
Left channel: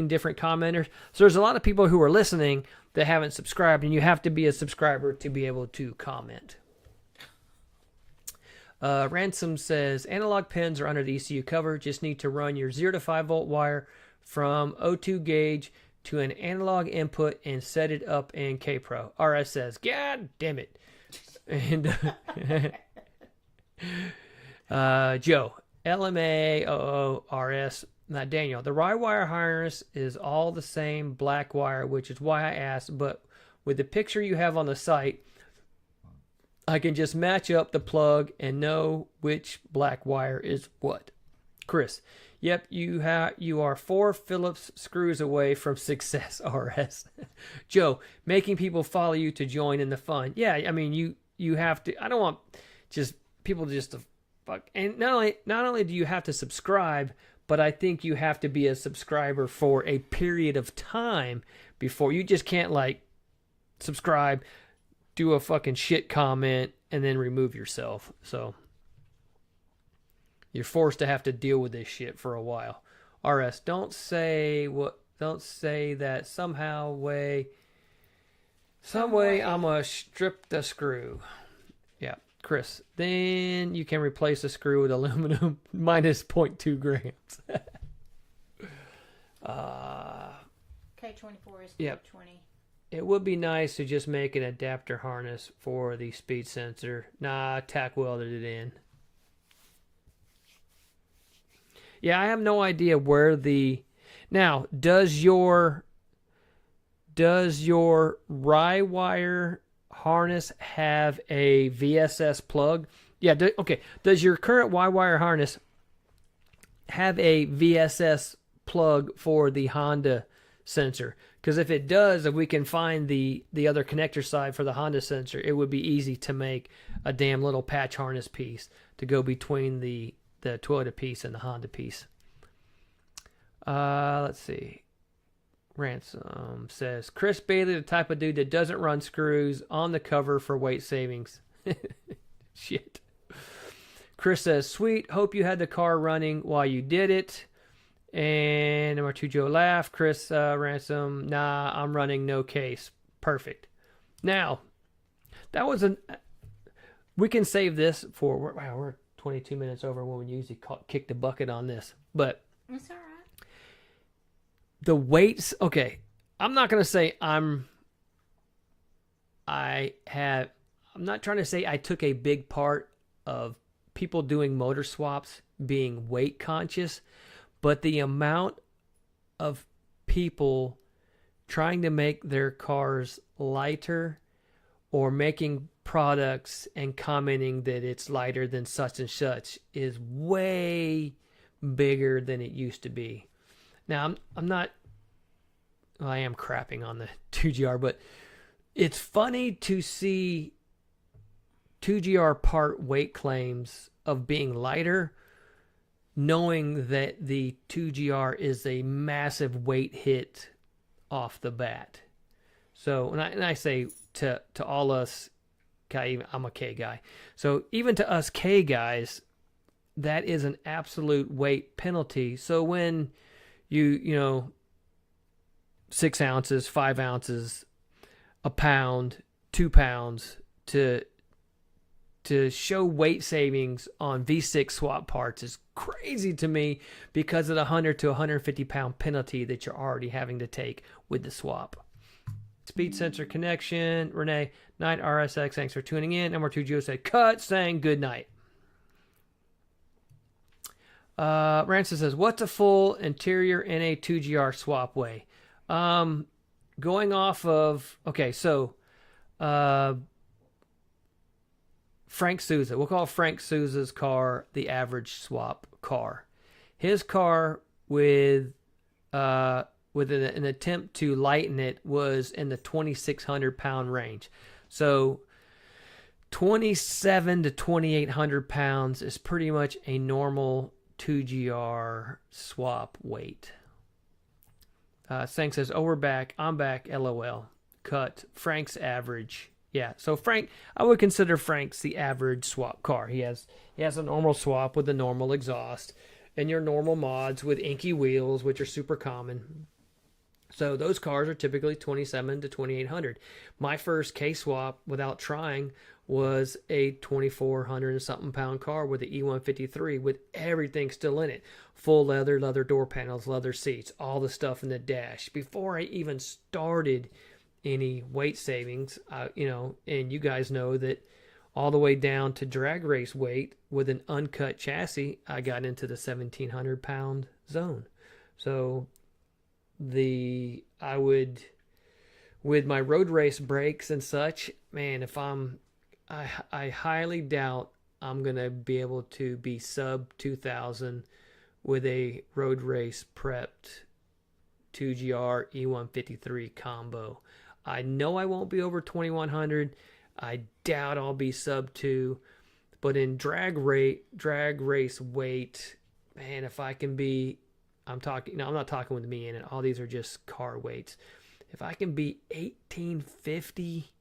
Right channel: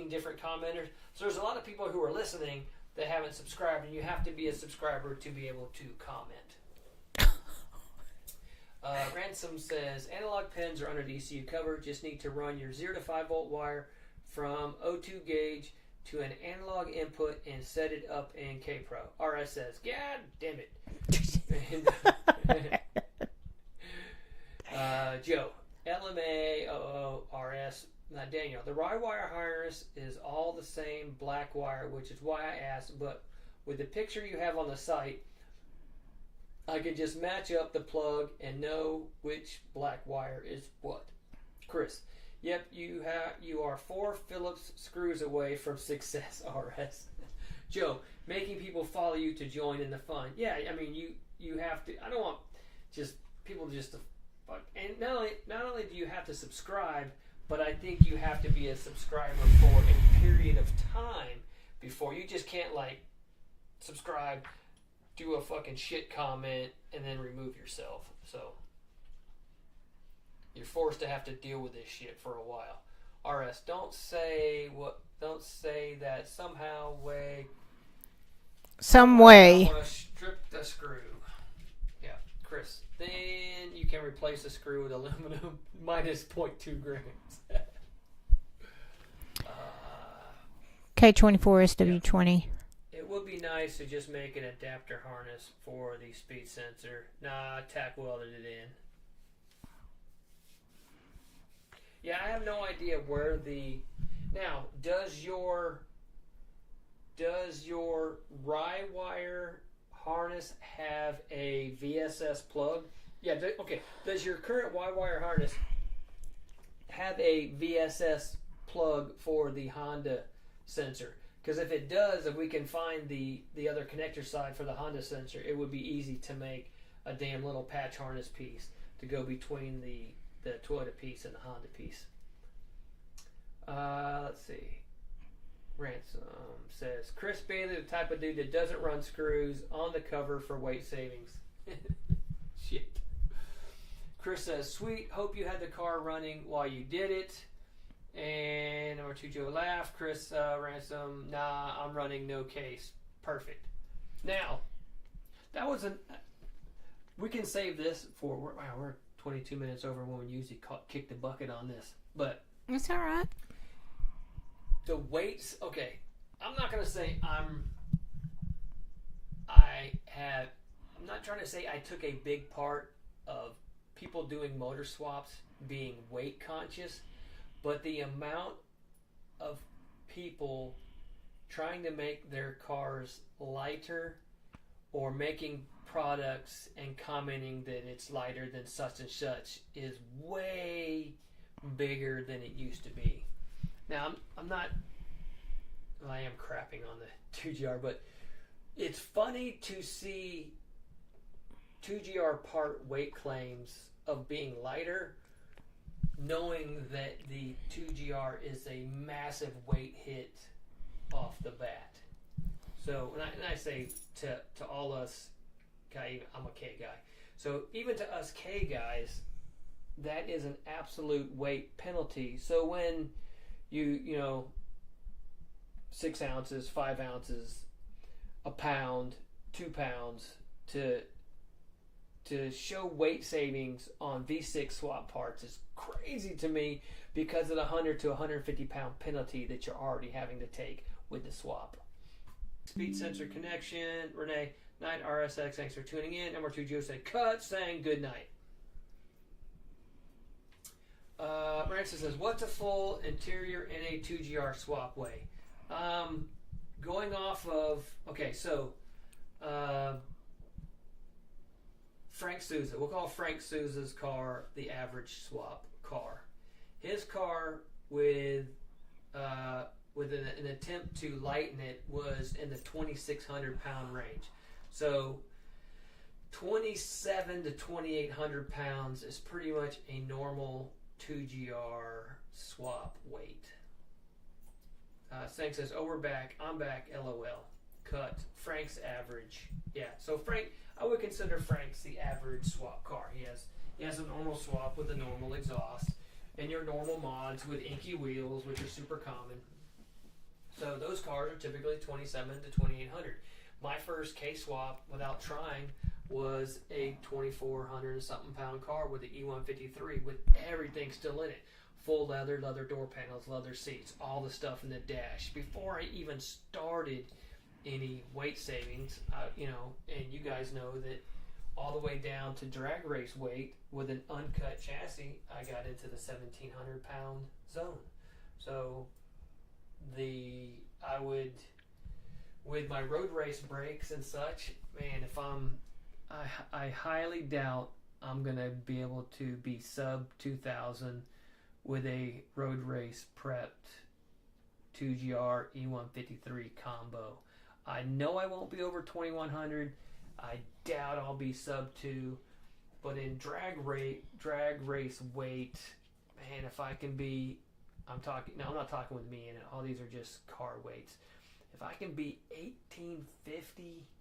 different commenters. So there's a lot of people who are listening that haven't subscribed, and you have to be a subscriber to be able to comment. Ransom says, analog pins are under the ECU cover. Just need to run your 0 to 5 volt wire from O2 gauge to an analog input and set it up in K-Pro. RS says, God damn it. And Joe, LMA00RS. Now, Daniel, the rye wire harness is all the same black wire, which is why I asked, but with the picture you have on the site, I can just match up the plug and know which black wire is what. Chris, yep, you are 4 Phillips screws away from success, RS. Joe, making people follow you to join in the fun. Yeah, I mean, you have to. I don't want just people just to fuck. And not only do you have to subscribe, but I think you have to be a subscriber for a period of time before. You just can't like subscribe, do a fucking shit comment, and then remove yourself. So you're forced to have to deal with this shit for a while. RS, don't say that somehow way. Some way. I'm gonna strip the screw. Yeah, Chris. Then you can replace the screw with aluminum minus 0.2 grams. K24SW20. It would be nice to just make an adapter harness for the speed sensor. Nah, tack welded it in. Yeah, I have no idea where the... Now, does your rye wire harness have a VSS plug? Yeah, okay. Does your current Y-wire harness have a VSS plug for the Honda sensor? Because if it does, if we can find the other connector side for the Honda sensor, it would be easy to make a damn little patch harness piece to go between the Toyota piece and the Honda piece. Let's see. Ransom says, Chris Bailey, the type of dude that doesn't run screws on the cover for weight savings. Shit. Chris says, sweet, hope you had the car running while you did it. And number 2, Joe laugh. Chris Ransom, nah, I'm running no case. Perfect. Now, that was we can save this for, wow, we're 22 minutes over when we usually kick the bucket on this. But It's all right. the weights, okay, I'm not going to say I'm not trying to say I took a big part of people doing motor swaps being weight conscious, but the amount of people trying to make their cars lighter or making products and commenting that it's lighter than such and such is way bigger than it used to be. Now, I'm not, well, I am crapping on the 2GR, but it's funny to see 2GR part weight claims of being lighter, knowing that the 2GR is a massive weight hit off the bat. So, and I say to all us, I'm a K guy. So even to us K guys, that is an absolute weight penalty. So when you know, 6 ounces, 5 ounces, a pound, 2 pounds to show weight savings on V6 swap parts is crazy to me because of the 100 to 150 pound penalty that you're already having to take with the swap. Speed sensor connection. Renee, Night RSX, thanks for tuning in. Number 2, Joe said, cut, saying good night. Ransom says, what's a full interior in a 2GR swap way? Going off of, okay, so Frank Souza. We'll call Frank Souza's car the average swap car. His car with an attempt to lighten it was in the 2,600 pound range. So 2,700 to 2,800 pounds is pretty much a normal 2GR swap weight. Sang says, oh, we're back. I'm back. LOL. Cut. Frank's average. Yeah. So Frank, I would consider Frank's the average swap car. He has a normal swap with a normal exhaust and your normal mods with inky wheels, which are super common. So those cars are typically 2,700 to 2,800. My first K-swap without trying was a 2,400 and something pound car with the E153 with everything still in it. Full leather door panels, leather seats, all the stuff in the dash. Before I even started any weight savings, and you guys know that all the way down to drag race weight with an uncut chassis, I got into the 1,700 pound zone. So with my road race brakes and such, man, I highly doubt I'm gonna be able to be sub 2,000 with a road race prepped 2GR E153 combo. I know I won't be over 2,100. I doubt I'll be sub 2, but in drag race weight, man, if I can be, I'm not talking with me in it. All these are just car weights. If I can be 1,850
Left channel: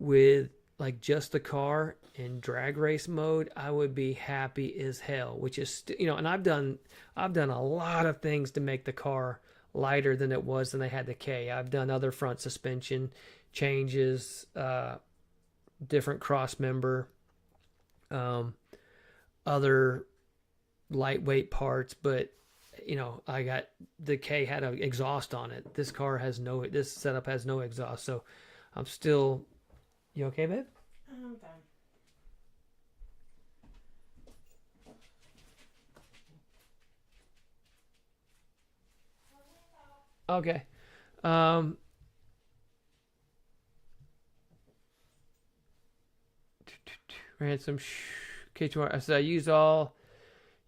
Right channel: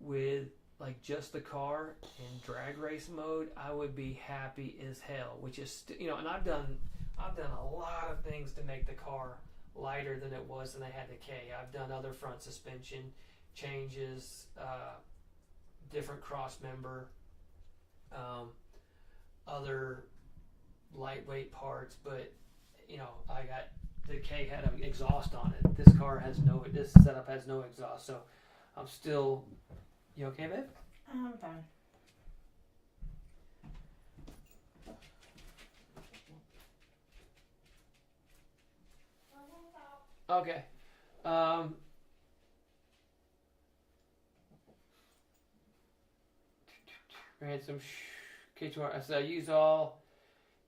with like just the car in drag race mode, I would be happy as hell. Which is, and I've done a lot of things to make the car lighter than it was when they had the K. I've done other front suspension changes, different cross member, other lightweight parts, but I got the K had an exhaust on it. This setup has no exhaust, so I'm still. You okay, babe? I'm fine. Okay. Ransom. K2R. I said I used all.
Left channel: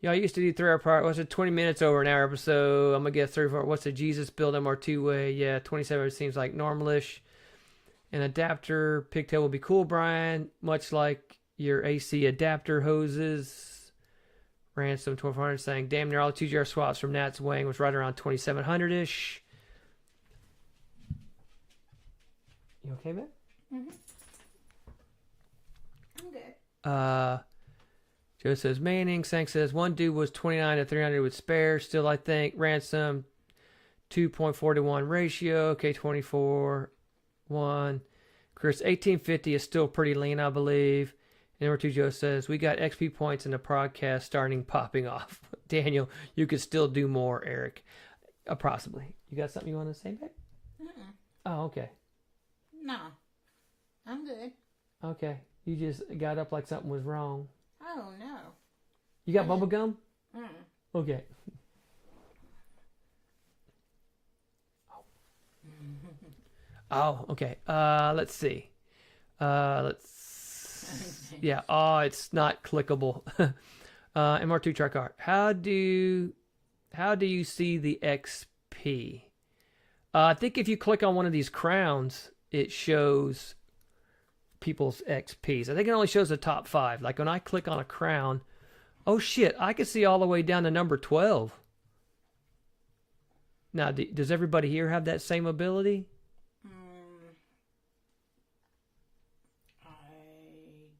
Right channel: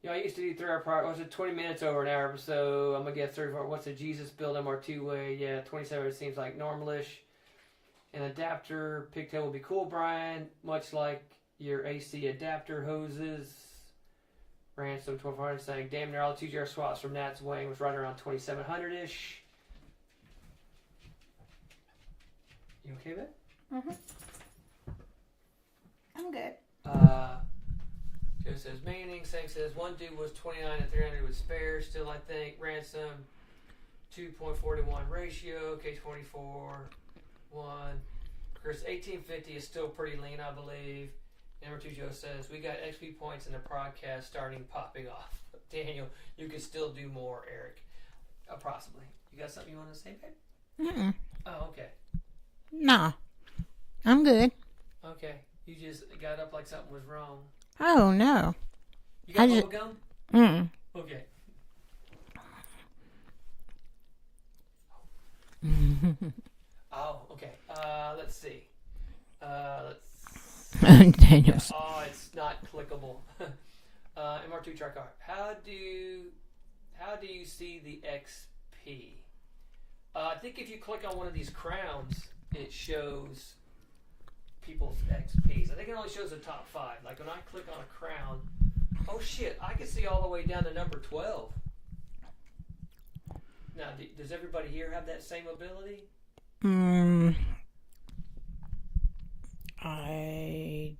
I used to do 3-hour part. What's it? 20 minutes over an hour episode. I'm gonna get 34. What's the Jesus build MR2 way? Yeah, 27 seems like normalish. An adapter pigtail will be cool, Brian. Much like your AC adapter hoses. Ransom 1200 saying damn near all the 2GR swaps from Nat's Wang was right around 2700 ish. You okay, babe? Mm-hmm. I'm good. Joe says Manning. Sang says one dude was 29 to 300 with spares. Still, I think Ransom 2.4 to 1 ratio. K24 1. Chris 1850 is still pretty lean, I believe. Number 2 Joe says we got XP points in the podcast starting popping off. Daniel, you could still do more. Eric, possibly. You got something you want to say, babe? Mm-mm. Oh, okay. Nah, I'm good. Okay. You just got up like something was wrong. Oh no. You got bubble gum? Mm. Okay. Oh, okay. Let's see. Yeah. Oh, it's not clickable. MR2 Charcar. How do you see the XP? I think if you click on one of these crowns, it shows people's XPs. I think it only shows the top 5. Like when I click on a crown, oh shit, I can see all the way down to number 12. Now, does everybody here have that same ability? I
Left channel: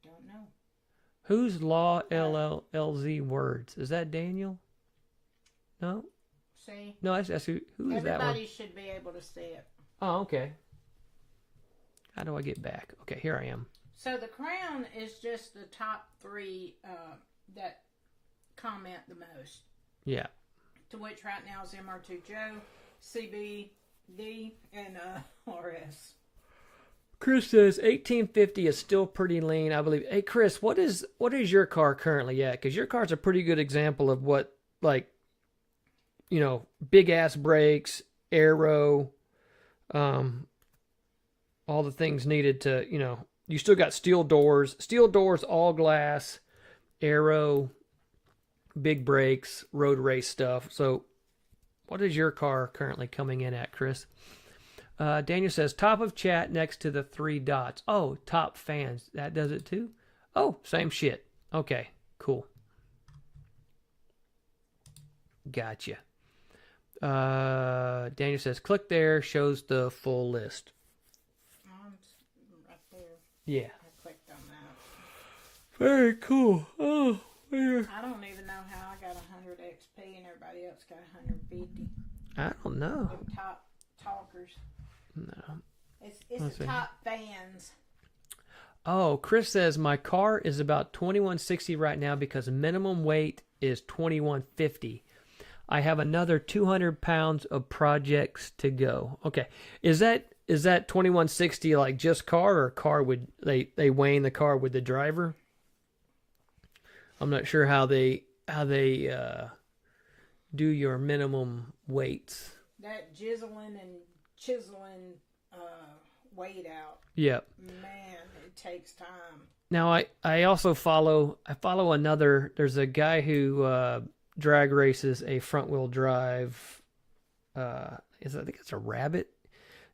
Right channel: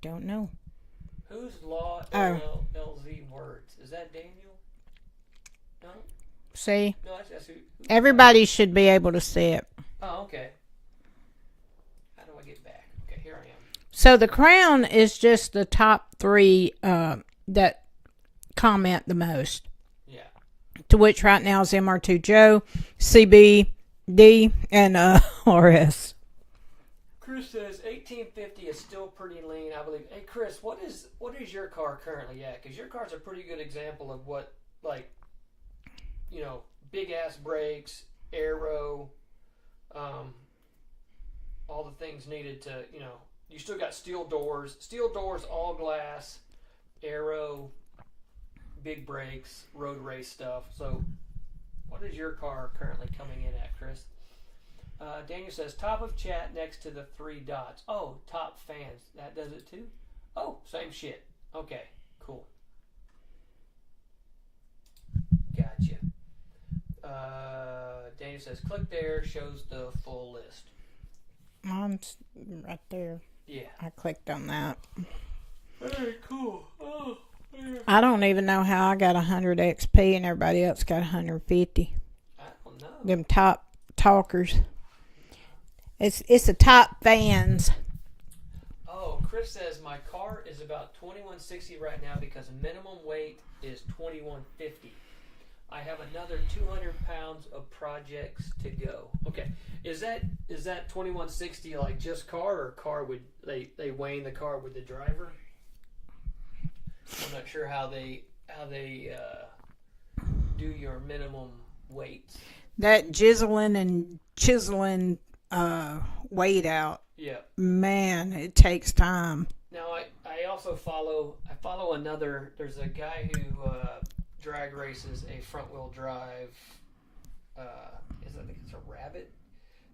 don't know. Who's Law LLZ Words? Is that Daniel? No? See? No, that's who everybody should be able to see it. Oh, okay. How do I get back? Okay, here I am. So the crown is just the top 3 that comment the most. Yeah. To which right now is MR2 Joe, CBD, and RS. Chris says 1850 is still pretty lean, I believe. Hey, Chris, what is your car currently at? Because your car's a pretty good example of what, like, big ass brakes, aero, all the things needed to, you still got steel doors, all glass, aero, big brakes, road race stuff. So what is your car currently coming in at, Chris? Daniel says top of chat next to the 3 dots. Oh, top fans. That does it too? Oh, same shit. Okay, cool. Gotcha. Daniel says click there, shows the full list. Mine's right there. Yeah. I clicked on that. Very cool. Oh, yeah. I don't even know how I got 100 XP and everybody else got 150. I don't know. Them top talkers. No. It's the top fans. Oh, Chris says my car is about 2160 right now because minimum weight is 2150. I have another 200 pounds of projects to go. Okay, is that 2160 like just car or car with they weighing the car with the driver? I'm not sure how they do your minimum weights. That chiseling and chiseling weight out. Yeah. Man, it takes time. Now I also follow another. There's a guy who drag races a front wheel drive. I think it's a Rabbit.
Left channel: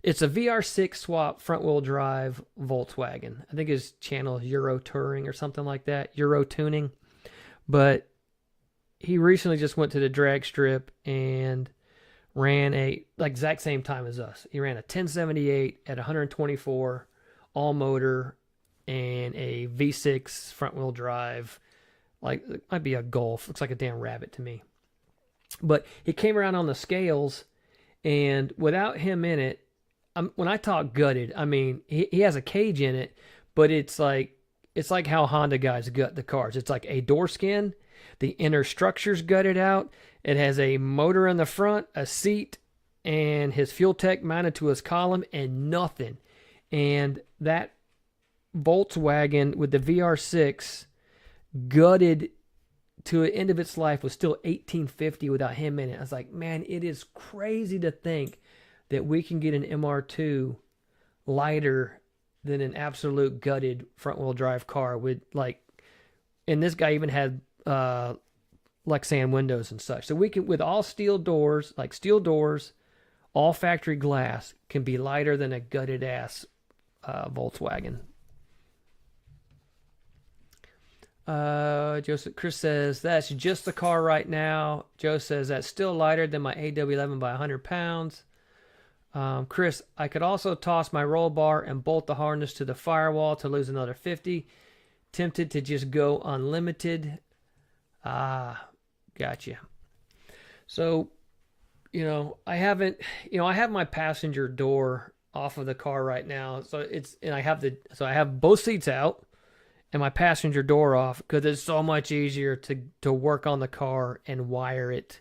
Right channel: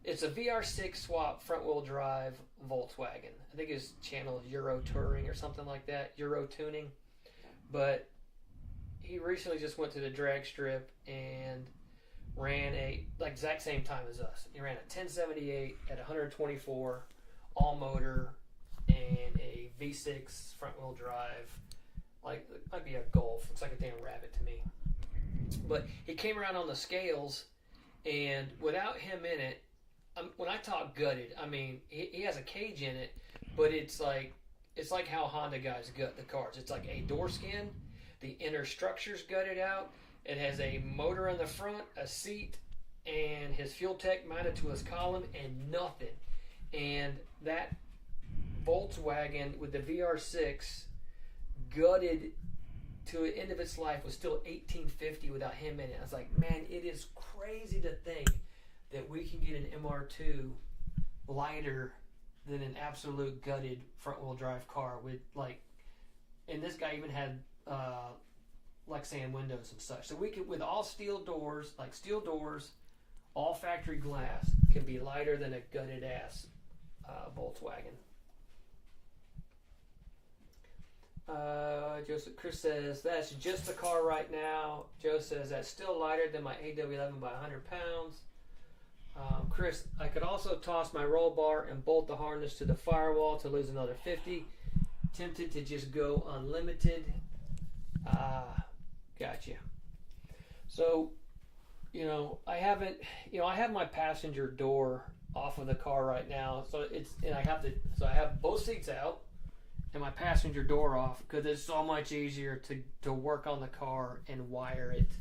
It's a VR6 swap front wheel drive Volkswagen. I think his channel is Euro Touring or something like that. Euro Tuning. But he recently just went to the drag strip and ran exact same time as us. He ran a 1078 at 124 all motor and a V6 front wheel drive. Like, it might be a Golf. Looks like a damn Rabbit to me. But he came around on the scales, and without him in it, when I talk gutted, I mean he has a cage in it, but it's like how Honda guys gut the cars. It's like a door skin, the inner structure's gutted out, It has a motor in the front, a seat, and his fuel tank mounted to his column, and nothing. And that Volkswagen with the VR6 gutted to the end of its life was still $1,850 without him in it. I was like, man, it is crazy to think that we can get an MR2 lighter than an absolute gutted front wheel drive car with like, and this guy even had Lexan windows and such. So we could, with all steel doors, like steel doors, all factory glass, can be lighter than a gutted ass Volkswagen. Chris says that's just the car right now. Joe says that's still lighter than my AW11 by 100 pounds. Chris, I could also toss my roll bar and bolt the harness to the firewall to lose another 50. Tempted to just go unlimited. Gotcha. So, I haven't, I have my passenger door off of the car right now. So I have both seats out and my passenger door off because it's so much easier to work on the car and wire it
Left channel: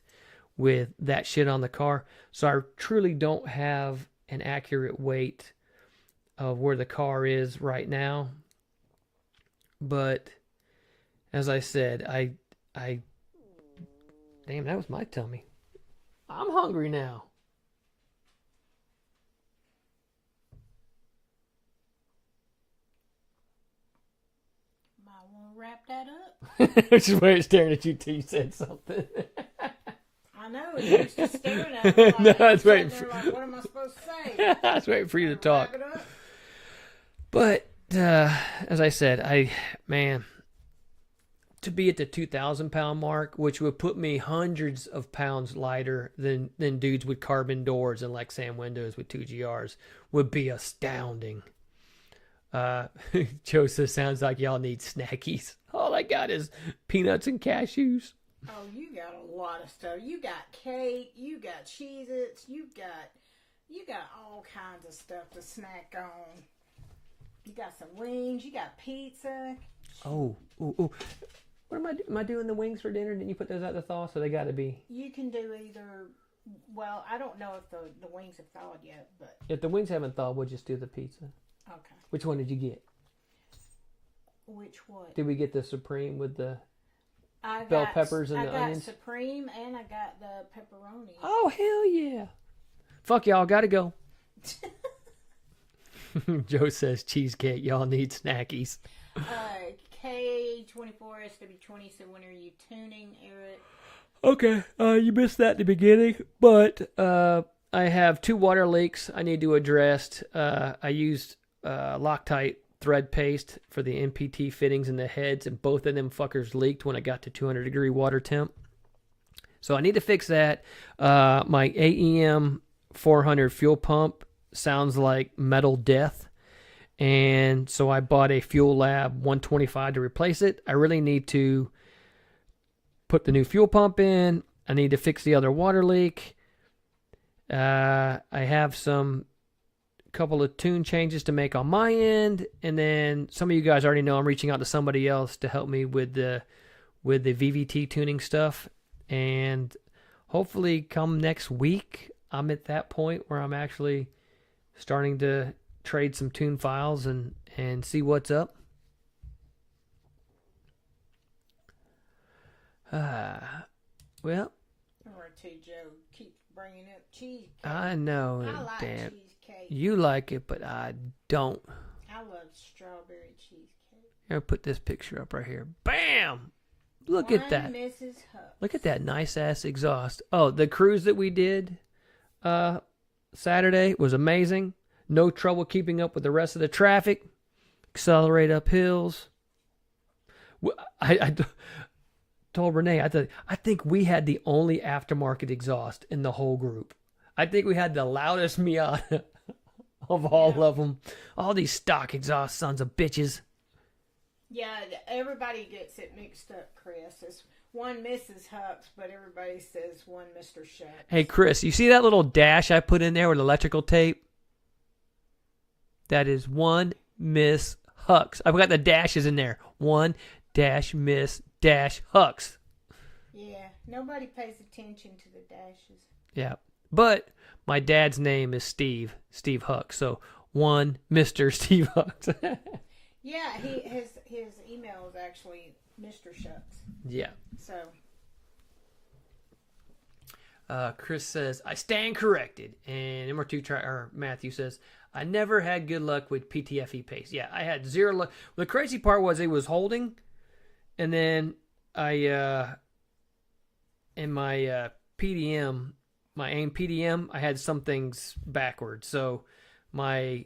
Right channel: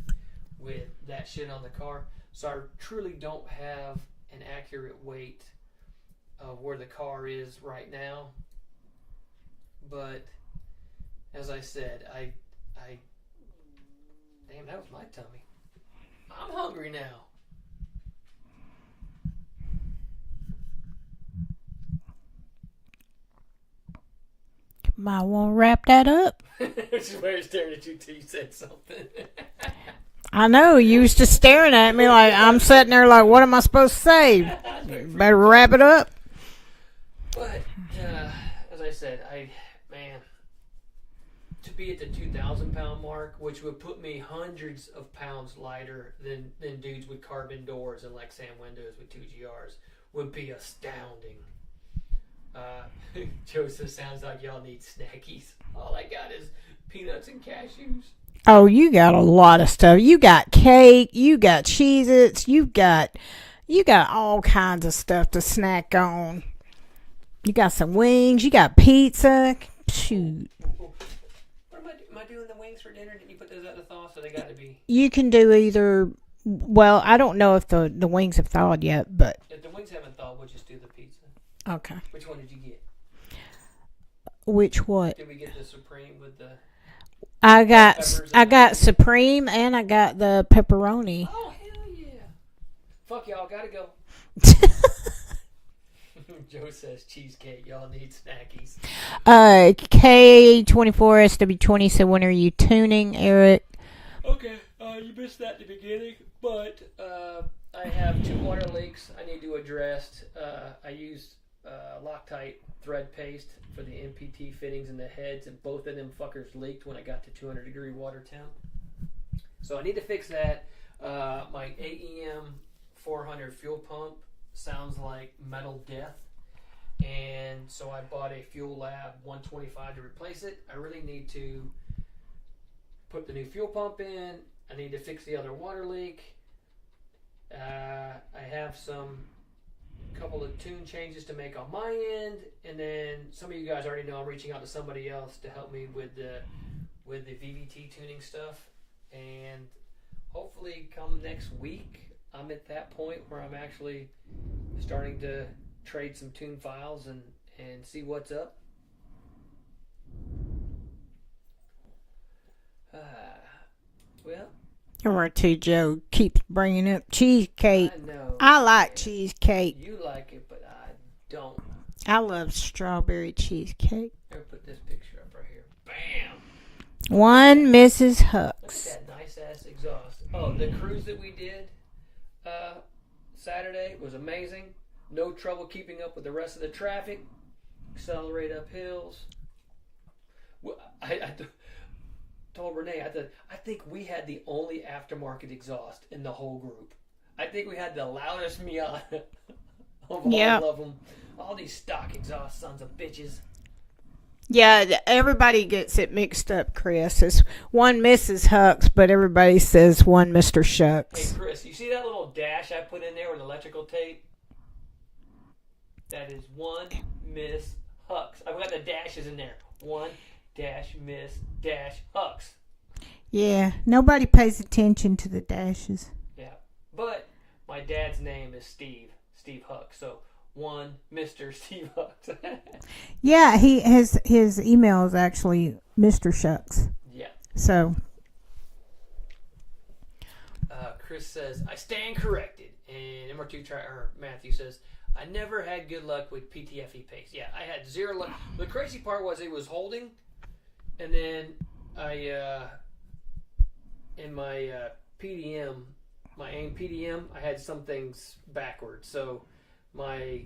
with that shit on the car. So I truly don't have an accurate weight of where the car is right now. But as I said, I damn, that was my tummy. I'm hungry now. Might want to wrap that up. Just wait, staring at you till you said something. I know, you was just staring at me like I'm sitting there like, what am I supposed to say? Better wrap it up. But as I said, to be at the 2,000 pound mark, which would put me hundreds of pounds lighter than dudes with carbon doors and Lexan windows with 2GRs, would be astounding. Joseph, sounds like y'all need snackies. All I got is peanuts and cashews. Oh, you got a lot of stuff. You got cake, you got Cheez-Its, you got all kinds of stuff to snack on. You got some wings, you got pizza. Shoot. Ooh. What am I doing the wings for dinner? Didn't you put those out to thaw? So they got to be. You can do either. Well, I don't know if the wings have thawed yet, but if the wings haven't thawed, we'll just do the pizza. Okay. Which one did you get? Which what? Did we get the Supreme with the? I got Supreme and I got the pepperoni. Oh hell yeah! Fuck y'all, gotta go. Joe says cheesecake. Y'all need snackies. K24SW20 said, when are you tuning, Eric? Okay, you missed that at the beginning, but I have 2 water leaks I need to address. I used Loctite thread paste for the NPT fittings in the heads, and both of them fuckers leaked when I got to 200 degree water temp. So I need to fix that. My AEM 400 fuel pump sounds like metal death, and so I bought a Fuel Lab 125 to replace it. I really need to put the new fuel pump in. I need to fix the other water leak. I have couple of tune changes to make on my end, and then some of you guys already know I'm reaching out to somebody else to help me with the VVT tuning stuff, and hopefully come next week I'm at that point where I'm actually starting to trade some tune files and see what's up. Well, Or too, Joe keeps bringing up cheesecake. I know. I like cheesecake. You like it, but I don't. I love strawberry cheesecake. I'll put this picture up right here. Bam! One Mrs. Hucks. Look at that nice ass exhaust. Oh, the cruise that we did Saturday was amazing. No trouble keeping up with the rest of the traffic. Accelerate up hills. I told Renee, I think we had the only aftermarket exhaust in the whole group. I think we had the loudest Miata of all of them. All these stock exhaust sons of bitches. Yeah, everybody gets it mixed up, Chris. It's one Mrs. Hucks, but everybody says one Mr. Shucks. Hey, Chris, you see that little dash I put in there with electrical tape? That is one Miss Hucks. I've got the dashes in there. One dash Miss dash Hucks. Yeah, nobody pays attention to the dashes. Yeah. But my dad's name is Steve Huck. So one Mr. Steve Huck. Yeah, his email is actually Mr. Shucks. Yeah. So Chris says, I stand corrected. And MR2 Matthew says, I never had good luck with PTFE paste. Yeah, I had zero luck. The crazy part was it was holding, and then I in my PDM, my AIM PDM, I had some things backwards. So my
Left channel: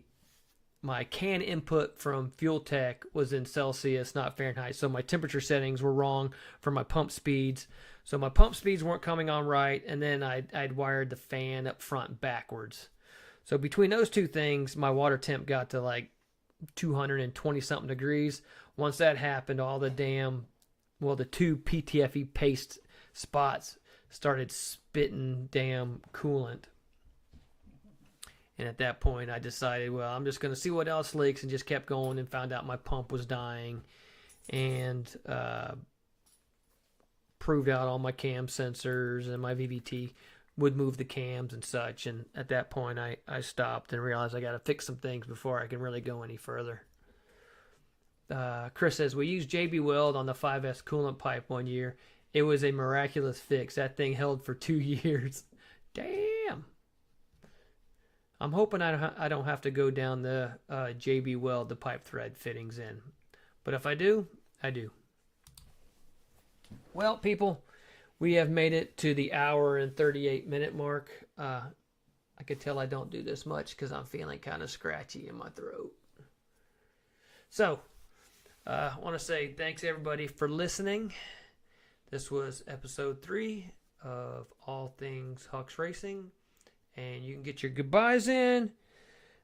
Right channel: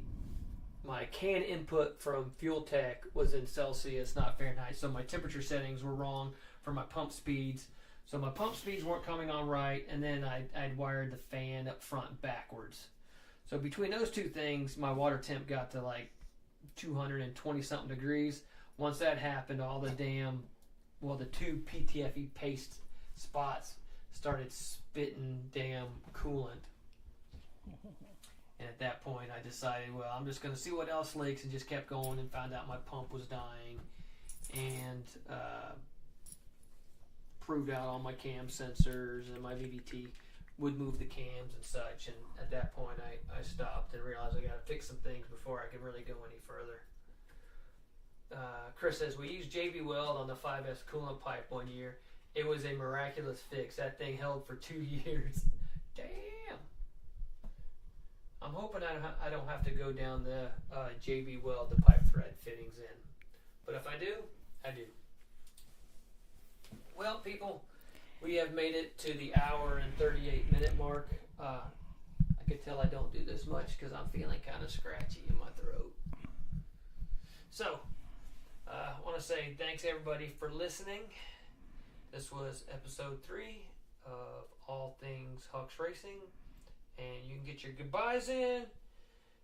can input from Fuel Tech was in Celsius, not Fahrenheit. So my temperature settings were wrong for my pump speeds. So my pump speeds weren't coming on right, and then I'd wired the fan up front backwards. So between those two things, my water temp got to like 220 something degrees. Once that happened, all the the two PTFE paste spots started spitting damn coolant. And at that point, I decided, well, I'm just going to see what else leaks, and just kept going and found out my pump was dying, and proved out all my cam sensors, and my VVT would move the cams and such. And at that point, I stopped and realized I got to fix some things before I can really go any further. Chris says, we used JB Weld on the 5S coolant pipe one year. It was a miraculous fix. That thing held for 2 years. Damn. I'm hoping I don't have to go down the JB Weld, the pipe thread fittings in. But if I do, I do. Well, people, we have made it to the hour and 38-minute mark. I can tell I don't do this much because I'm feeling kind of scratchy in my throat. So, I want to say thanks, everybody, for listening. This was episode 3 of All Things Hucks Racing. And you can get your goodbyes in.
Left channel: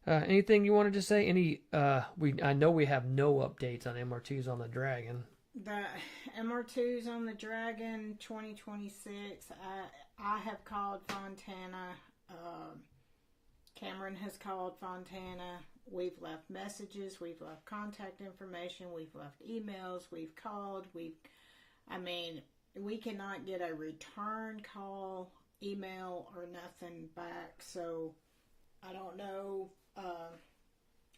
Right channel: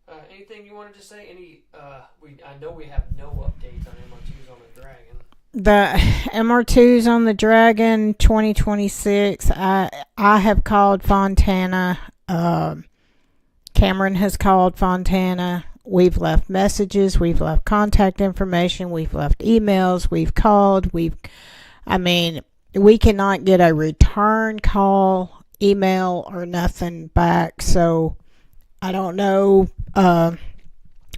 Anything you wanted to say? I know we have no updates on MR2s on the Dragon. the MR2s on the Dragon 2026. I have called Fontana. Cameron has called Fontana. We've left messages. We've left contact information. We've left emails. We've called. We cannot get a return call, email, or nothing back. So I don't know.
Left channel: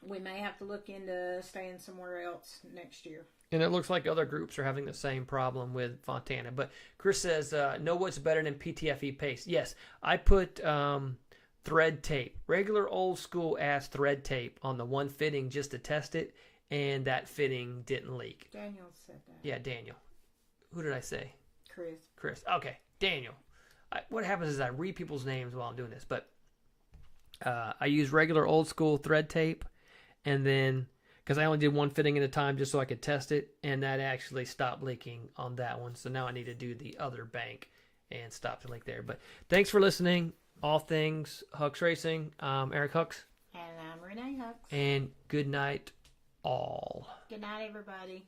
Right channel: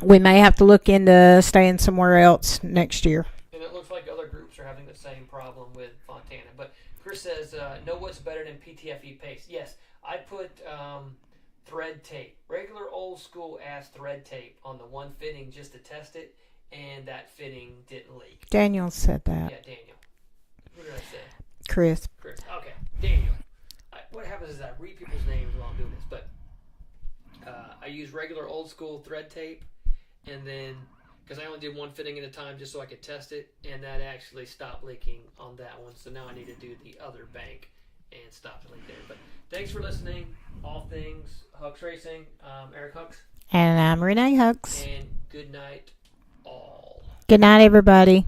We may have to look into staying somewhere else next year. And it looks like other groups are having the same problem with Fontana. But Chris says, know what's better than PTFE paste? Yes, I put thread tape, regular old school ass thread tape on the one fitting just to test it, and that fitting didn't leak. Daniel said that. Yeah, Daniel. Who did I say? Chris. Okay, Daniel. What happens is I read people's names while I'm doing this, but I use regular old school thread tape, and then because I only did one fitting at a time just so I could test it, and that actually stopped leaking on that one. So now I need to do the other bank and stop the leak there. But thanks for listening. All Things Hucks Racing. Eric Hucks. And I'm Renee Hucks. And good night, all. Good night, everybody.